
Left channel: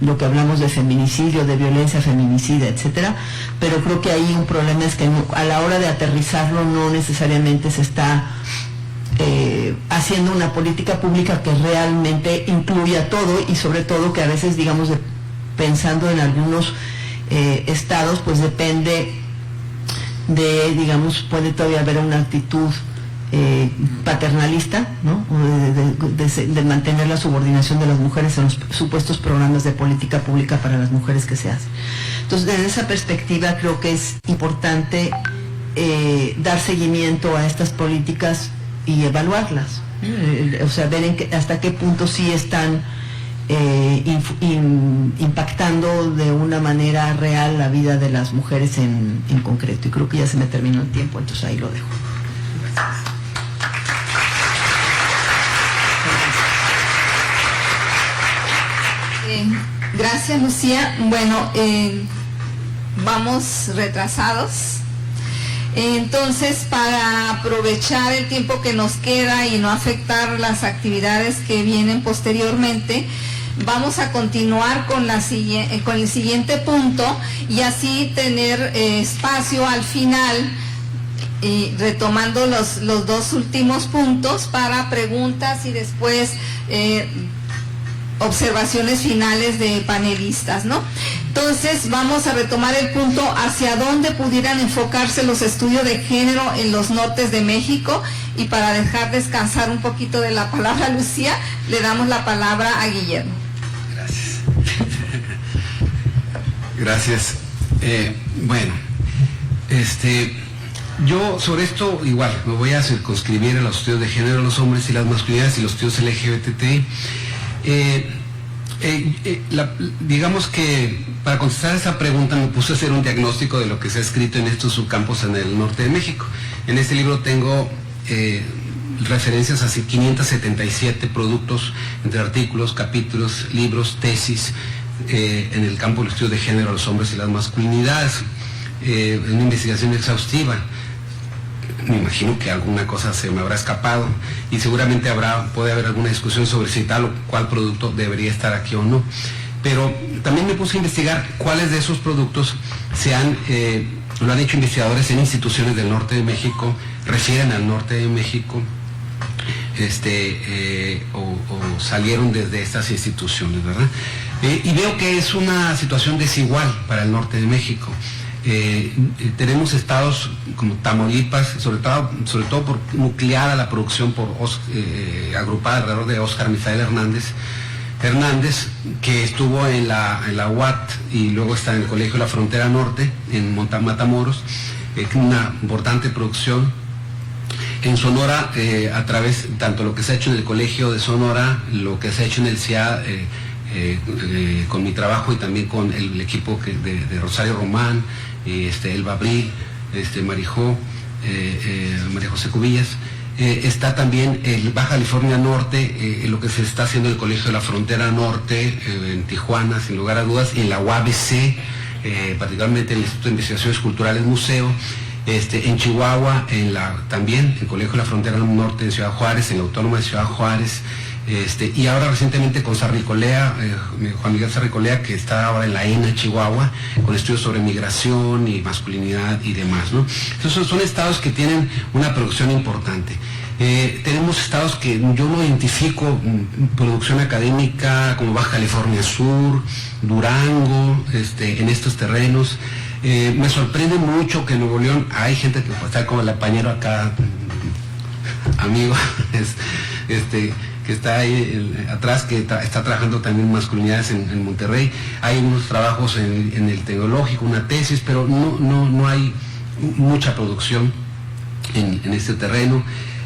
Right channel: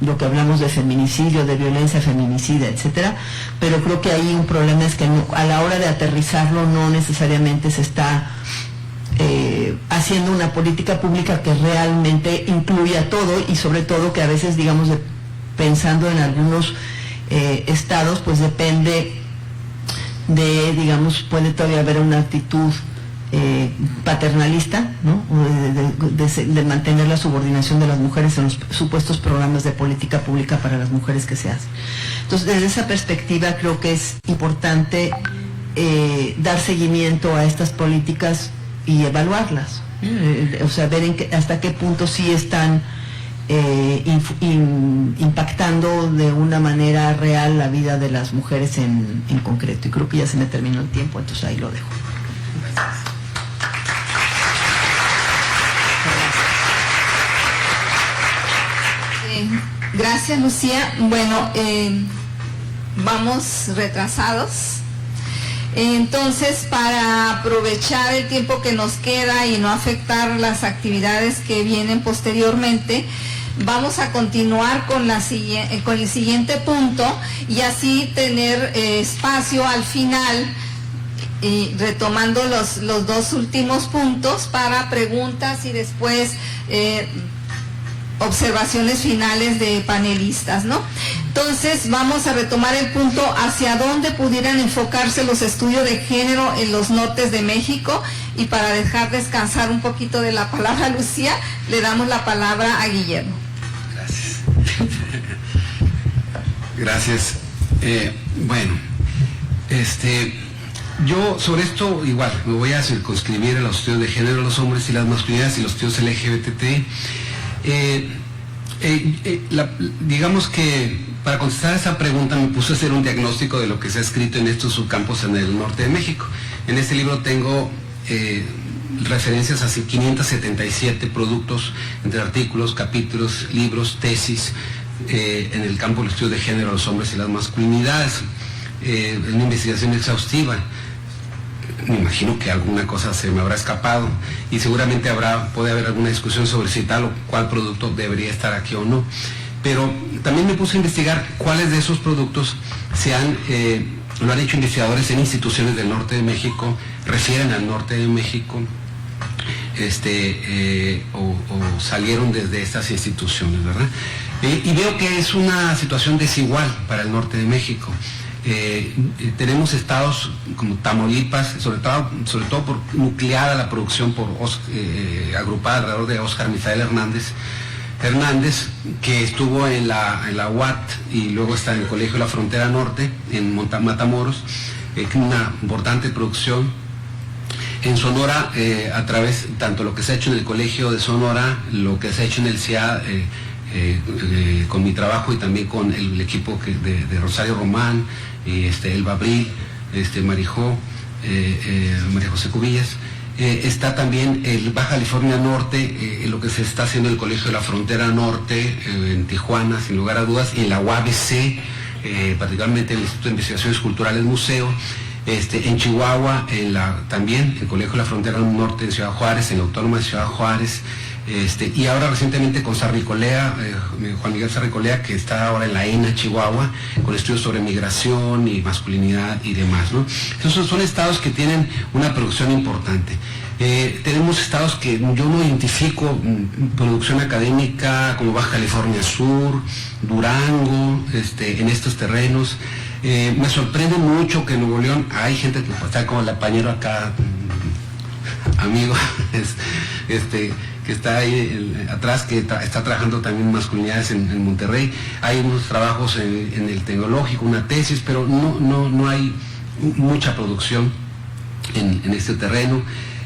lo que hablamos de feminicidio, de violencia feminicida, etcétera. Pero creo que ahí un problema es que a la hora de aterrizarlo no necesariamente se está haciendo una política pública que realmente incluya todo, y sobre todo que a veces, digamos, pensando en algunos estados, pues depende de, digamos, puede todavía haber una actitud paternalista, ¿no? De mantener la subordinación de las mujeres en los supuestos programas de política pública para las mujeres que se hacen. Entonces, desde esa perspectiva creo que es importante dar seguimiento a estas políticas y evaluarlas, o sea, ver hasta qué punto sí están impactando de una manera real la vida de las mujeres en concreto. Y creo que ya se me terminó el tiempo, entonces ahí lo dejo. Gracias, Lucía. Bueno, vamos retrasados. Entonces, para aprovechar el tiempo que nos queda y no afectar las actividades que vienen posteriormente, vamos a continuar con el siguiente punto, y así tener espacio al final, retomando los dos últimos puntos, para preguntas y después observaciones finales de panelistas, ¿no? Entonces vamos a retomar el punto hacia dónde pudieran enfocarse los estudios de género en los nortes de México, y para dejar descansar un poquito de la palabra a Lucía, le damos la palabra a Guillermo. Gracias. Yo sobre esto igual me voy a circunscribir a los estudios de género, los hombres y las masculinidades, y los estudios LGBT. Digamos que para contestar esa pregunta me puse a hacer un diagnóstico de lo que se ha escrito en estos subcampos en el norte de México. En este libro tengo referencias a 577 productos entre artículos, capítulos, libros, tesis en el campo del estudio de género, los hombres y las masculinidades, una investigación exhaustiva. Me imagino que alguna cosa se me habrá escapado, y seguramente puede haber alguna discusión sobre si tal o cual producto debería estar aquí o no. Pero también me puse a investigar cuáles de esos productos lo han hecho investigadores en instituciones del norte de México, refieren al norte de México, o salieron desde estas instituciones, ¿verdad? Y veo que es una situación desigual para el norte de México. Tenemos estados como Tamaulipas, sobre todo por nucleada la producción agrupada alrededor de Óscar Misael Hernández, que estuvo en la UAT y luego está en el Colegio de la Frontera Norte, en Matamoros, una importante producción. En Sonora, a través tanto lo que se ha hecho en el Colegio de Sonora, lo que se ha hecho en el CIA, con mi trabajo y también con el equipo de Rosario Román, Elba Abril, María José Cubillas. Está también el Baja California Norte, lo que se está haciendo en el Colegio de la Frontera Norte, en Tijuana, sin lugar a dudas, y en la UABC, particularmente en el Instituto de Investigaciones Culturales Museo, en Chihuahua, también el Colegio de la Frontera Norte en Ciudad Juárez, en la Autónoma de Ciudad Juárez, y ahora recientemente con Sarricolea, Juan Miguel Sarricolea, que está ahora en la ENA, Chihuahua, con estudios sobre migración y masculinidad y demás, ¿no? Entonces son estados que tienen una producción importante. Tenemos estados que yo no identifico producción académica como Baja California Sur, Durango, en estos terrenos. Me sorprende mucho que en Nuevo León hay gente que está como el apañero acá, amigo, que está ahí atrás, que está trabajando también masculinidades en Monterrey. Hay unos trabajos en el tecnológico, una tesis, pero no hay mucha producción en este terreno.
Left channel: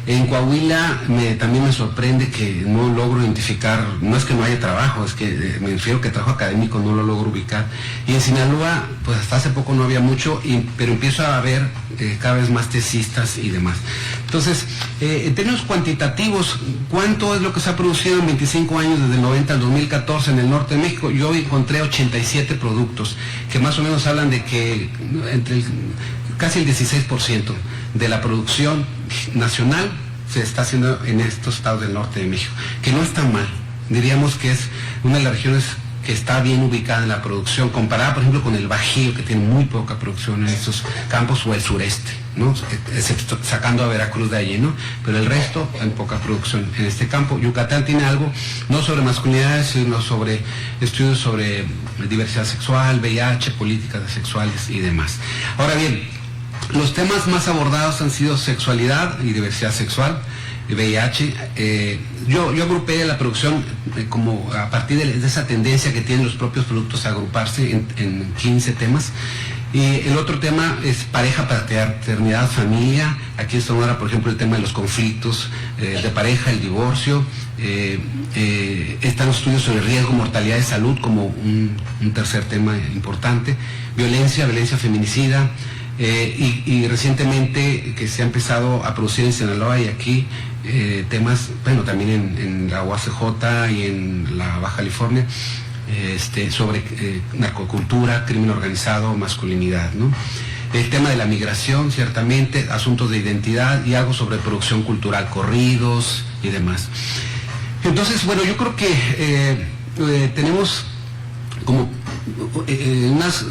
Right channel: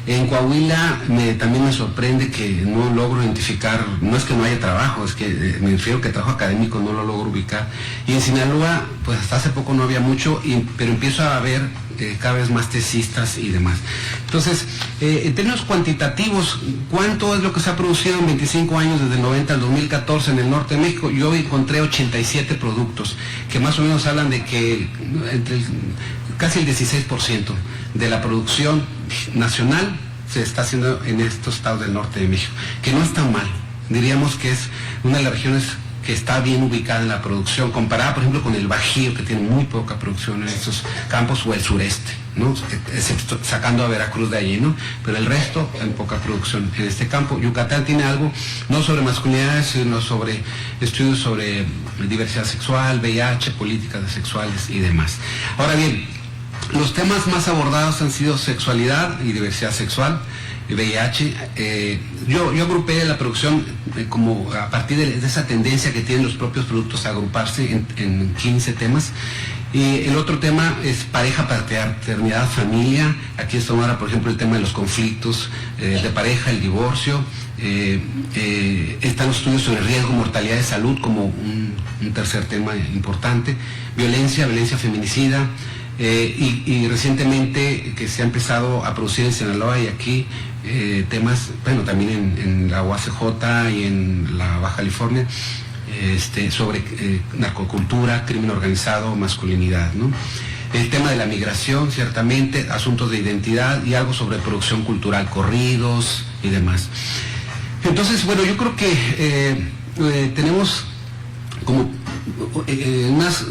En Coahuila también me sorprende que no logro identificar, no es que no haya trabajo, es que me refiero que trabajo académico no lo logro ubicar. Y en Sinaloa, pues hasta hace poco no había mucho, pero empiezo a ver cada vez más tesistas y demás. Entonces, en términos cuantitativos, ¿cuánto es lo que se ha producido en 25 años desde el 90 al 2014 en el norte de México? Yo encontré 87 productos, que más o menos hablan de que casi el 16% de la producción nacional se está haciendo en estos estados del norte de México, que no está mal. Diríamos que es una de las regiones que está bien ubicada en la producción, comparada por ejemplo con el Bajío, que tiene muy poca producción en estos campos, o el sureste, ¿no? Sacando a Veracruz de allí, ¿no? Pero el resto en poca producción en este campo. Yucatán tiene algo, no sobre masculinidades, sino sobre estudios sobre diversidad sexual, VIH, políticas sexuales y demás. Ahora bien, los temas más abordados han sido sexualidad y diversidad sexual, VIH. Yo agrupé la producción como a partir de esa tendencia que tienen los propios productos a agruparse en 15 temas. Y el otro tema es pareja, paternidad, familia. Aquí está ahora, por ejemplo, el tema de los conflictos de pareja, el divorcio. Están los estudios sobre riesgo, mortalidad de salud como un tercer tema importante. Violencia feminicida. Y recientemente que se ha empezado a producir en Sinaloa y aquí temas, bueno, también en la UACJ y en la Baja California, sobre narcocultura, crimen organizado, masculinidad, ¿no? El tema de la migración, ciertamente, asuntos de identidad y algo sobre producción cultural, corridos y demás. Entonces, bueno, yo creo que tenemos como unos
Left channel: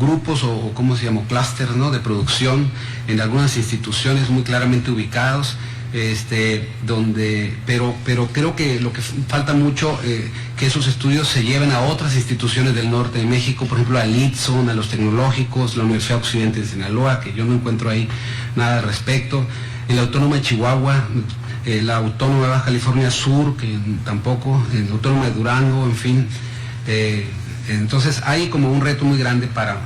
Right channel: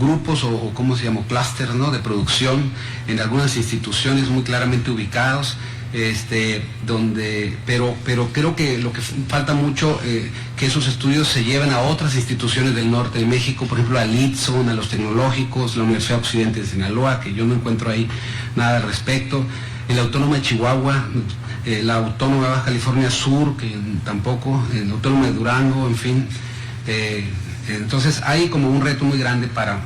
grupos o ¿cómo se llama? Clústeres, ¿no? De producción en algunas instituciones muy claramente ubicados, pero creo que lo que falta mucho que esos estudios se lleven a otras instituciones del norte de México, por ejemplo al ITSON, a los tecnológicos, la Universidad Occidente de Sinaloa, que yo no encuentro ahí nada al respecto, en la Autónoma de Chihuahua, la Autónoma de Baja California Sur, que tampoco, en la Autónoma de Durango, en fin. Entonces hay como un reto muy grande para,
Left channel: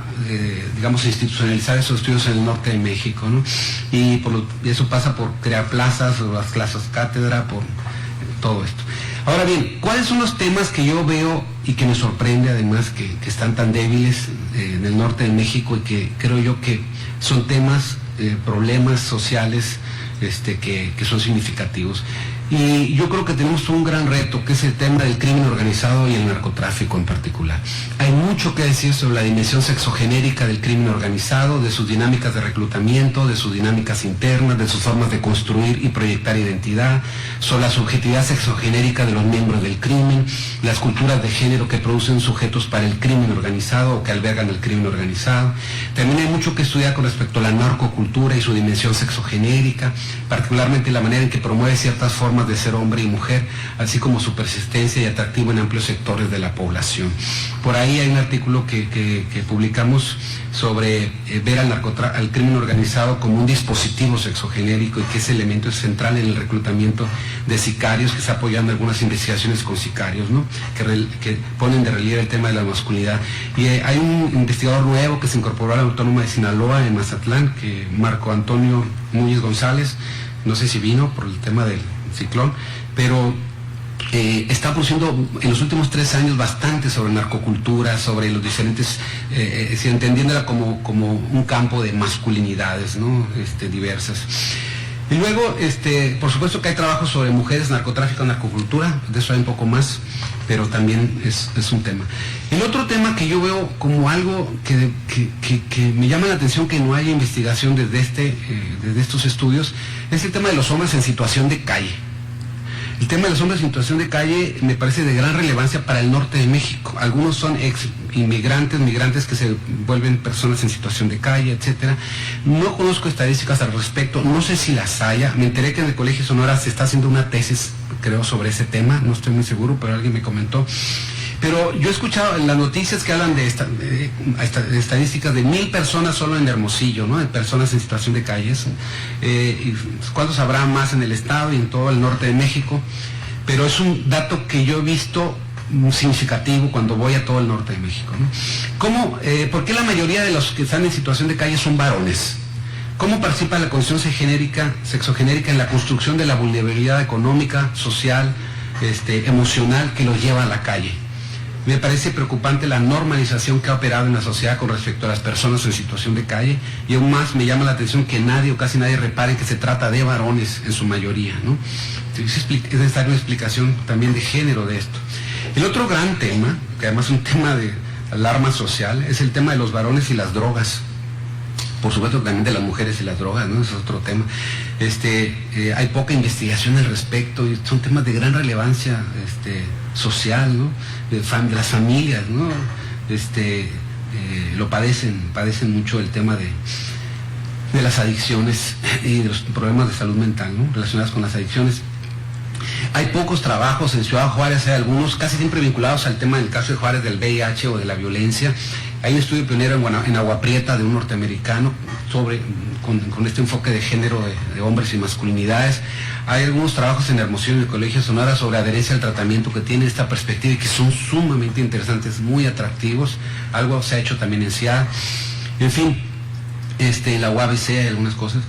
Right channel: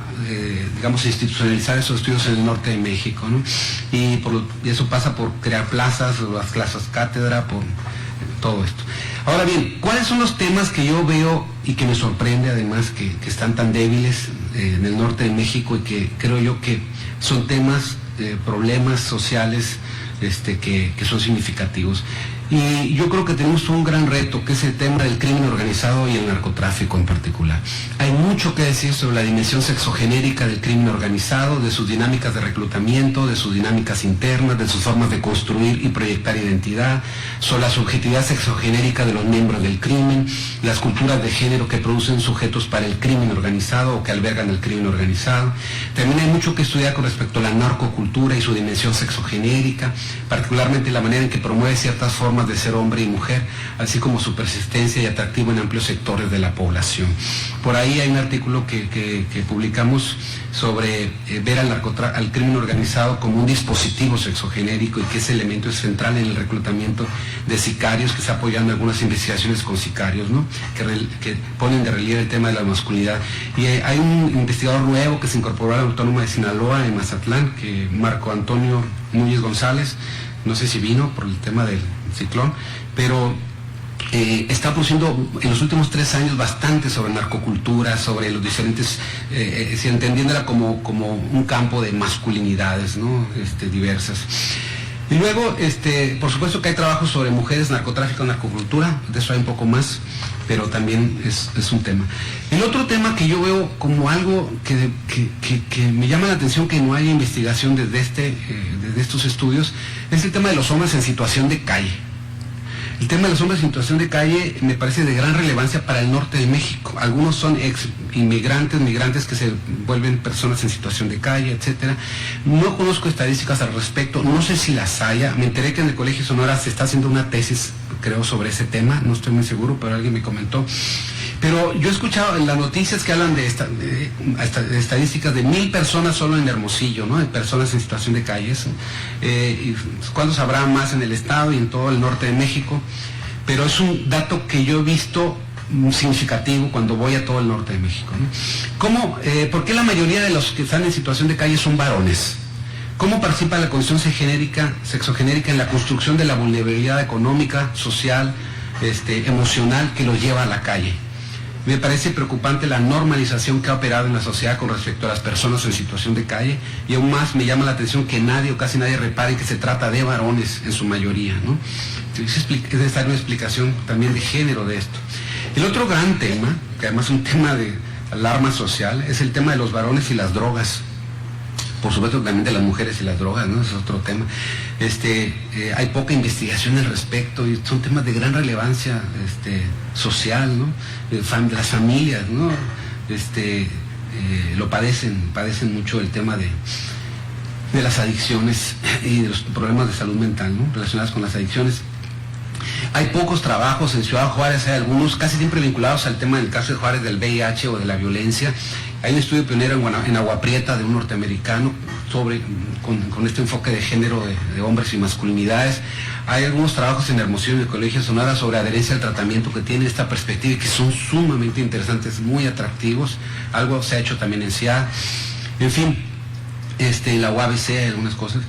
digamos, institucionalizar esos estudios en el norte de México, ¿no? Y eso pasa por crear plazas, las clases cátedra, por todo esto. Ahora bien, ¿cuáles son los temas que yo veo y que me sorprende además que están tan débiles en el norte de México y que creo yo que son temas, problemas sociales que son significativos? Y yo creo que tenemos un gran reto, que es el tema del crimen organizado y el narcotráfico en particular. Hay mucho que decir sobre la dimensión sexogenérica del crimen organizado, de sus dinámicas de reclutamiento, de sus dinámicas internas, de sus formas de construir y proyectar identidad, sobre la subjetividad sexogenérica de los miembros del crimen, las culturas de género que producen sujetos para el crimen organizado o que albergan el crimen organizado. También hay mucho que estudiar con respecto a la narcocultura y su dimensión sexogenérica, particularmente la manera en que promueve ciertas formas de ser hombre y mujer, así como su persistencia y atractivo en amplios sectores de la población. Por ahí hay un artículo que publicamos sobre ver al crimen organizado como un dispositivo sexogenérico y que ese elemento es central en el reclutamiento de sicarios, que está apoyando algunas investigaciones con sicarios, ¿no? que ponen de relieve el tema de la masculinidad. Y hay un investigador nuevo que se incorporó a la Autónoma de Sinaloa en Mazatlán, que Marco Antonio Núñez González, no sé si vino por el tema del ciclón, pero está produciendo en los últimos 3 años bastante sobre narcocultura, sobre los diferentes, entendiéndola como un campo de masculinidades, ¿no? Diversas. Y luego, por supuesto que hay trabajos sobre mujeres, narcotráfico, narcocultura, de eso hay un poco más, pero también es un tema. El otro tema que yo veo como algo que me llama la atención que no haya investigación desde estos estudios, es el tema de los hombres en situación de calle. El tema de los hombres en situación de calle me parece de gran relevancia para el norte de México. Algunos son migrantes que se vuelven personas en situación de calle, etcétera. No conozco estadísticas al respecto, no sé si las haya. Me enteré que en el Colegio Sonora se está haciendo una tesis, creo, sobre ese tema, no estoy muy seguro, pero alguien me comentó. Pero yo he escuchado en las noticias que hablan de estadísticas de 1,000 personas solo en Hermosillo, ¿no? De personas en situación de calles. Y ¿cuántos habrá más en el estado y en todo el norte de México? Pero es un dato que yo he visto significativo cuando voy a todo el norte de México, ¿no? ¿Por qué la mayoría de los que están en situación de calle son varones? ¿Cómo participa la condición sexogenérica en la construcción de la vulnerabilidad económica, social, emocional que los lleva a la calle? Me parece preocupante la normalización que ha operado en la sociedad con respecto a las personas en situación de calle, y aún más me llama la atención que nadie o casi nadie repare que se trata de varones en su mayoría, ¿no? Es necesaria una explicación también de género de esto. El otro gran tema, que además es un tema de alarma social, es el tema de los varones y las drogas. Por supuesto también de las mujeres y las drogas, ¿no? Es otro tema. Hay poca investigación al respecto y son temas de gran relevancia social, ¿no? De las familias, ¿no? Lo padecen mucho el tema de las adicciones y de los problemas de salud mental, ¿no? Relacionados con las adicciones. Hay pocos trabajos en Ciudad Juárez, hay algunos casi siempre vinculados al tema del caso de Juárez del VIH o de la violencia. Hay un estudio pionero en Agua Prieta de un norteamericano con este enfoque de género de hombres y masculinidades. Hay algunos trabajos en Hermosillo y en el Colegio Sonora sobre adherencia al tratamiento que tienen esta perspectiva y que son sumamente interesantes, muy atractivos. Algo se ha hecho también en CIAD. En fin, en la UABC hay algunas cosas.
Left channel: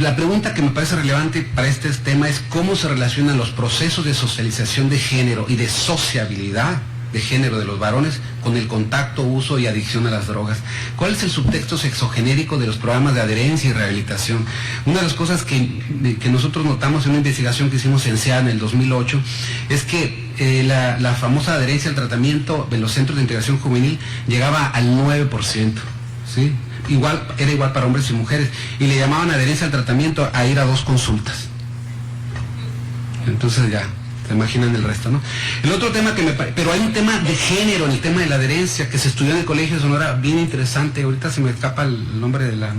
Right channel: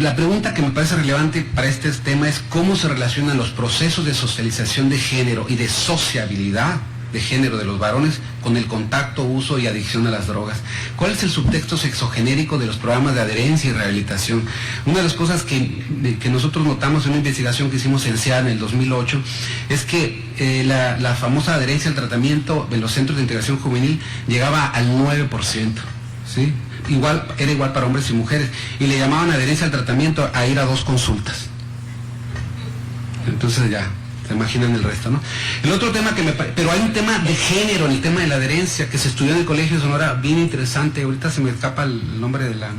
La pregunta que me parece relevante para este tema es cómo se relacionan los procesos de socialización de género y de sociabilidad de género de los varones con el contacto, uso y adicción a las drogas. ¿Cuál es el subtexto sexogenérico de los programas de adherencia y rehabilitación? Una de las cosas que nosotros notamos en una investigación que hicimos en CEA en el 2008 es que la famosa adherencia al tratamiento en los centros de integración juvenil llegaba al 9%, ¿sí? Era igual para hombres y mujeres, y le llamaban adherencia al tratamiento a ir a 2 consultas. Entonces ya se imaginan el resto, ¿no? El otro tema pero hay un tema de género en el tema de la adherencia que se estudió en el Colegio de Sonora, bien interesante. Ahorita se me escapa el nombre de la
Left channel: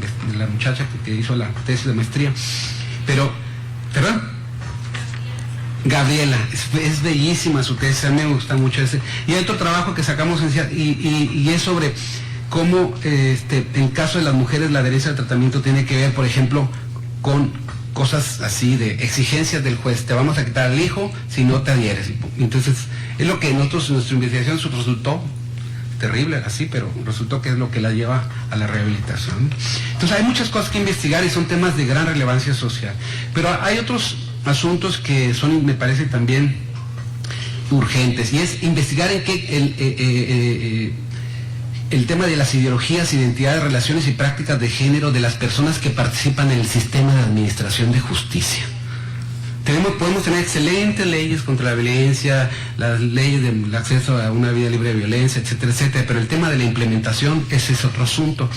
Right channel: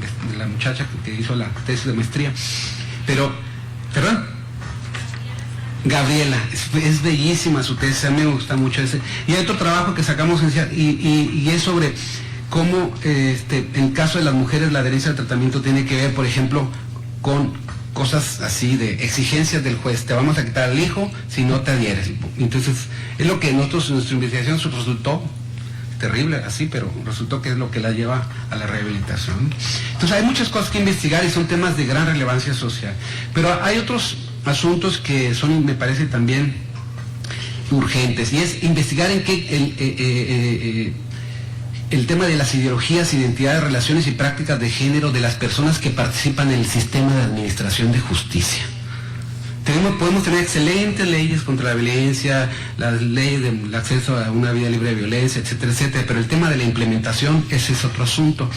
muchacha que hizo la tesis de maestría, Gabriela, es bellísima su tesis, a mí me gusta mucho ese. Y hay otro trabajo que sacamos y es sobre cómo en el caso de las mujeres la adherencia al tratamiento tiene que ver, por ejemplo, con cosas así de exigencias del juez: te vamos a quitar al hijo si no te adhieres. Entonces, es lo que en nuestra investigación resultó terrible así, pero resultó que es lo que la lleva a la rehabilitación. Entonces, hay muchas cosas que investigar y son temas de gran relevancia social. Pero hay otros asuntos que son, me parece, también urgentes, y es investigar en qué el tema de las ideologías, identidades, relaciones y prácticas de género de las personas que participan en el sistema de administración de justicia. Podemos tener excelentes leyes contra la violencia, las leyes del acceso a una vida libre de violencia, etcétera, etcétera, pero el tema de la implementación, ese es otro asunto.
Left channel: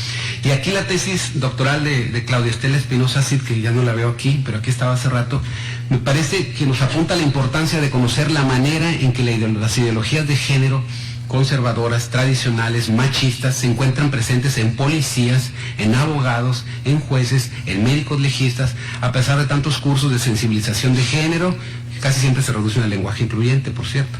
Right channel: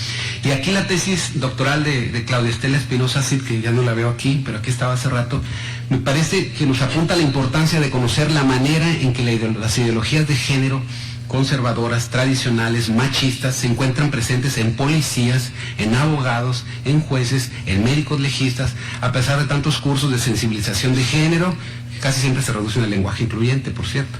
Y aquí la tesis doctoral de Claudia Estela Espinosa Cid, que ya no la veo aquí, pero aquí estaba hace rato, me parece que nos apunta a la importancia de conocer la manera en que las ideologías de género conservadoras, tradicionales, machistas, se encuentran presentes en policías, en abogados, en jueces, en médicos legistas, a pesar de tantos cursos de sensibilización de género, que casi siempre se reducen al lenguaje incluyente, por cierto.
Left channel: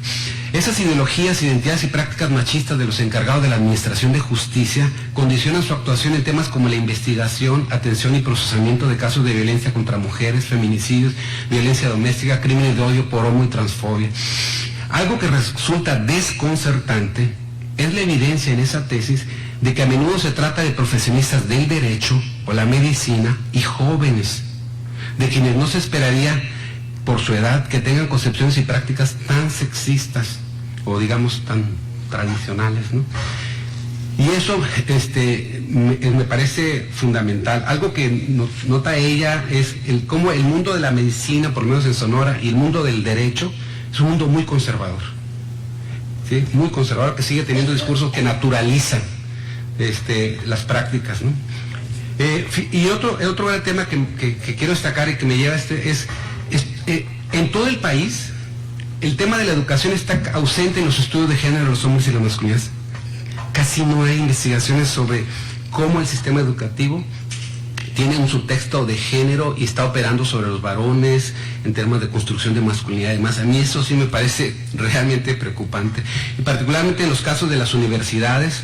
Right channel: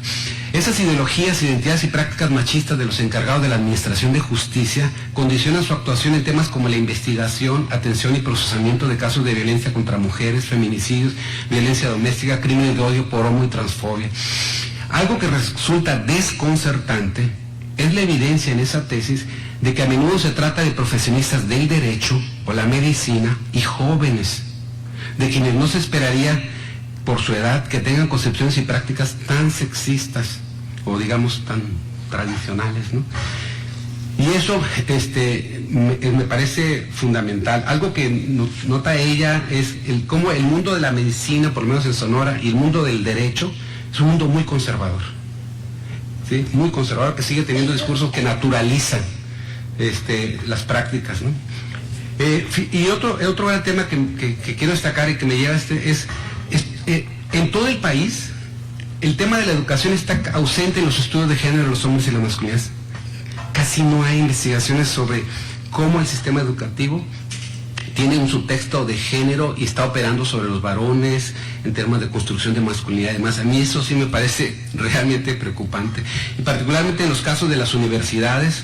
Esas ideologías, identidades y prácticas machistas de los encargados de la administración de justicia condicionan su actuación en temas como la investigación, atención y procesamiento de casos de violencia contra mujeres, feminicidios, violencia doméstica, crímenes de odio por homo y transfobia. Algo que resulta desconcertante es la evidencia en esa tesis de que a menudo se trata de profesionistas del derecho o la medicina y jóvenes, de quienes no se esperaría por su edad, que tengan concepciones y prácticas tan sexistas o digamos tan tradicionales, ¿no? Y eso me parece fundamental. Algo que nota ella es cómo el mundo de la medicina, por lo menos en Sonora, y el mundo del derecho es un mundo muy conservador, ¿sí? Muy conservador, que sigue teniendo discursos que naturalizan las prácticas, ¿no? Y otro gran tema que quiero destacar y que me lleva es en todo el país el tema de la educación está ausente en los estudios de género de los hombres y las masculinidades. Casi no hay investigaciones sobre cómo el sistema educativo tiene un subtexto de género y está operando sobre los varones en temas de construcción de masculinidad y demás. A mí eso sí me parece realmente preocupante. Y particularmente en los casos de las universidades,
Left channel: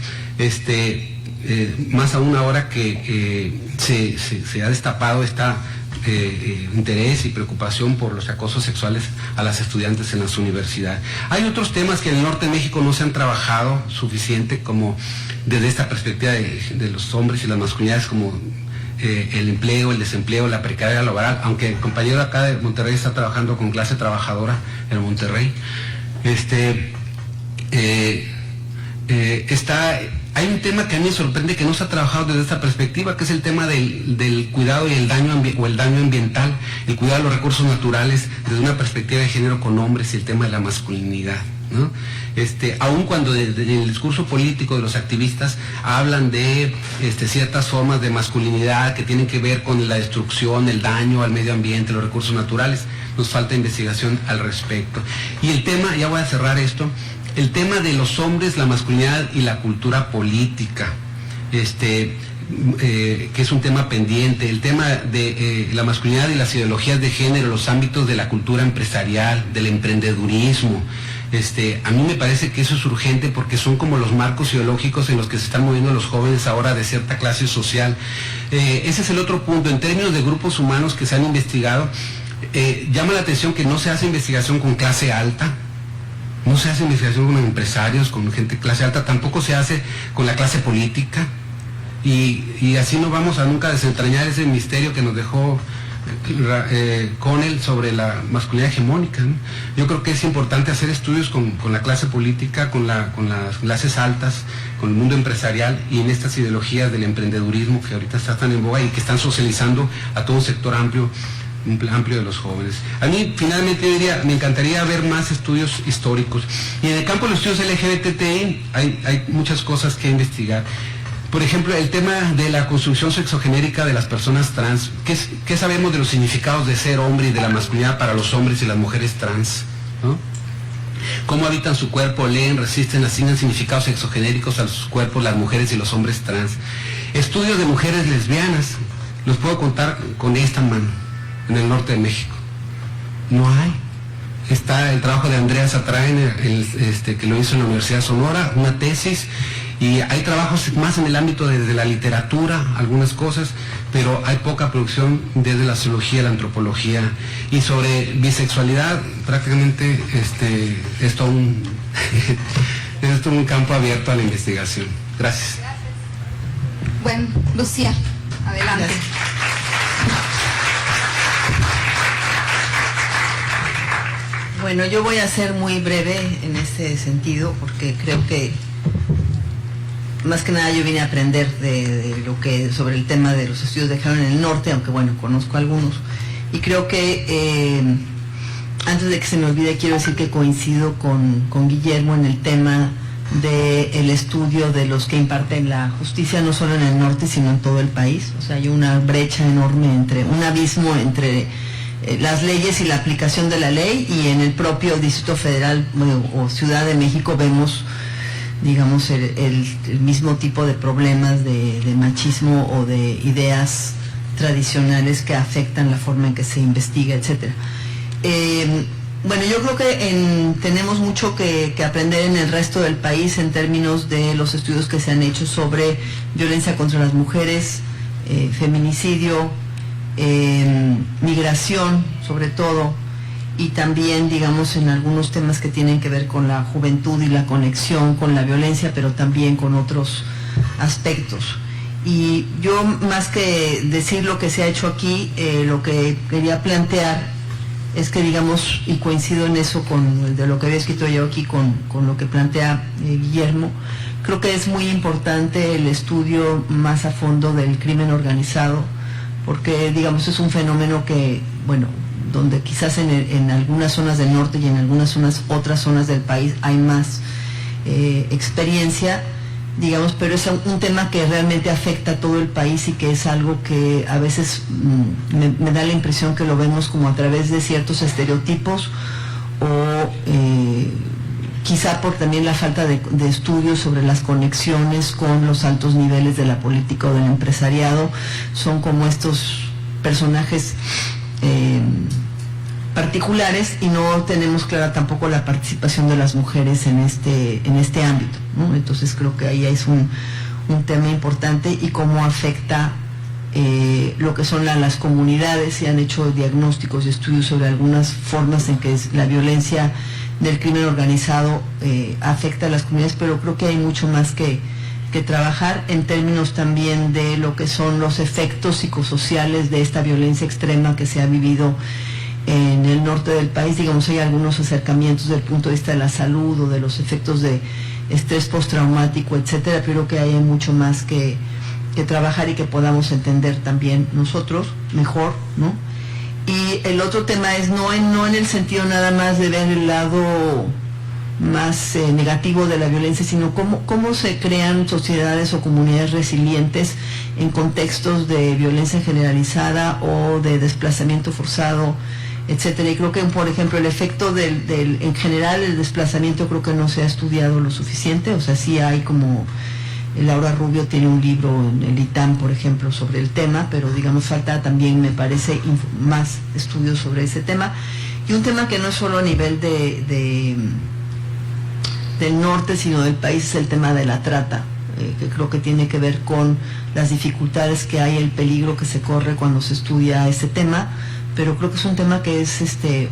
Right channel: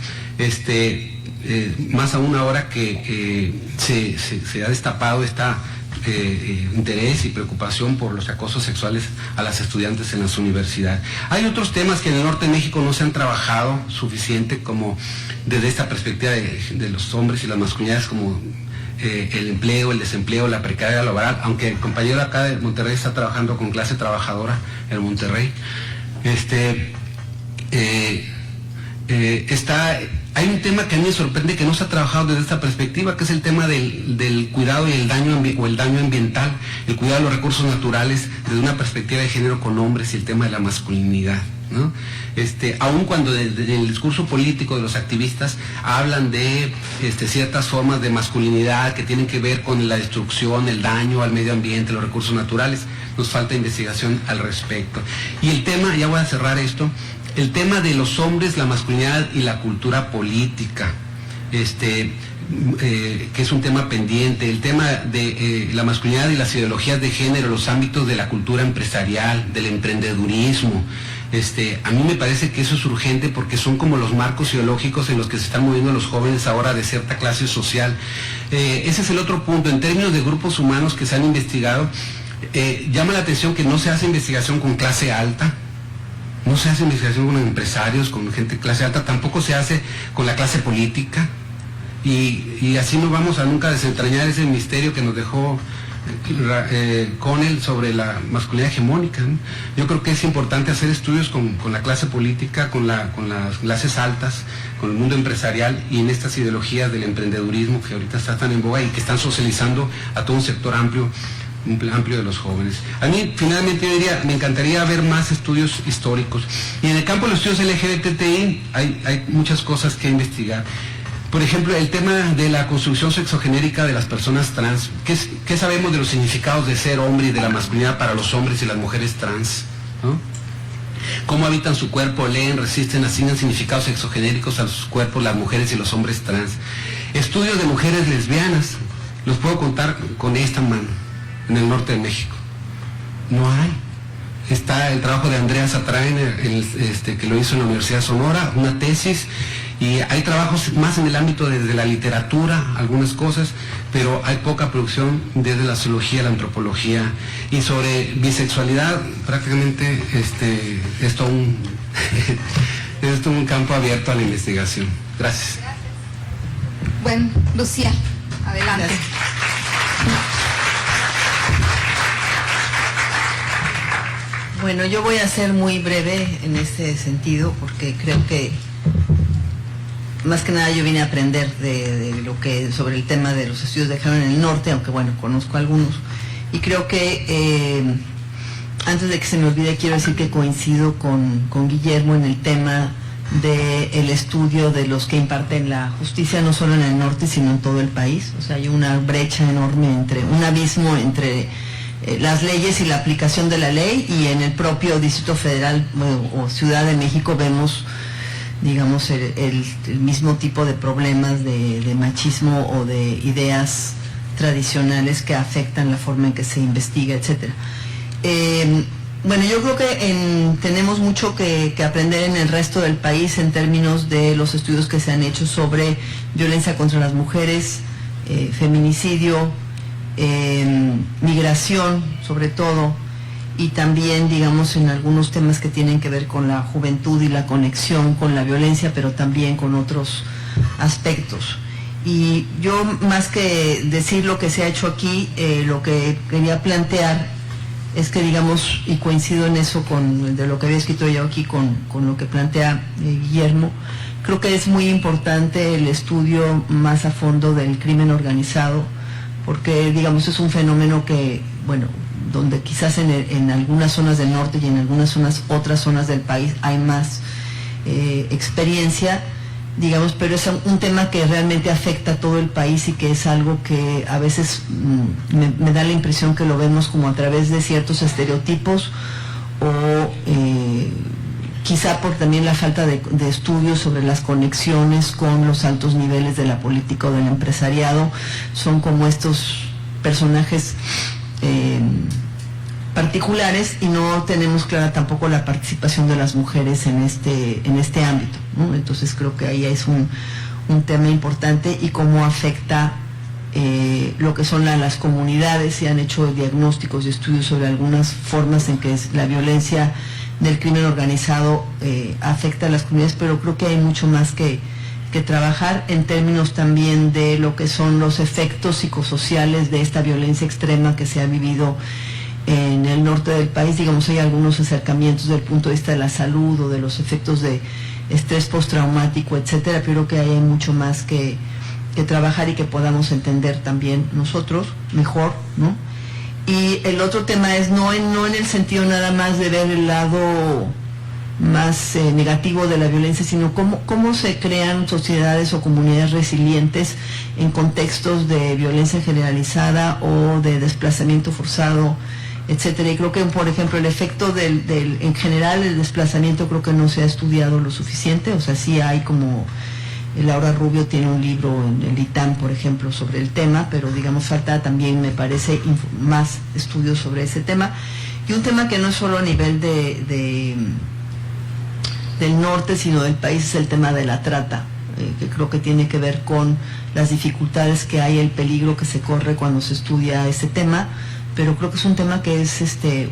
más aún ahora que se ha destapado esta interés y preocupación por los acosos sexuales a las estudiantes en las universidades. Hay otros temas que en el norte de México no se han trabajado suficiente, como desde esta perspectiva de los hombres y las masculinidades, como el empleo, el desempleo, la precariedad laboral, aunque el compañero acá de Monterrey está trabajando con clase trabajadora en Monterrey. Hay un tema que a mí me sorprende que no se ha trabajado desde esta perspectiva, que es el tema del cuidado y el daño ambiental, el cuidado de los recursos naturales desde una perspectiva de género con hombres y el tema de la masculinidad, ¿no? Aun cuando desde el discurso político de los activistas hablan de ciertas formas de masculinidad que tienen que ver con la destrucción, el daño al medio ambiente, los recursos naturales, nos falta investigación al respecto. Y el tema, ya voy a cerrar esto, el tema de los hombres, la masculinidad y la cultura política, que es un tema pendiente, el tema de la masculinidad y las ideologías de género, los ámbitos de la cultura empresarial, del emprendedurismo. A mí me parece que eso es urgente porque son como los marcos ideológicos en los que se están moviendo los jóvenes ahora de cierta clase social. Ese es el otro punto. En términos de grupos humanos que se han investigado, llama la atención que no se hace investigación con clase alta, no se hace investigación con empresarios, con gente de clase alta, tampoco se hace con la clase política, y así no vamos a nunca desentrañar ese misterio que nos dejó Connell sobre la masculinidad hegemónica, ¿no? Yo creo que es importante hacer estudios con la clase política, con las clases altas, con el mundo empresarial y en estas ideologías del emprendedurismo que ahorita están tan en boga y que están socializando a todo un sector amplio de los jóvenes. A mí, finalmente, yo diría, me encantaría ver más estudios históricos. Y en el campo de los estudios LGBTI hay muchas cosas que investigar. Por ejemplo, el tema de la construcción sexogenérica de las personas trans. ¿Qué sabemos de los significados de ser hombre y de la masculinidad para los hombres y las mujeres trans, ¿no? Cómo habitan su cuerpo, leen, resisten, asignan significados sexogenéricos a sus cuerpos las mujeres y los hombres trans. Estudios de mujeres lesbianas, los puedo contar con esta mano. En el norte de México no hay. Está el trabajo de Andrea Satrain, que lo hizo en la Universidad de Sonora, una tesis, y hay trabajos más en el ámbito de la literatura, algunas cosas, pero hay poca producción desde la sociología, la antropología. Y sobre bisexualidad, prácticamente es todo un campo abierto a la investigación. Gracias. Bueno, Lucía, adelante. Gracias. Bueno, yo voy a ser muy breve en este sentido porque creo que más que nada yo vine a aprender sobre el tema de los estudios de género en el norte, aunque bueno, conozco algunos. Y creo que antes de que se me olvide, quiero decir que coincido con Guillermo en el tema del estudio de los que imparten la justicia, no solo en el norte, sino en todo el país. O sea, hay una brecha enorme, un abismo entre las leyes y la aplicación de la ley, y en el propio Distrito Federal o Ciudad de México vemos, digamos, el mismo tipo de problemas de machismo o de ideas tradicionales que afectan la forma en que se investiga, etcétera. Bueno, yo creo que tenemos mucho que aprender en el resto del país en términos de los estudios que se han hecho sobre violencia contra las mujeres, feminicidio, migración sobre todo, y también, digamos, en algunos temas que tienen que ver con la juventud y la conexión con la violencia, pero también con otros aspectos. Y yo, más que decir lo que se ha hecho aquí, lo que quería plantear es que, digamos, y coincido en eso con de lo que había escrito yo aquí, con lo que plantea Guillermo, creo que es muy importante el estudio más a fondo del crimen organizado, porque, digamos, es un fenómeno que, bueno, donde quizás en algunas zonas del norte y en algunas otras zonas del país hay más experiencia, digamos, pero es un tema que realmente afecta a todo el país y que es algo que a veces me da la impresión que lo vemos como a través de ciertos estereotipos o quizá por también la falta de estudios sobre las conexiones con los altos niveles de la política o del empresariado. Son como estos personajes particulares y no tenemos clara tampoco la participación de las mujeres en este ámbito, ¿no? Entonces creo que ahí es un tema importante y cómo afecta lo que son las comunidades. Se han hecho diagnósticos y estudios sobre algunas formas en que la violencia del crimen organizado afecta a las comunidades, pero creo que hay mucho más que trabajar en términos también de lo que son los efectos psicosociales de esta violencia extrema que se ha vivido en el norte del país. Digamos, hay algunos acercamientos desde el punto de vista de la salud o de los efectos de estrés postraumático, etcétera, pero que hay mucho más que trabajar y que podamos entender también nosotros mejor, ¿no? Y el otro tema es no en el sentido nada más de ver el lado más negativo de la violencia, sino cómo se crean sociedades o comunidades resilientes en contextos de violencia generalizada o de desplazamiento forzado, etcétera. Y creo que, por ejemplo, el efecto en general el desplazamiento creo que no se ha estudiado lo suficiente. O sea, sí hay como Laura Rubio tiene un libro en el ITAM, por ejemplo, sobre el tema, pero digamos falta también, me parece, más estudios sobre ese tema. Y un tema que no es solo a nivel del norte, sino del país, es el tema de la trata, que creo que tiene que ver con las dificultades que hay, el peligro que se corre cuando se estudia ese tema, pero creo que es un tema que es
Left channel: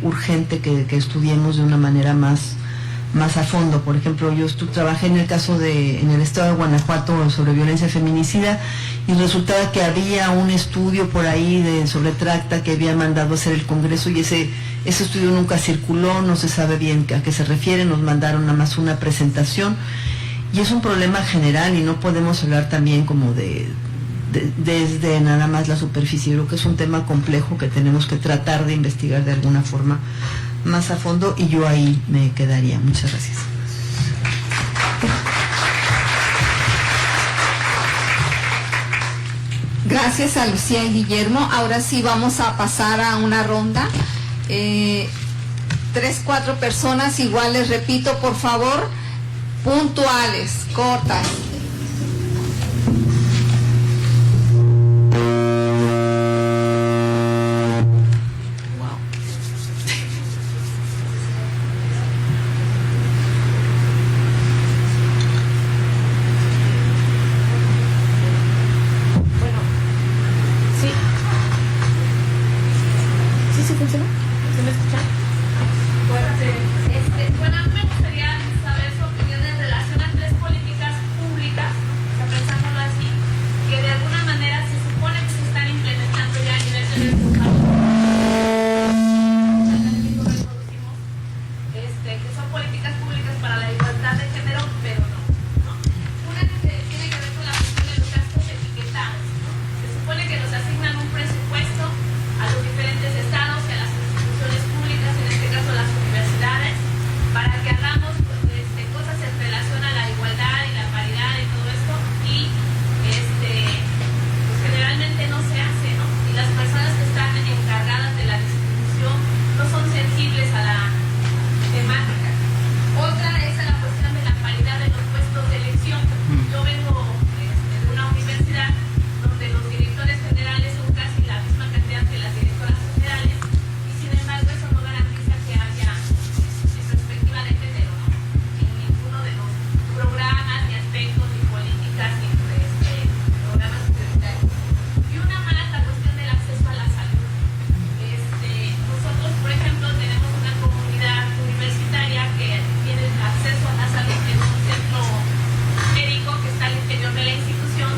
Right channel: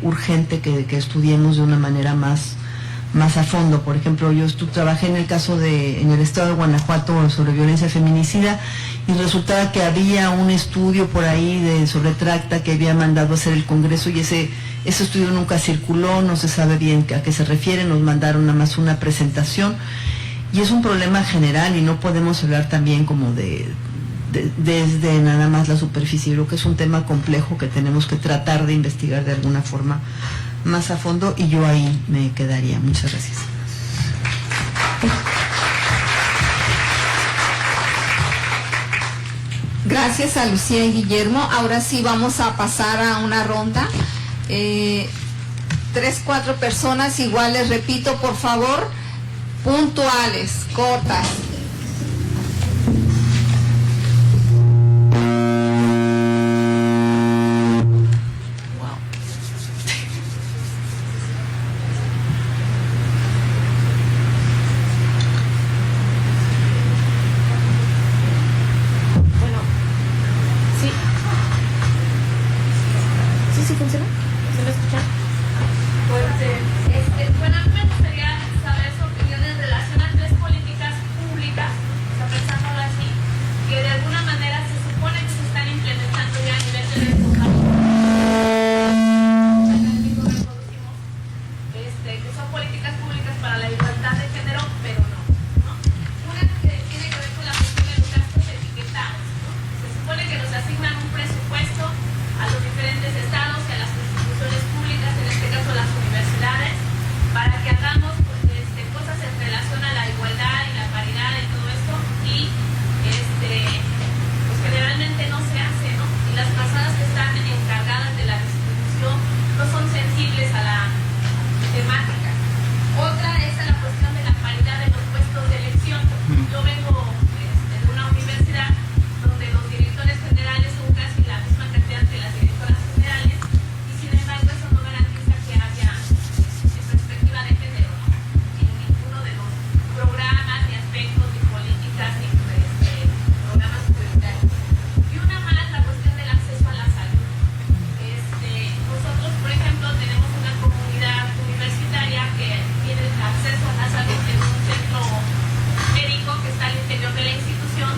urgente que estudiemos de una manera más a fondo. Por ejemplo, yo trabajé en el estado de Guanajuato sobre violencia feminicida y resultaba que había un estudio por ahí sobre trata que había mandado a hacer el Congreso y ese estudio nunca circuló, no se sabe bien a qué se refiere, nos mandaron nada más una presentación y es un problema general y no podemos hablar también como desde nada más la superficie. Creo que es un tema complejo que tenemos que tratar de investigar de alguna forma más a fondo y yo ahí me quedaría. Muchas gracias. Gracias a Lucía y Guillermo. Ahora sí vamos a pasar a una ronda. 3, 4 personas iguales, repito, por favor, puntuales, cortas. Bueno, me gustaría saber su opinión en relación a 3 políticas públicas, pensándolo así, que de alguna manera se supone que se están implementando ya a nivel de que son políticas públicas para la igualdad de género, pero no. Una que tiene que ver con la cuestión de los gastos etiquetados, ¿no? Se supone que nos asignan un presupuesto a los diferentes estados y a las instituciones públicas, en este caso las universidades, para que hagamos cosas en relación a la igualdad y la paridad y todo esto, y pues generalmente no se hace, ¿no? Y las personas que están encargadas de la distribución no son sensibles a la temática. Otra es la cuestión de la paridad de los puestos de elección. Yo vengo de una universidad donde los directores generales son casi la misma cantidad que las directoras generales, y sin embargo eso no garantiza que haya perspectiva de género, ¿no? En ninguno de los programas, ni aspectos, ni políticas, ni programas prioritarios. Y una más, la cuestión del acceso a la salud. Nosotros, por ejemplo, tenemos una comunidad universitaria que tiene acceso a la salud en un centro médico que está al interior de la institución,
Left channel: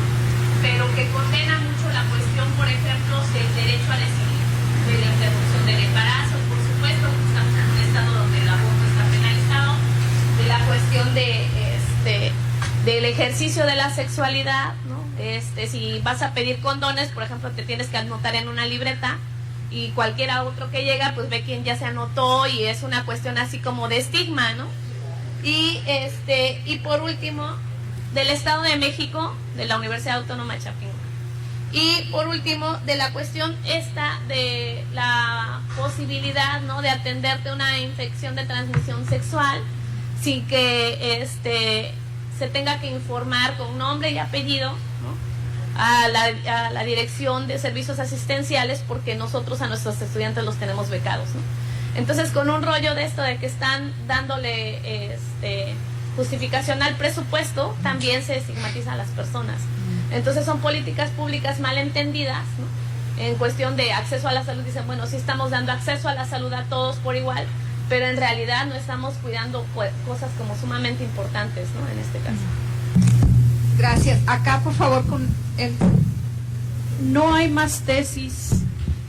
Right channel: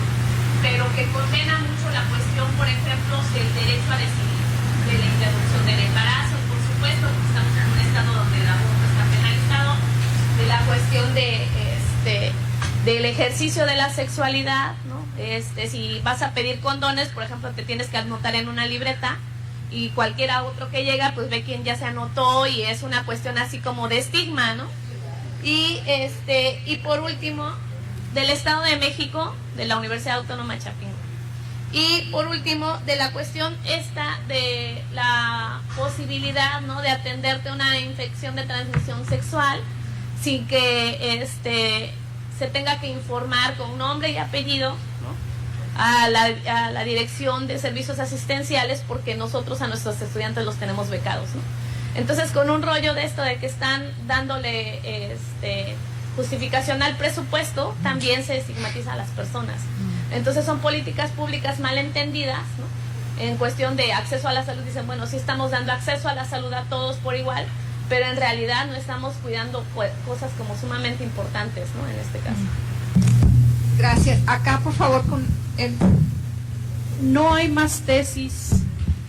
pero que condena mucho la cuestión, por ejemplo, del derecho a decidir, de la interrupción del embarazo, por supuesto, ejercicio de la sexualidad, ¿no? Si vas a pedir condones, por ejemplo, te tienes que anotar en una libreta y cualquiera otro que llega, pues ve quién ya se anotó y es una cuestión así como de estigma, ¿no? Y por último, del Estado de México, de la Universidad Autónoma de Chapingo. Y por último, de la cuestión esta de la posibilidad, ¿no?, de atenderte una infección de transmisión sexual sin que se tenga que informar con nombre y apellido, ¿no?, a la Dirección de Servicios Asistenciales, porque nosotros a nuestros estudiantes los tenemos becados, ¿no? Entonces, con un rollo de esto de que están dándole justificación al presupuesto, también se estigmatiza a las personas. Entonces son políticas públicas mal entendidas, ¿no? En cuestión de acceso a la salud, dicen, bueno, sí estamos dando acceso a la salud a todos por igual, pero en realidad no estamos cuidando cosas como sumamente importantes, ¿no?, en este caso. Gracias. Acá, por favor, con él. No hay más tesis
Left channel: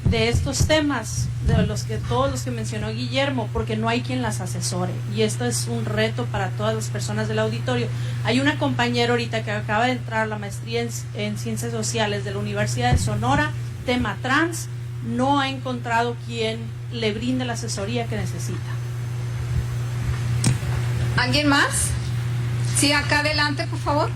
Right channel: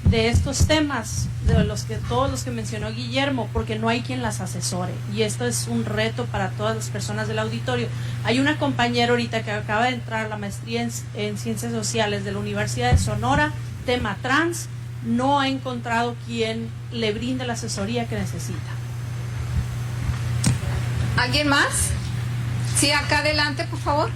de estos temas, de todos los que mencionó Guillermo, porque no hay quien las asesore, y esto es un reto para todas las personas del auditorio. Hay una compañera ahorita que acaba de entrar a la maestría en Ciencias Sociales de la Universidad de Sonora, tema trans, no ha encontrado quien le brinde la asesoría que necesita. ¿Alguien más? Sí, acá adelante, por favor.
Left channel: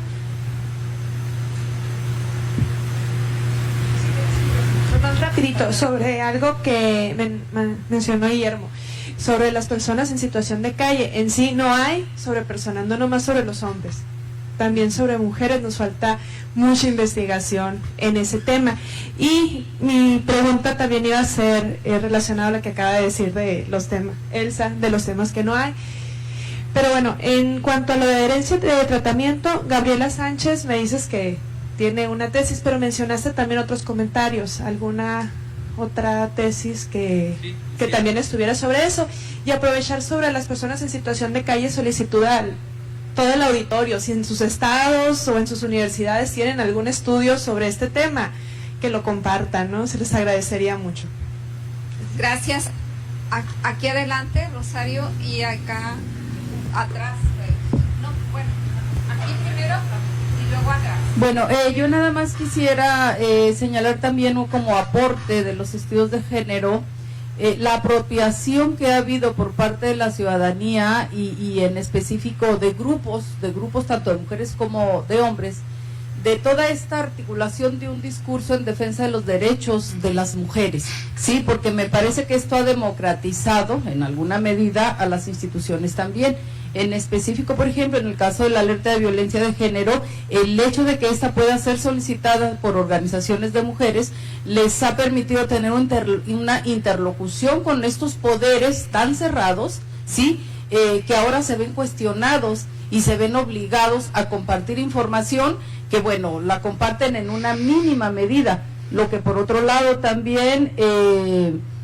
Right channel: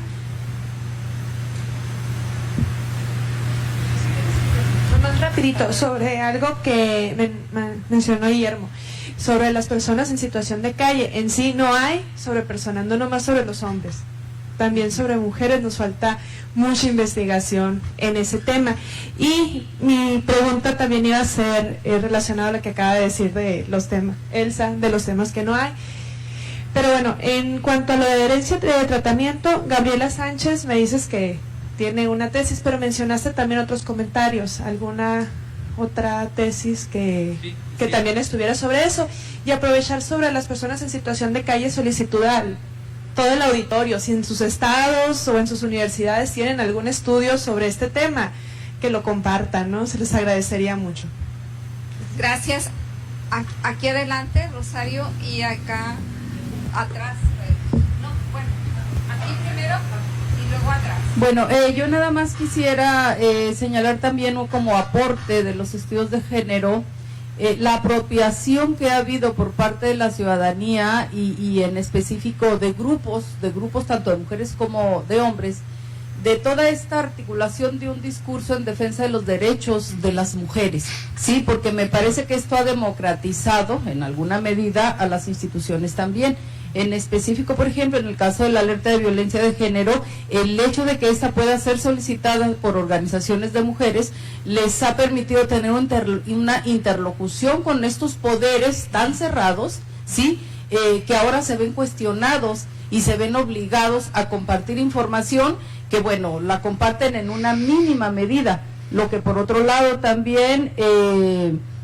Más rapidito, sobre algo que mencionó Guillermo, sobre las personas en situación de calle. En sí no hay sobrepersonando nomás sobre los hombres, también sobre mujeres nos falta mucha investigación en ese tema. Y mi pregunta también iba a ser relacionada a lo que acaba de decir de los temas, Elsa, de los temas que no hay. Pero bueno, en cuanto a lo de adherencia de tratamiento, Gabriela Sánchez, me dices que tiene una tesis, pero mencionaste también otros comentarios, alguna otra tesis que también estuviera sobre eso, y aprovechar sobre las personas en situación de calle, solicitud al todo el auditorio, si en sus estados o en sus universidades tienen algún estudio sobre este tema, que lo compartan, ¿no? Se les agradecería mucho. Gracias. Aquí adelante, Rosario, y acá atrás. No, bueno, aquí primero y luego atrás. Bueno, yo nada más quisiera señalar también como aporte de los estudios de género la apropiación que ha habido por parte de la ciudadanía y en específico de grupos tanto de mujeres como de hombres, de toda esta articulación de un discurso en defensa de los derechos de las mujeres, sí, porque me parece que esto ha democratizado en alguna medida a las instituciones también. En específico, por ejemplo, en el caso de la alerta de violencia de género, el hecho de que esta pueda ser solicitada por organizaciones de mujeres les ha permitido tener una interlocución con estos poderes tan cerrados, ¿sí? Que ahora se ven cuestionados y se ven obligados a compartir información que, bueno, la comparten en una mínima medida, lo que por otro lado también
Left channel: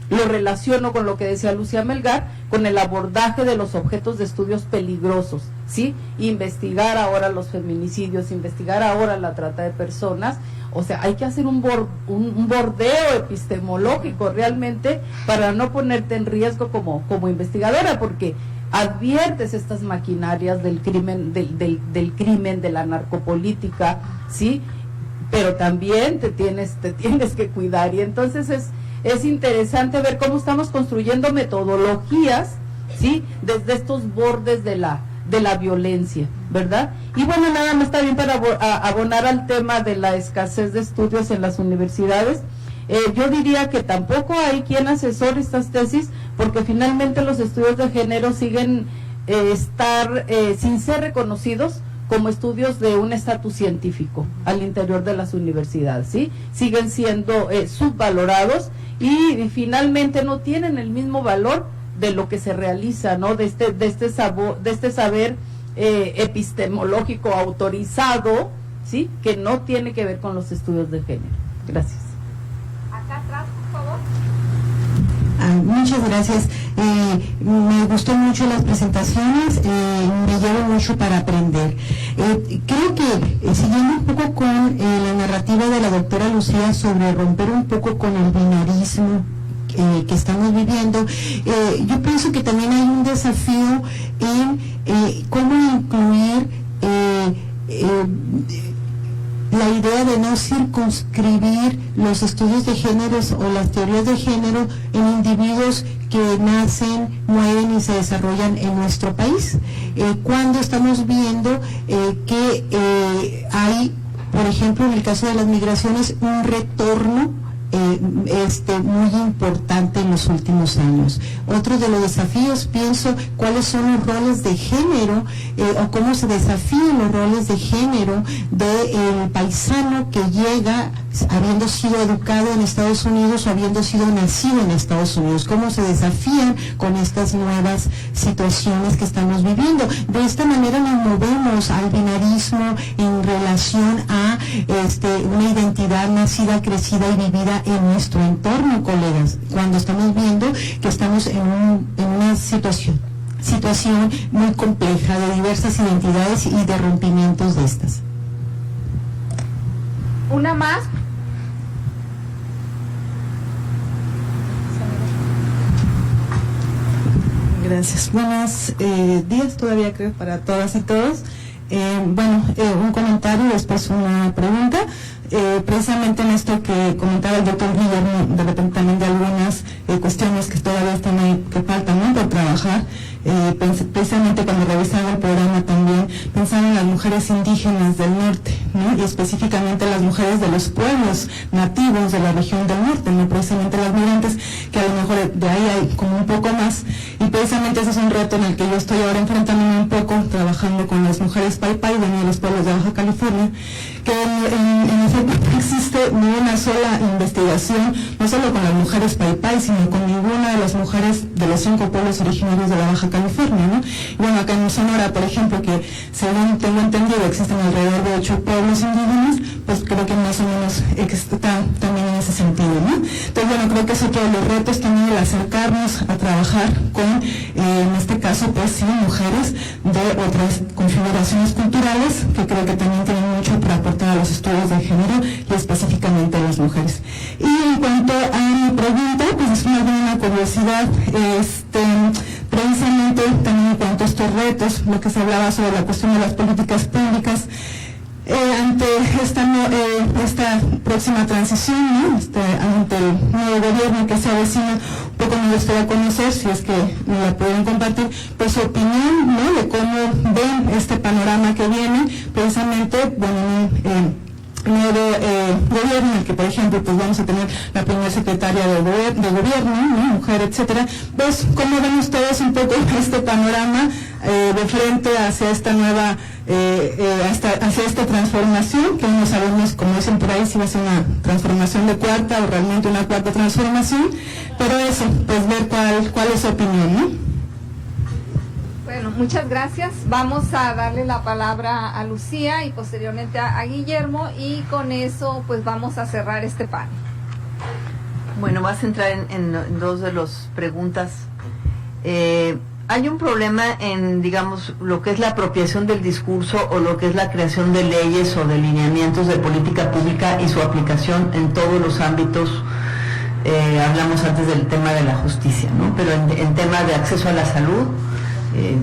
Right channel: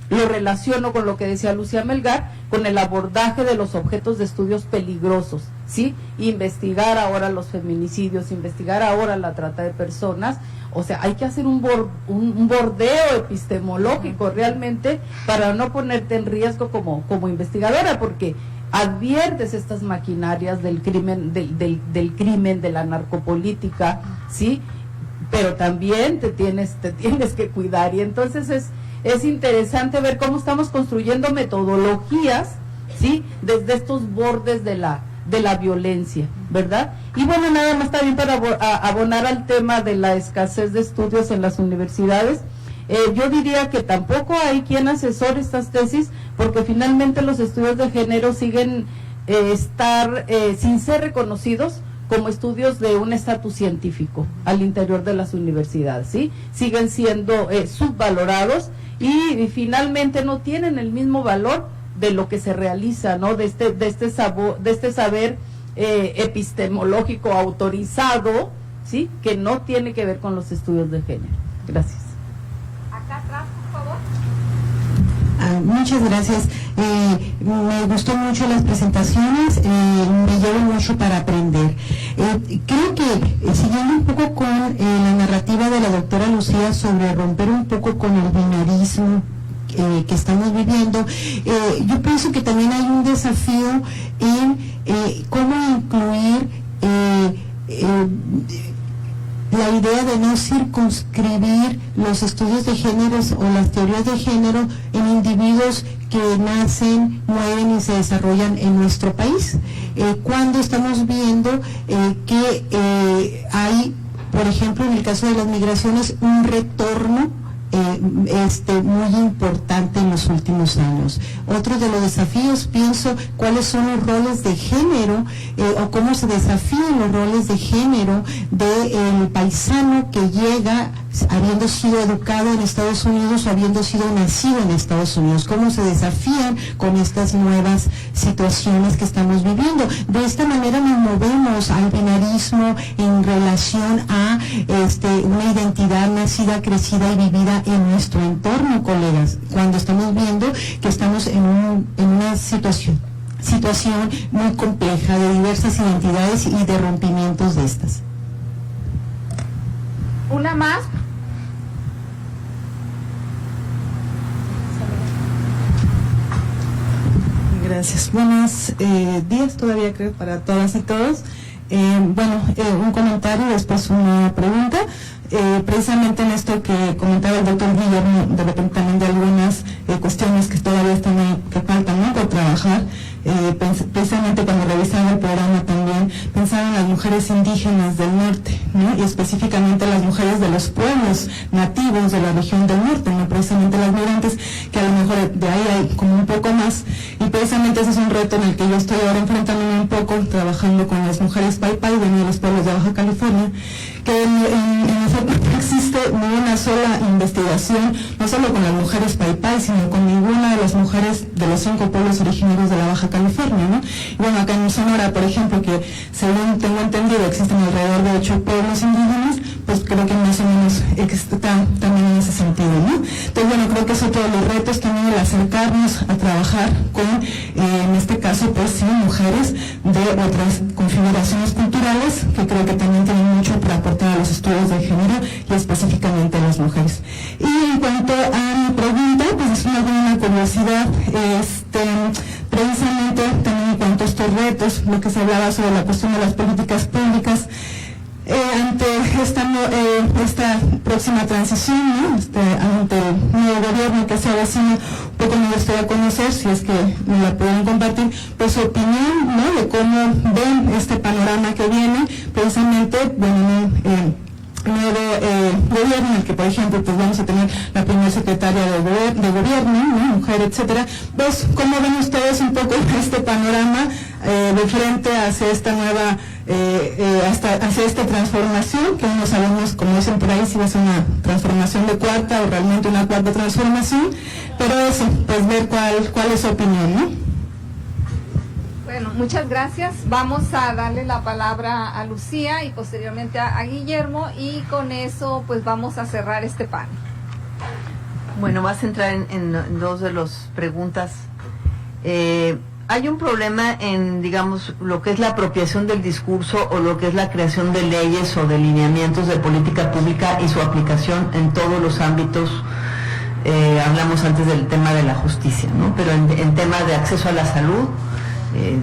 lo relaciono con lo que decía Lucía Melgar, con el abordaje de los objetos de estudios peligrosos, ¿sí? Investigar ahora los feminicidios, investigar ahora la trata de personas, o sea, hay que hacer un bordeo epistemológico realmente para no ponerte en riesgo como investigadora, porque adviertes estas maquinarias del crimen, del crimen, de la narcopolítica, ¿sí? Pero también te tienes que cuidar, y entonces es interesante ver cómo estamos construyendo metodologías, ¿sí? Desde estos bordes de la violencia, ¿verdad? Y bueno, nada más también para abonar al tema de la escasez de estudios en las universidades, yo diría que tampoco hay quien asesore estas tesis, porque finalmente los estudios de género siguen sin ser reconocidos como estudios de un estatus científico al interior de las universidades, ¿sí? Siguen siendo subvalorados y finalmente no tienen el mismo valor de lo que se realiza, ¿no? De este saber epistemológico autorizado, ¿sí? Que no tiene que ver con los estudios de género. Gracias. Acá atrás, por favor. Muchas gracias. Me gustó mucho las presentaciones, me llevo mucho para aprender. Creo que siguiendo un poco con la narrativa de la doctora Lucía sobre romper un poco con el binarismo que estamos viviendo, yo pienso que también hay un desafío en cómo incluir la idea de no circunscribir los estudios de géneros o las teorías de género en individuos que nacen, mueren y se desarrollan en nuestro país. Cuando estamos viendo que hay, por ejemplo, en el caso de las migraciones, un retorno muy importante en los últimos años. Otro de los desafíos, pienso, cuáles son los roles de género o cómo se desafían los roles de género del paisano que llega habiendo sido educado en Estados Unidos o habiendo sido nacido en Estados Unidos, cómo se desafían con estas nuevas situaciones que estamos viviendo. De esta manera nos movemos al binarismo en relación a una identidad nacida, crecida y vivida en nuestro entorno, colegas, cuando estamos viendo que estamos en una situación muy compleja de diversas identidades y de rompimientos de estas. Una más. Gracias. Buenos días todavía, creo, para todas y todos. Un comentario y después una pregunta. Precisamente en esto que comentaba el doctor Guillermo, de repente también de algunas cuestiones que todavía están ahí, que faltan, ¿no?, por trabajar. Precisamente cuando revisaba el programa también pensaba en las mujeres indígenas del norte, ¿no?, y específicamente las mujeres de los pueblos nativos de la región del norte, no precisamente las migrantes, que a lo mejor de ahí hay como un poco más, y precisamente ese es un reto en el que yo estoy ahora enfrentándome un poco, trabajando con las mujeres Pai Pai de los pueblos de Baja California, que en efecto no existe ni una sola investigación, no solo con las mujeres Pai Pai, sino con ninguna de las mujeres de los 5 pueblos originarios de la Baja California, ¿no? Y bueno, acá en Sonora, por ejemplo, que según tengo entendido existen alrededor de 8 pueblos indígenas, pues creo que más o menos está también en ese sentido, ¿no? Entonces, bueno, creo que es otro de los retos también, el acercarnos a trabajar con, en este caso, pues sí, mujeres de otras configuraciones culturales, que creo que también tienen mucho para aportar a los estudios de género y específicamente a las mujeres. Y en cuanto a mi pregunta, pues es una curiosidad, precisamente también en cuanto a estos retos, lo que se hablaba sobre la cuestión de las políticas públicas, ante esta próxima transición, ¿no?, ante el nuevo gobierno que se avecina, un poco me gustaría conocer, si es que me la pueden compartir, pues su opinión, ¿no?, de cómo ven este panorama que viene, precisamente, nuevo gobierno, en el que, por ejemplo, pues vamos a tener la primera secretaria de gobierno, ¿no?, mujer, etcétera. ¿Ves cómo ven ustedes un poco este panorama de frente hacia esta nueva, hacia esta transformación, que no sabemos, como dicen por ahí, si va a ser una transformación de cuarta o realmente una cuarta transformación, pero eso, pues ver cuál es su opinión, ¿no? Bueno, muchas gracias. Vamos a darle la palabra a Lucía y posteriormente a Guillermo, y con eso pues vamos a cerrar este panel. Bueno, vas a entrar en dos de las preguntas. Hay un problema en, digamos, lo que es la apropiación del discurso o lo que es la creación de leyes o de lineamientos de política pública y su aplicación en todos los ámbitos. Hablamos antes del tema de la justicia, ¿no? Pero en temas de acceso a la salud,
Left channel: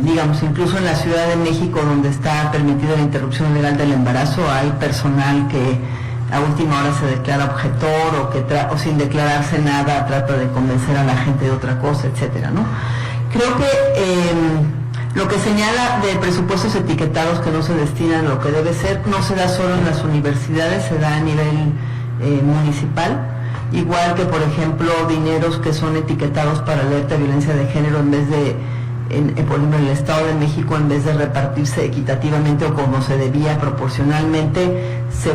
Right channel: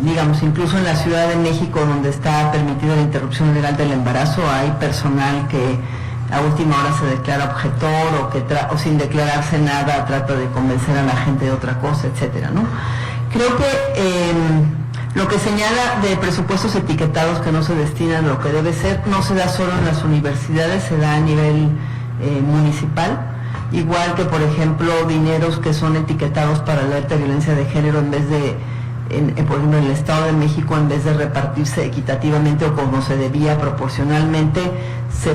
digamos, incluso en la Ciudad de México, donde está permitida la interrupción legal del embarazo, hay personal que a última hora se declara objetor o sin declararse nada trata de convencer a la gente de otra cosa, etcétera, ¿no? Creo que lo que señala de presupuestos etiquetados que no se destinan a lo que debe ser, no se da solo en las universidades, se da a nivel municipal, igual que, por ejemplo, dineros que son etiquetados para alerta de violencia de género, en vez de por ejemplo, en el Estado de México, en vez de repartirse equitativamente o como se debía proporcionalmente, se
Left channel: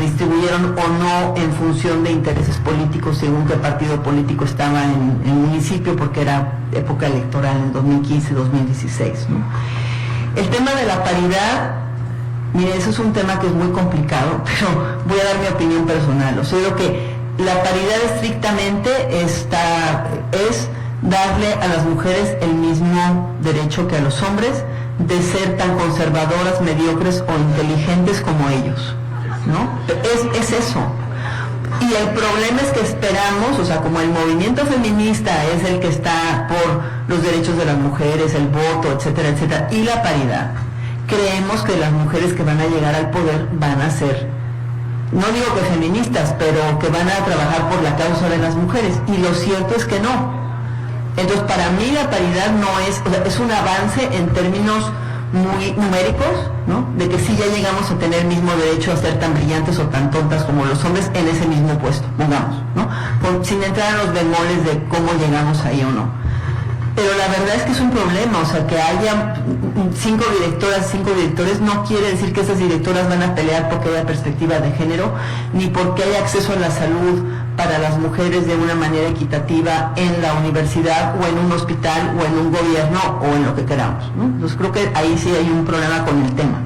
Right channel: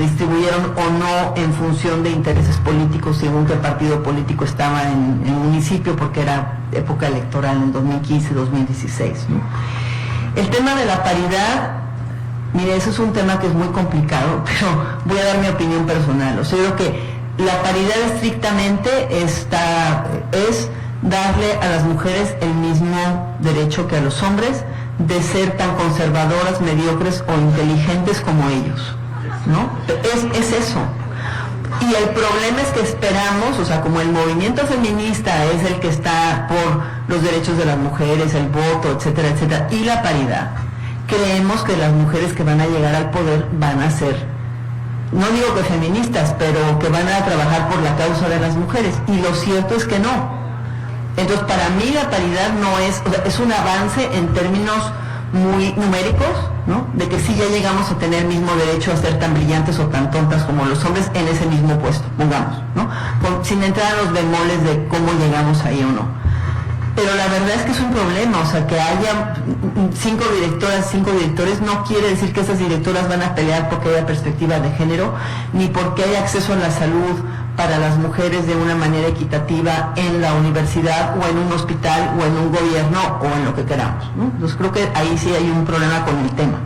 distribuyeron o no en función de intereses políticos, según qué partido político estaba en el municipio, porque era época electoral en 2015-2016, ¿no? El tema de la paridad, mire, eso es un tema que es muy complicado, pero voy a dar mi opinión personal. O sea, yo creo que la paridad estrictamente es darle a las mujeres el mismo derecho que a los hombres de ser tan conservadoras, mediocres o inteligentes como ellos, ¿no? Es eso. Y el problema es que esperamos, o sea, como el movimiento feminista es el que está por los derechos de las mujeres, el voto, etcétera, etcétera, y la paridad, creemos que las mujeres que van a llegar al poder van a ser, no digo que feministas, pero que van a trabajar por la causa de las mujeres, y lo cierto es que no. Entonces, para mí la paridad no es, o sea, es un avance en términos muy numéricos, ¿no? De que sí ya llegamos a tener el mismo derecho a ser tan brillantes o tan tontas como los hombres en ese mismo puesto, pongamos, ¿no? Sin entrar a los bemoles de cómo llegamos ahí o no. Pero la verdad es que es un problema, o sea, que haya 5 directoras, 5 directores, no quiere decir que esas directoras van a pelear porque haya perspectiva de género, ni porque haya acceso a la salud para las mujeres de una manera equitativa en la universidad o en un hospital o en un gobierno o en lo que queramos, ¿no? Entonces creo que ahí sí hay un problema con el tema.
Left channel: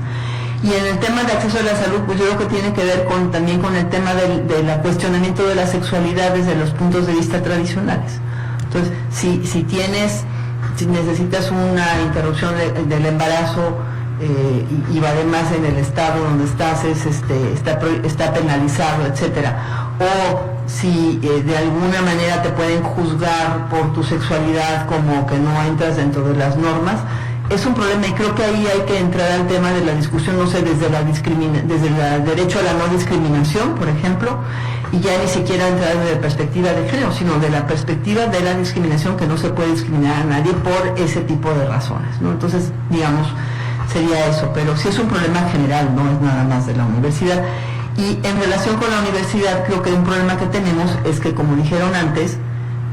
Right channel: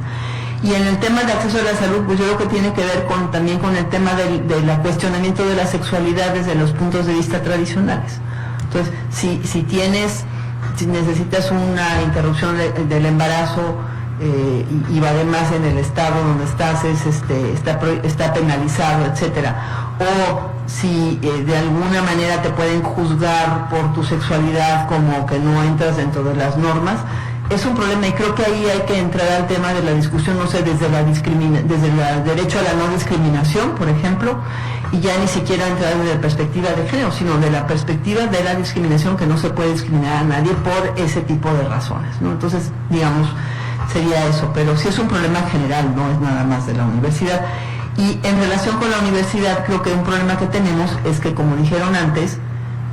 Y en el tema de acceso a la salud, pues yo creo que tiene que ver también con el tema del cuestionamiento de la sexualidad desde los puntos de vista tradicionales. Entonces, si necesitas una interrupción del embarazo y además en el estado donde estás está penalizado, etcétera, o si de alguna manera te pueden juzgar por tu sexualidad como que no entras dentro de las normas, es un problema, y creo que ahí hay que entrar al tema de la discusión, no sé, desde el derecho a la no discriminación, por ejemplo, y ya ni siquiera entrar desde la perspectiva de género, sino de la perspectiva de la discriminación, que no se puede discriminar a nadie por ese tipo de razones, ¿no? Entonces, digamos, sería eso, pero sí es un problema general, no es nada más de la universidad. Y en relación con la universidad, creo que un problema que tenemos es que, como dijeron antes,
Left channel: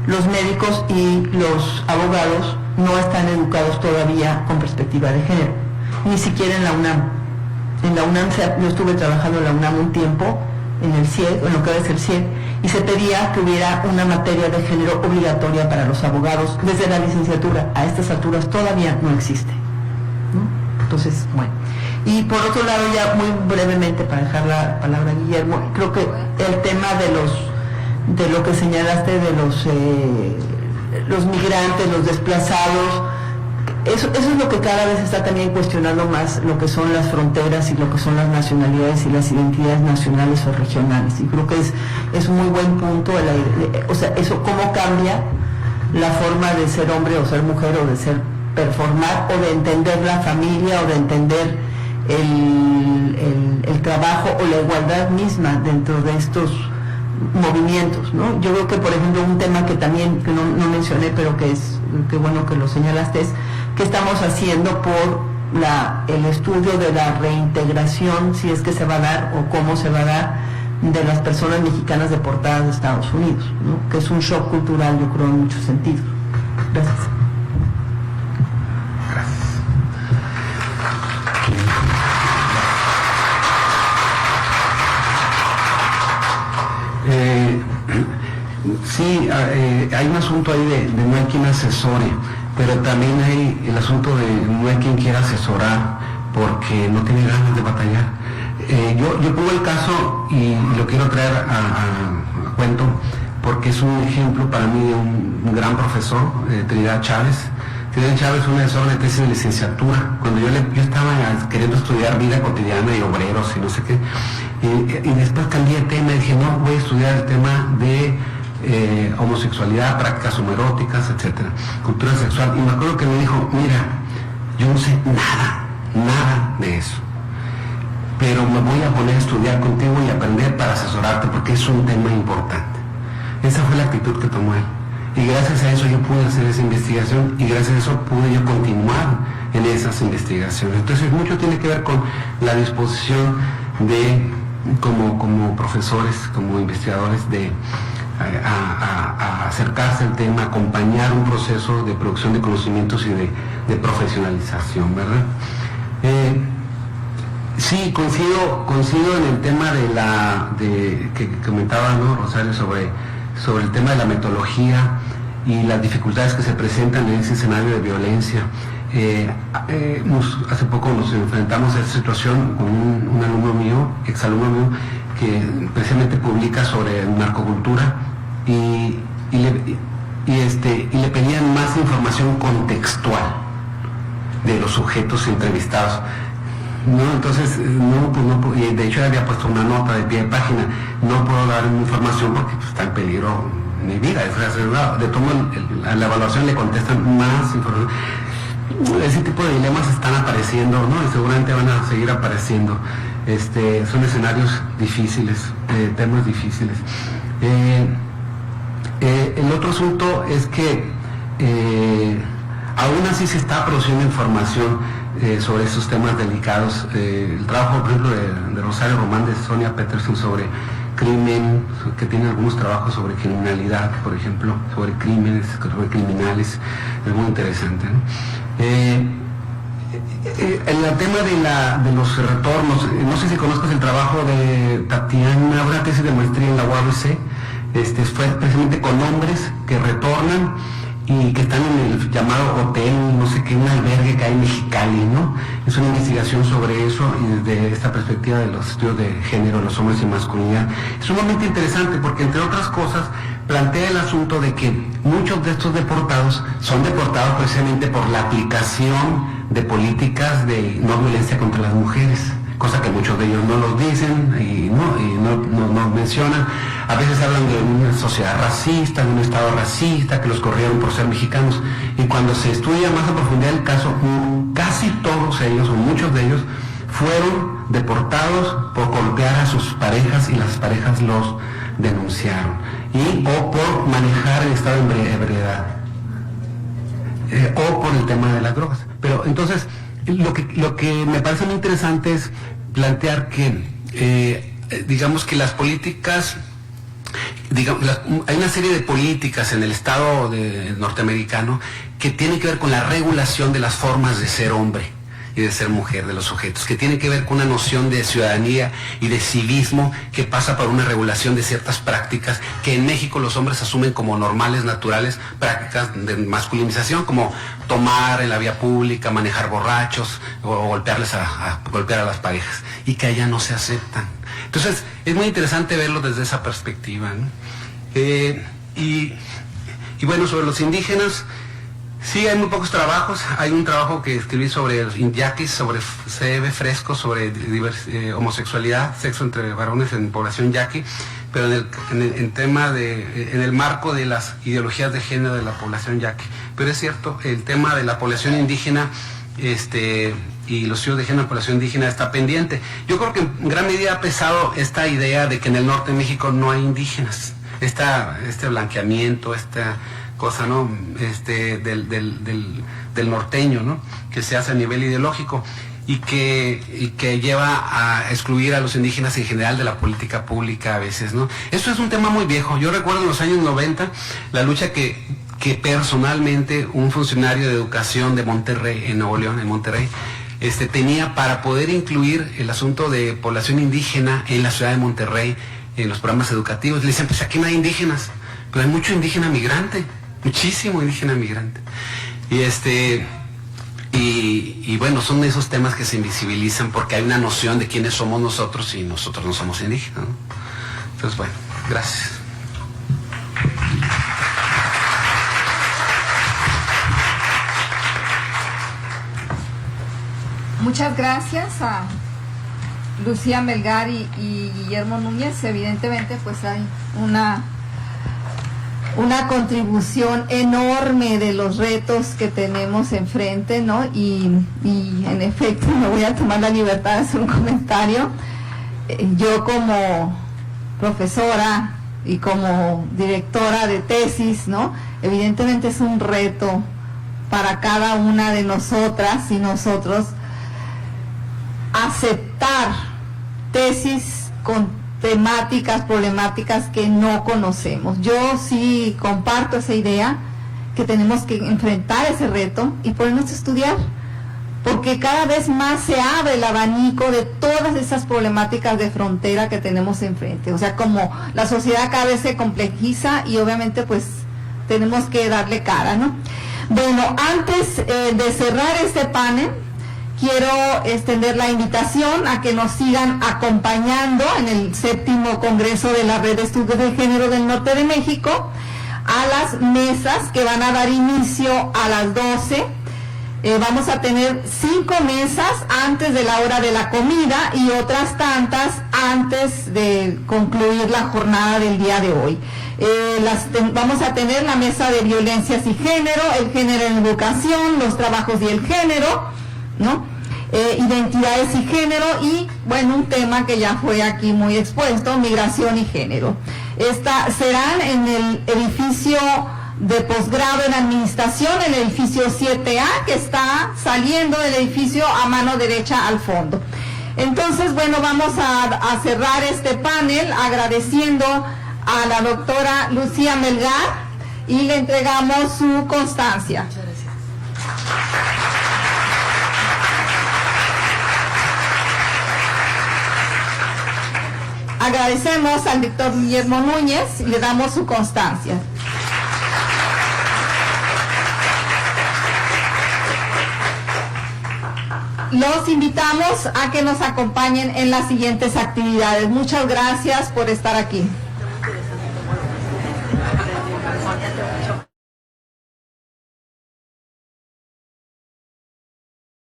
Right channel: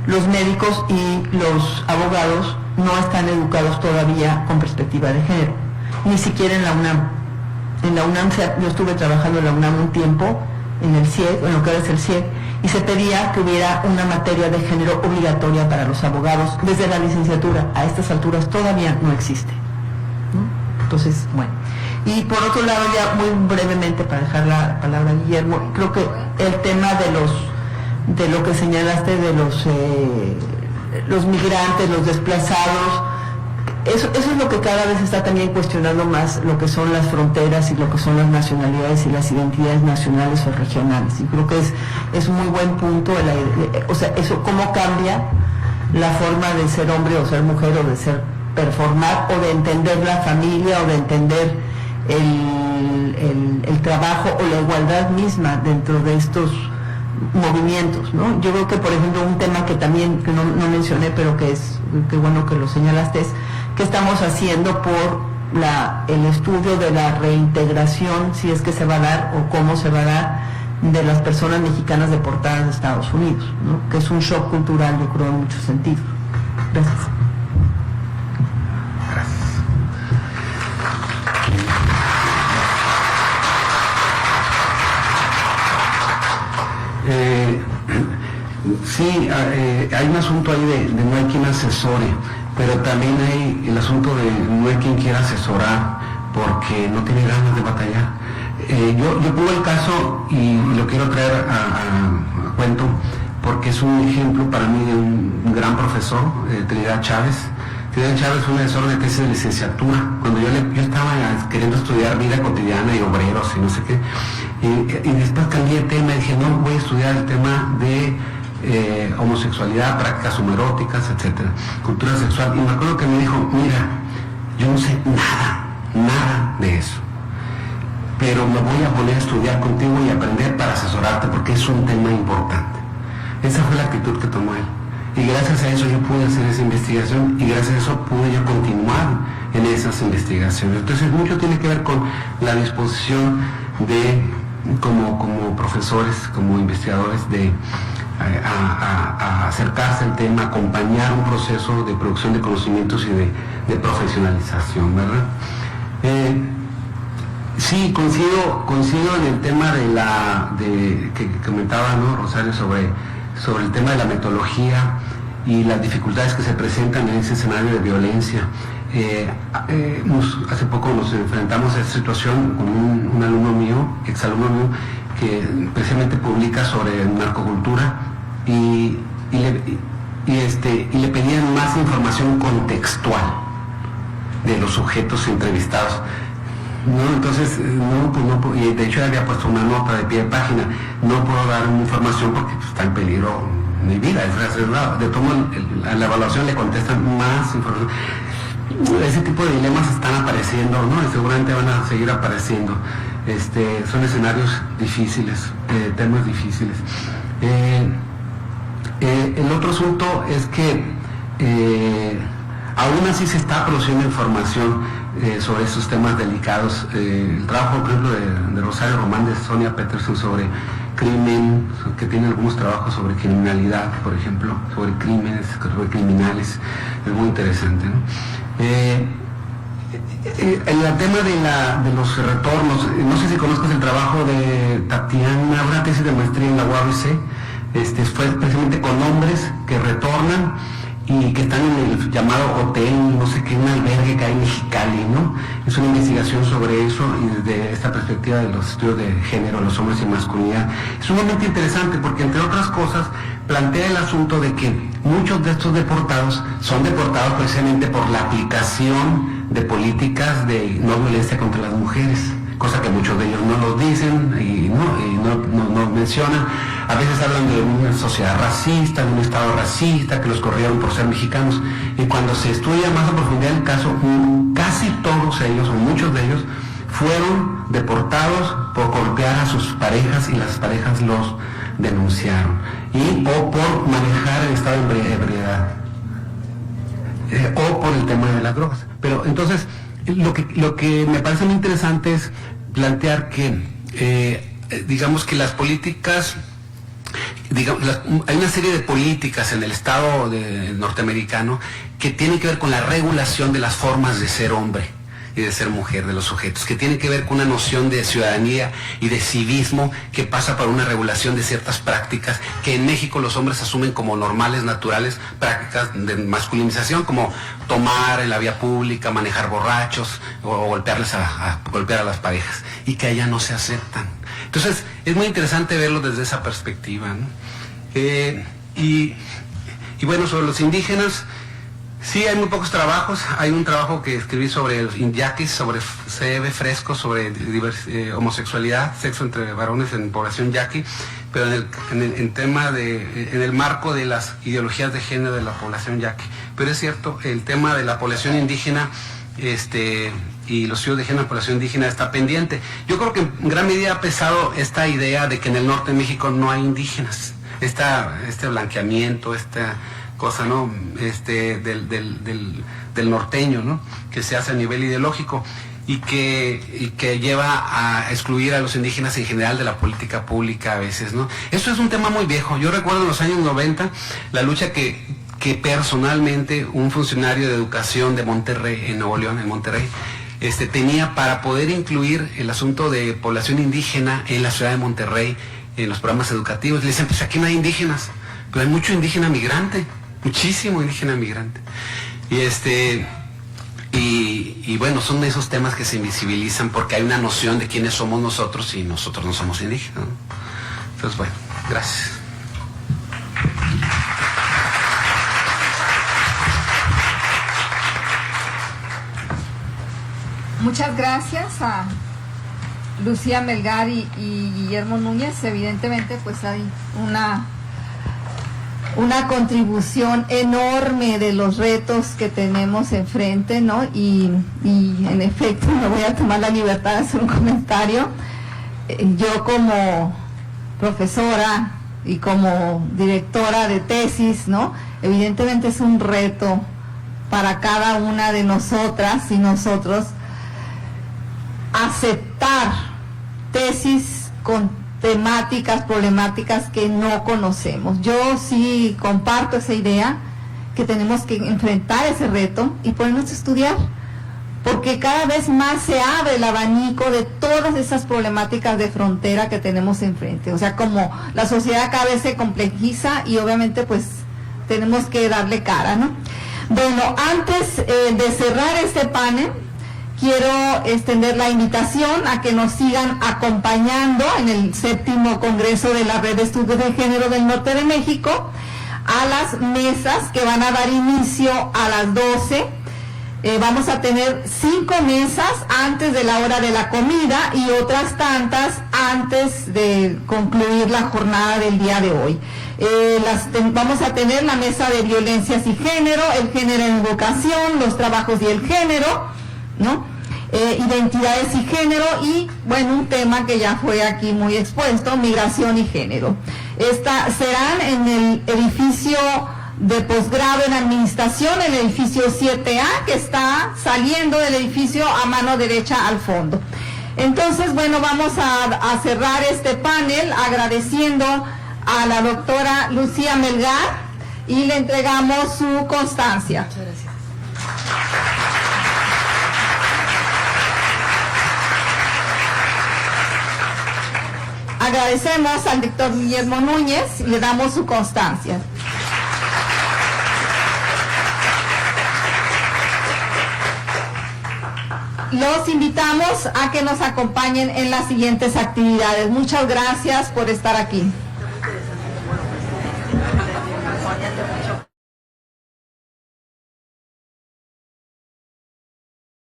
los médicos y los abogados no están educados todavía con perspectiva de género, ni siquiera en la UNAM. En la UNAM, yo estuve trabajando en la UNAM un tiempo, en el CIEG, en lo que ahora es el CIEG, y se pedía que hubiera una materia de género obligatoria para los abogados desde la licenciatura. A estas alturas todavía no existe, ¿no? Entonces, bueno. Y por otro lado, ya muy brevemente, para dejar la palabra a Guillermo, creo que el tema de lo que señalaste de los migrantes, los desplazados, eso es lo que cada vez está también cuestionando más, lo que son las fronteras y lo que son las nacionalidades y las identidades nacionales o regionales. Y creo que es un muy buen punto, o sea, eso cómo cambia la forma de ser hombre o ser mujer, o de ser performar, o de entender la familia, o de entender el trabajo o la igualdad misma dentro de estos movimientos, ¿no? Yo creo que, por ejemplo, un tema que también que no mencioné, pero que bueno que lo señalaste, es qué estamos haciendo por el estudio de la reintegración, si es que se va a dar o cómo se va a dar, de las personas mexicanas deportadas de Estados Unidos, ¿no? Que es un shock cultural, yo creo, en muchos sentidos. Gracias. Sí, hay un asunto ahí de no hay quien asesore, pero también hay el asunto de no hay quien quiera asesorar porque no tiene ganas de batallar. Yo pongo el caso y lo quiero traer a cuento porque es un ejemplo para mí de un gran profesor, Trinidad Chávez. Trinidad Chávez fue una de una tesis de licenciatura. Cuando yo estaba queriendo estudiar vida cotidiana y obreros y no sé qué, y después cambié de tema y dije, no, voy a estudiar el tema de homosexualidad, prácticas homoeróticas, etcétera, cultura sexual. Y me acuerdo que me dijo, mira, yo no sé nada de eso, pero me voy a poner a estudiar contigo y aprender para asesorarte porque es un tema importante. Esa fue la actitud que tomó él. Y gracias a eso yo pude hacer esa investigación y gracias a eso pude yo continuar en esas investigaciones. Entonces mucho tiene que ver con la disposición de, como profesores, como investigadores, de a acercarse al tema, acompañar un proceso de producción de conocimientos y de profesionalización, ¿verdad? Sí, coincido en el tema que comentaba, ¿no, Rosario, sobre el tema de la metodología y las dificultades que se presentan en ese escenario de violencia. Hace poco nos enfrentamos a esta situación con un alumno mío, exalumno mío, que precisamente publica sobre narcocultura y le pedían más información contextual de los sujetos entrevistados. No, entonces, y de hecho había puesto una nota de pie de página, no puedo dar información porque está en peligro mi vida, de todo a la evaluación le contestan más información. ese tipo de dilemas están apareciendo, ¿no? Y seguramente van a seguir apareciendo. Son escenarios difíciles, temas difíciles. El otro asunto es que aún así se está produciendo información sobre estos temas delicados. El trabajo, por ejemplo, de Rosario Román, de Sonia Peterson sobre crimen, que tiene algunos trabajos sobre criminalidad, por ejemplo, sobre crímenes, sobre criminales, es muy interesante, ¿no? El tema de los retornos, no sé si conozcas el trabajo de Tatiana, una tesis de maestría en la UABC, fue precisamente con hombres que retornan y que están en el llamado hotel, no sé qué, un albergue que hay en Mexicali, ¿no? Es una investigación sobre eso y desde esta perspectiva de los estudios de género, los hombres y masculinidad. Es sumamente interesante porque, entre otras cosas, plantea el asunto de que muchos de estos deportados son deportados precisamente por la aplicación de políticas de no violencia contra las mujeres, cosa que muchos de ellos no los dicen y no mencionan. A veces hablan de una sociedad racista, de un estado racista, que los corrieron por ser mexicanos, y cuando se estudia más a profundidad el caso, casi todos ellos, o muchos de ellos, fueron deportados por golpear a sus parejas y las parejas los denunciaron, o por manejar el estado de ebriedad, o por el tema de las drogas. Pero entonces, lo que me parece muy interesante es plantear que, digamos que las políticas, hay una serie de políticas en el Estado norteamericano que tienen que ver con la regulación de las formas de ser hombre y de ser mujer de los sujetos, que tiene que ver con una noción de ciudadanía y de civismo que pasa por una regulación de ciertas prácticas que en México los hombres asumen como normales, naturales, prácticas de masculinización, como tomar en la vía pública, manejar borrachos o golpear a las parejas, y que allá no se aceptan. Entonces es muy interesante verlo desde esa perspectiva, ¿no? Y bueno, sobre los indígenas, sí, hay muy pocos trabajos. Hay un trabajo que escribí sobre los yaquis, sobre CB Fresco, sobre homosexualidad, sexo entre varones en población yaqui, pero en el marco de las ideologías de género de la población yaqui. Pero es cierto, el tema de la población indígena y los estudios de género de la población indígena está pendiente. Yo creo que en gran medida ha pesado esta idea de que en el norte de México no hay indígenas. Este blanqueamiento, esta cosa, ¿no? Del norteño, ¿no? Que se hace a nivel ideológico y que lleva a excluir a los indígenas en general de la política pública a veces, ¿no? Eso es un tema muy viejo. Yo recuerdo en los años 90 la lucha que personalmente un funcionario de educación de Monterrey, en Nuevo León, en Monterrey, tenía para poder incluir el asunto de población indígena en la ciudad de Monterrey, en los programas educativos. Le dicen, pues aquí no hay indígenas, pero hay mucho indígena migrante, muchísimo indígena migrante. Y bueno, son esos temas que se invisibilizan porque hay una noción de quiénes somos nosotros y nosotros no somos indígenas, ¿no? Entonces, bueno, gracias. Muchas gracias a Lucía Melgar y Guillermo Núñez. Evidentemente pues hay una contribución enorme de los retos que tenemos enfrente, ¿no? Y en efecto me voy a tomar la libertad de hacer un comentario. Yo como profesora y como directora de tesis, ¿no? Evidentemente es un reto para cada una de nosotras y nosotros aceptar tesis con temáticas, problemáticas que no conocemos. Yo sí comparto esa idea que tenemos que enfrentar ese reto y ponernos a estudiar, porque cada vez más se abre el abanico de todas esas problemáticas de frontera que tenemos enfrente. O sea, como la sociedad cada vez se complejiza y obviamente pues tenemos que darle cara, ¿no? Bueno, antes de cerrar este panel, quiero extender la invitación a que nos sigan acompañando en el 7º Congreso de la Red de Estudios de Género del Norte de México, a las mesas que van a dar inicio a las 12, Vamos a tener 5 mesas antes de la hora de la comida y otras tantas antes de concluir la jornada del día de hoy. Vamos a tener la mesa de violencias y género, el género en educación, los trabajos y el género, ¿no? Identidades y género y, bueno, un tema que ya fue aquí muy expuesto, migración y género. Serán en el edificio de posgrado en administración, el edificio 7A, que está saliendo del edificio a mano derecha al fondo. Entonces, bueno, vamos a cerrar este panel agradeciendo a la doctora Lucía Melgar y le entregamos su constancia. Muchas gracias. Agradecemos al doctor Guillermo Núñez y le damos su constancia. Los invitamos a que nos acompañen en las siguientes actividades. Muchas gracias por estar aquí.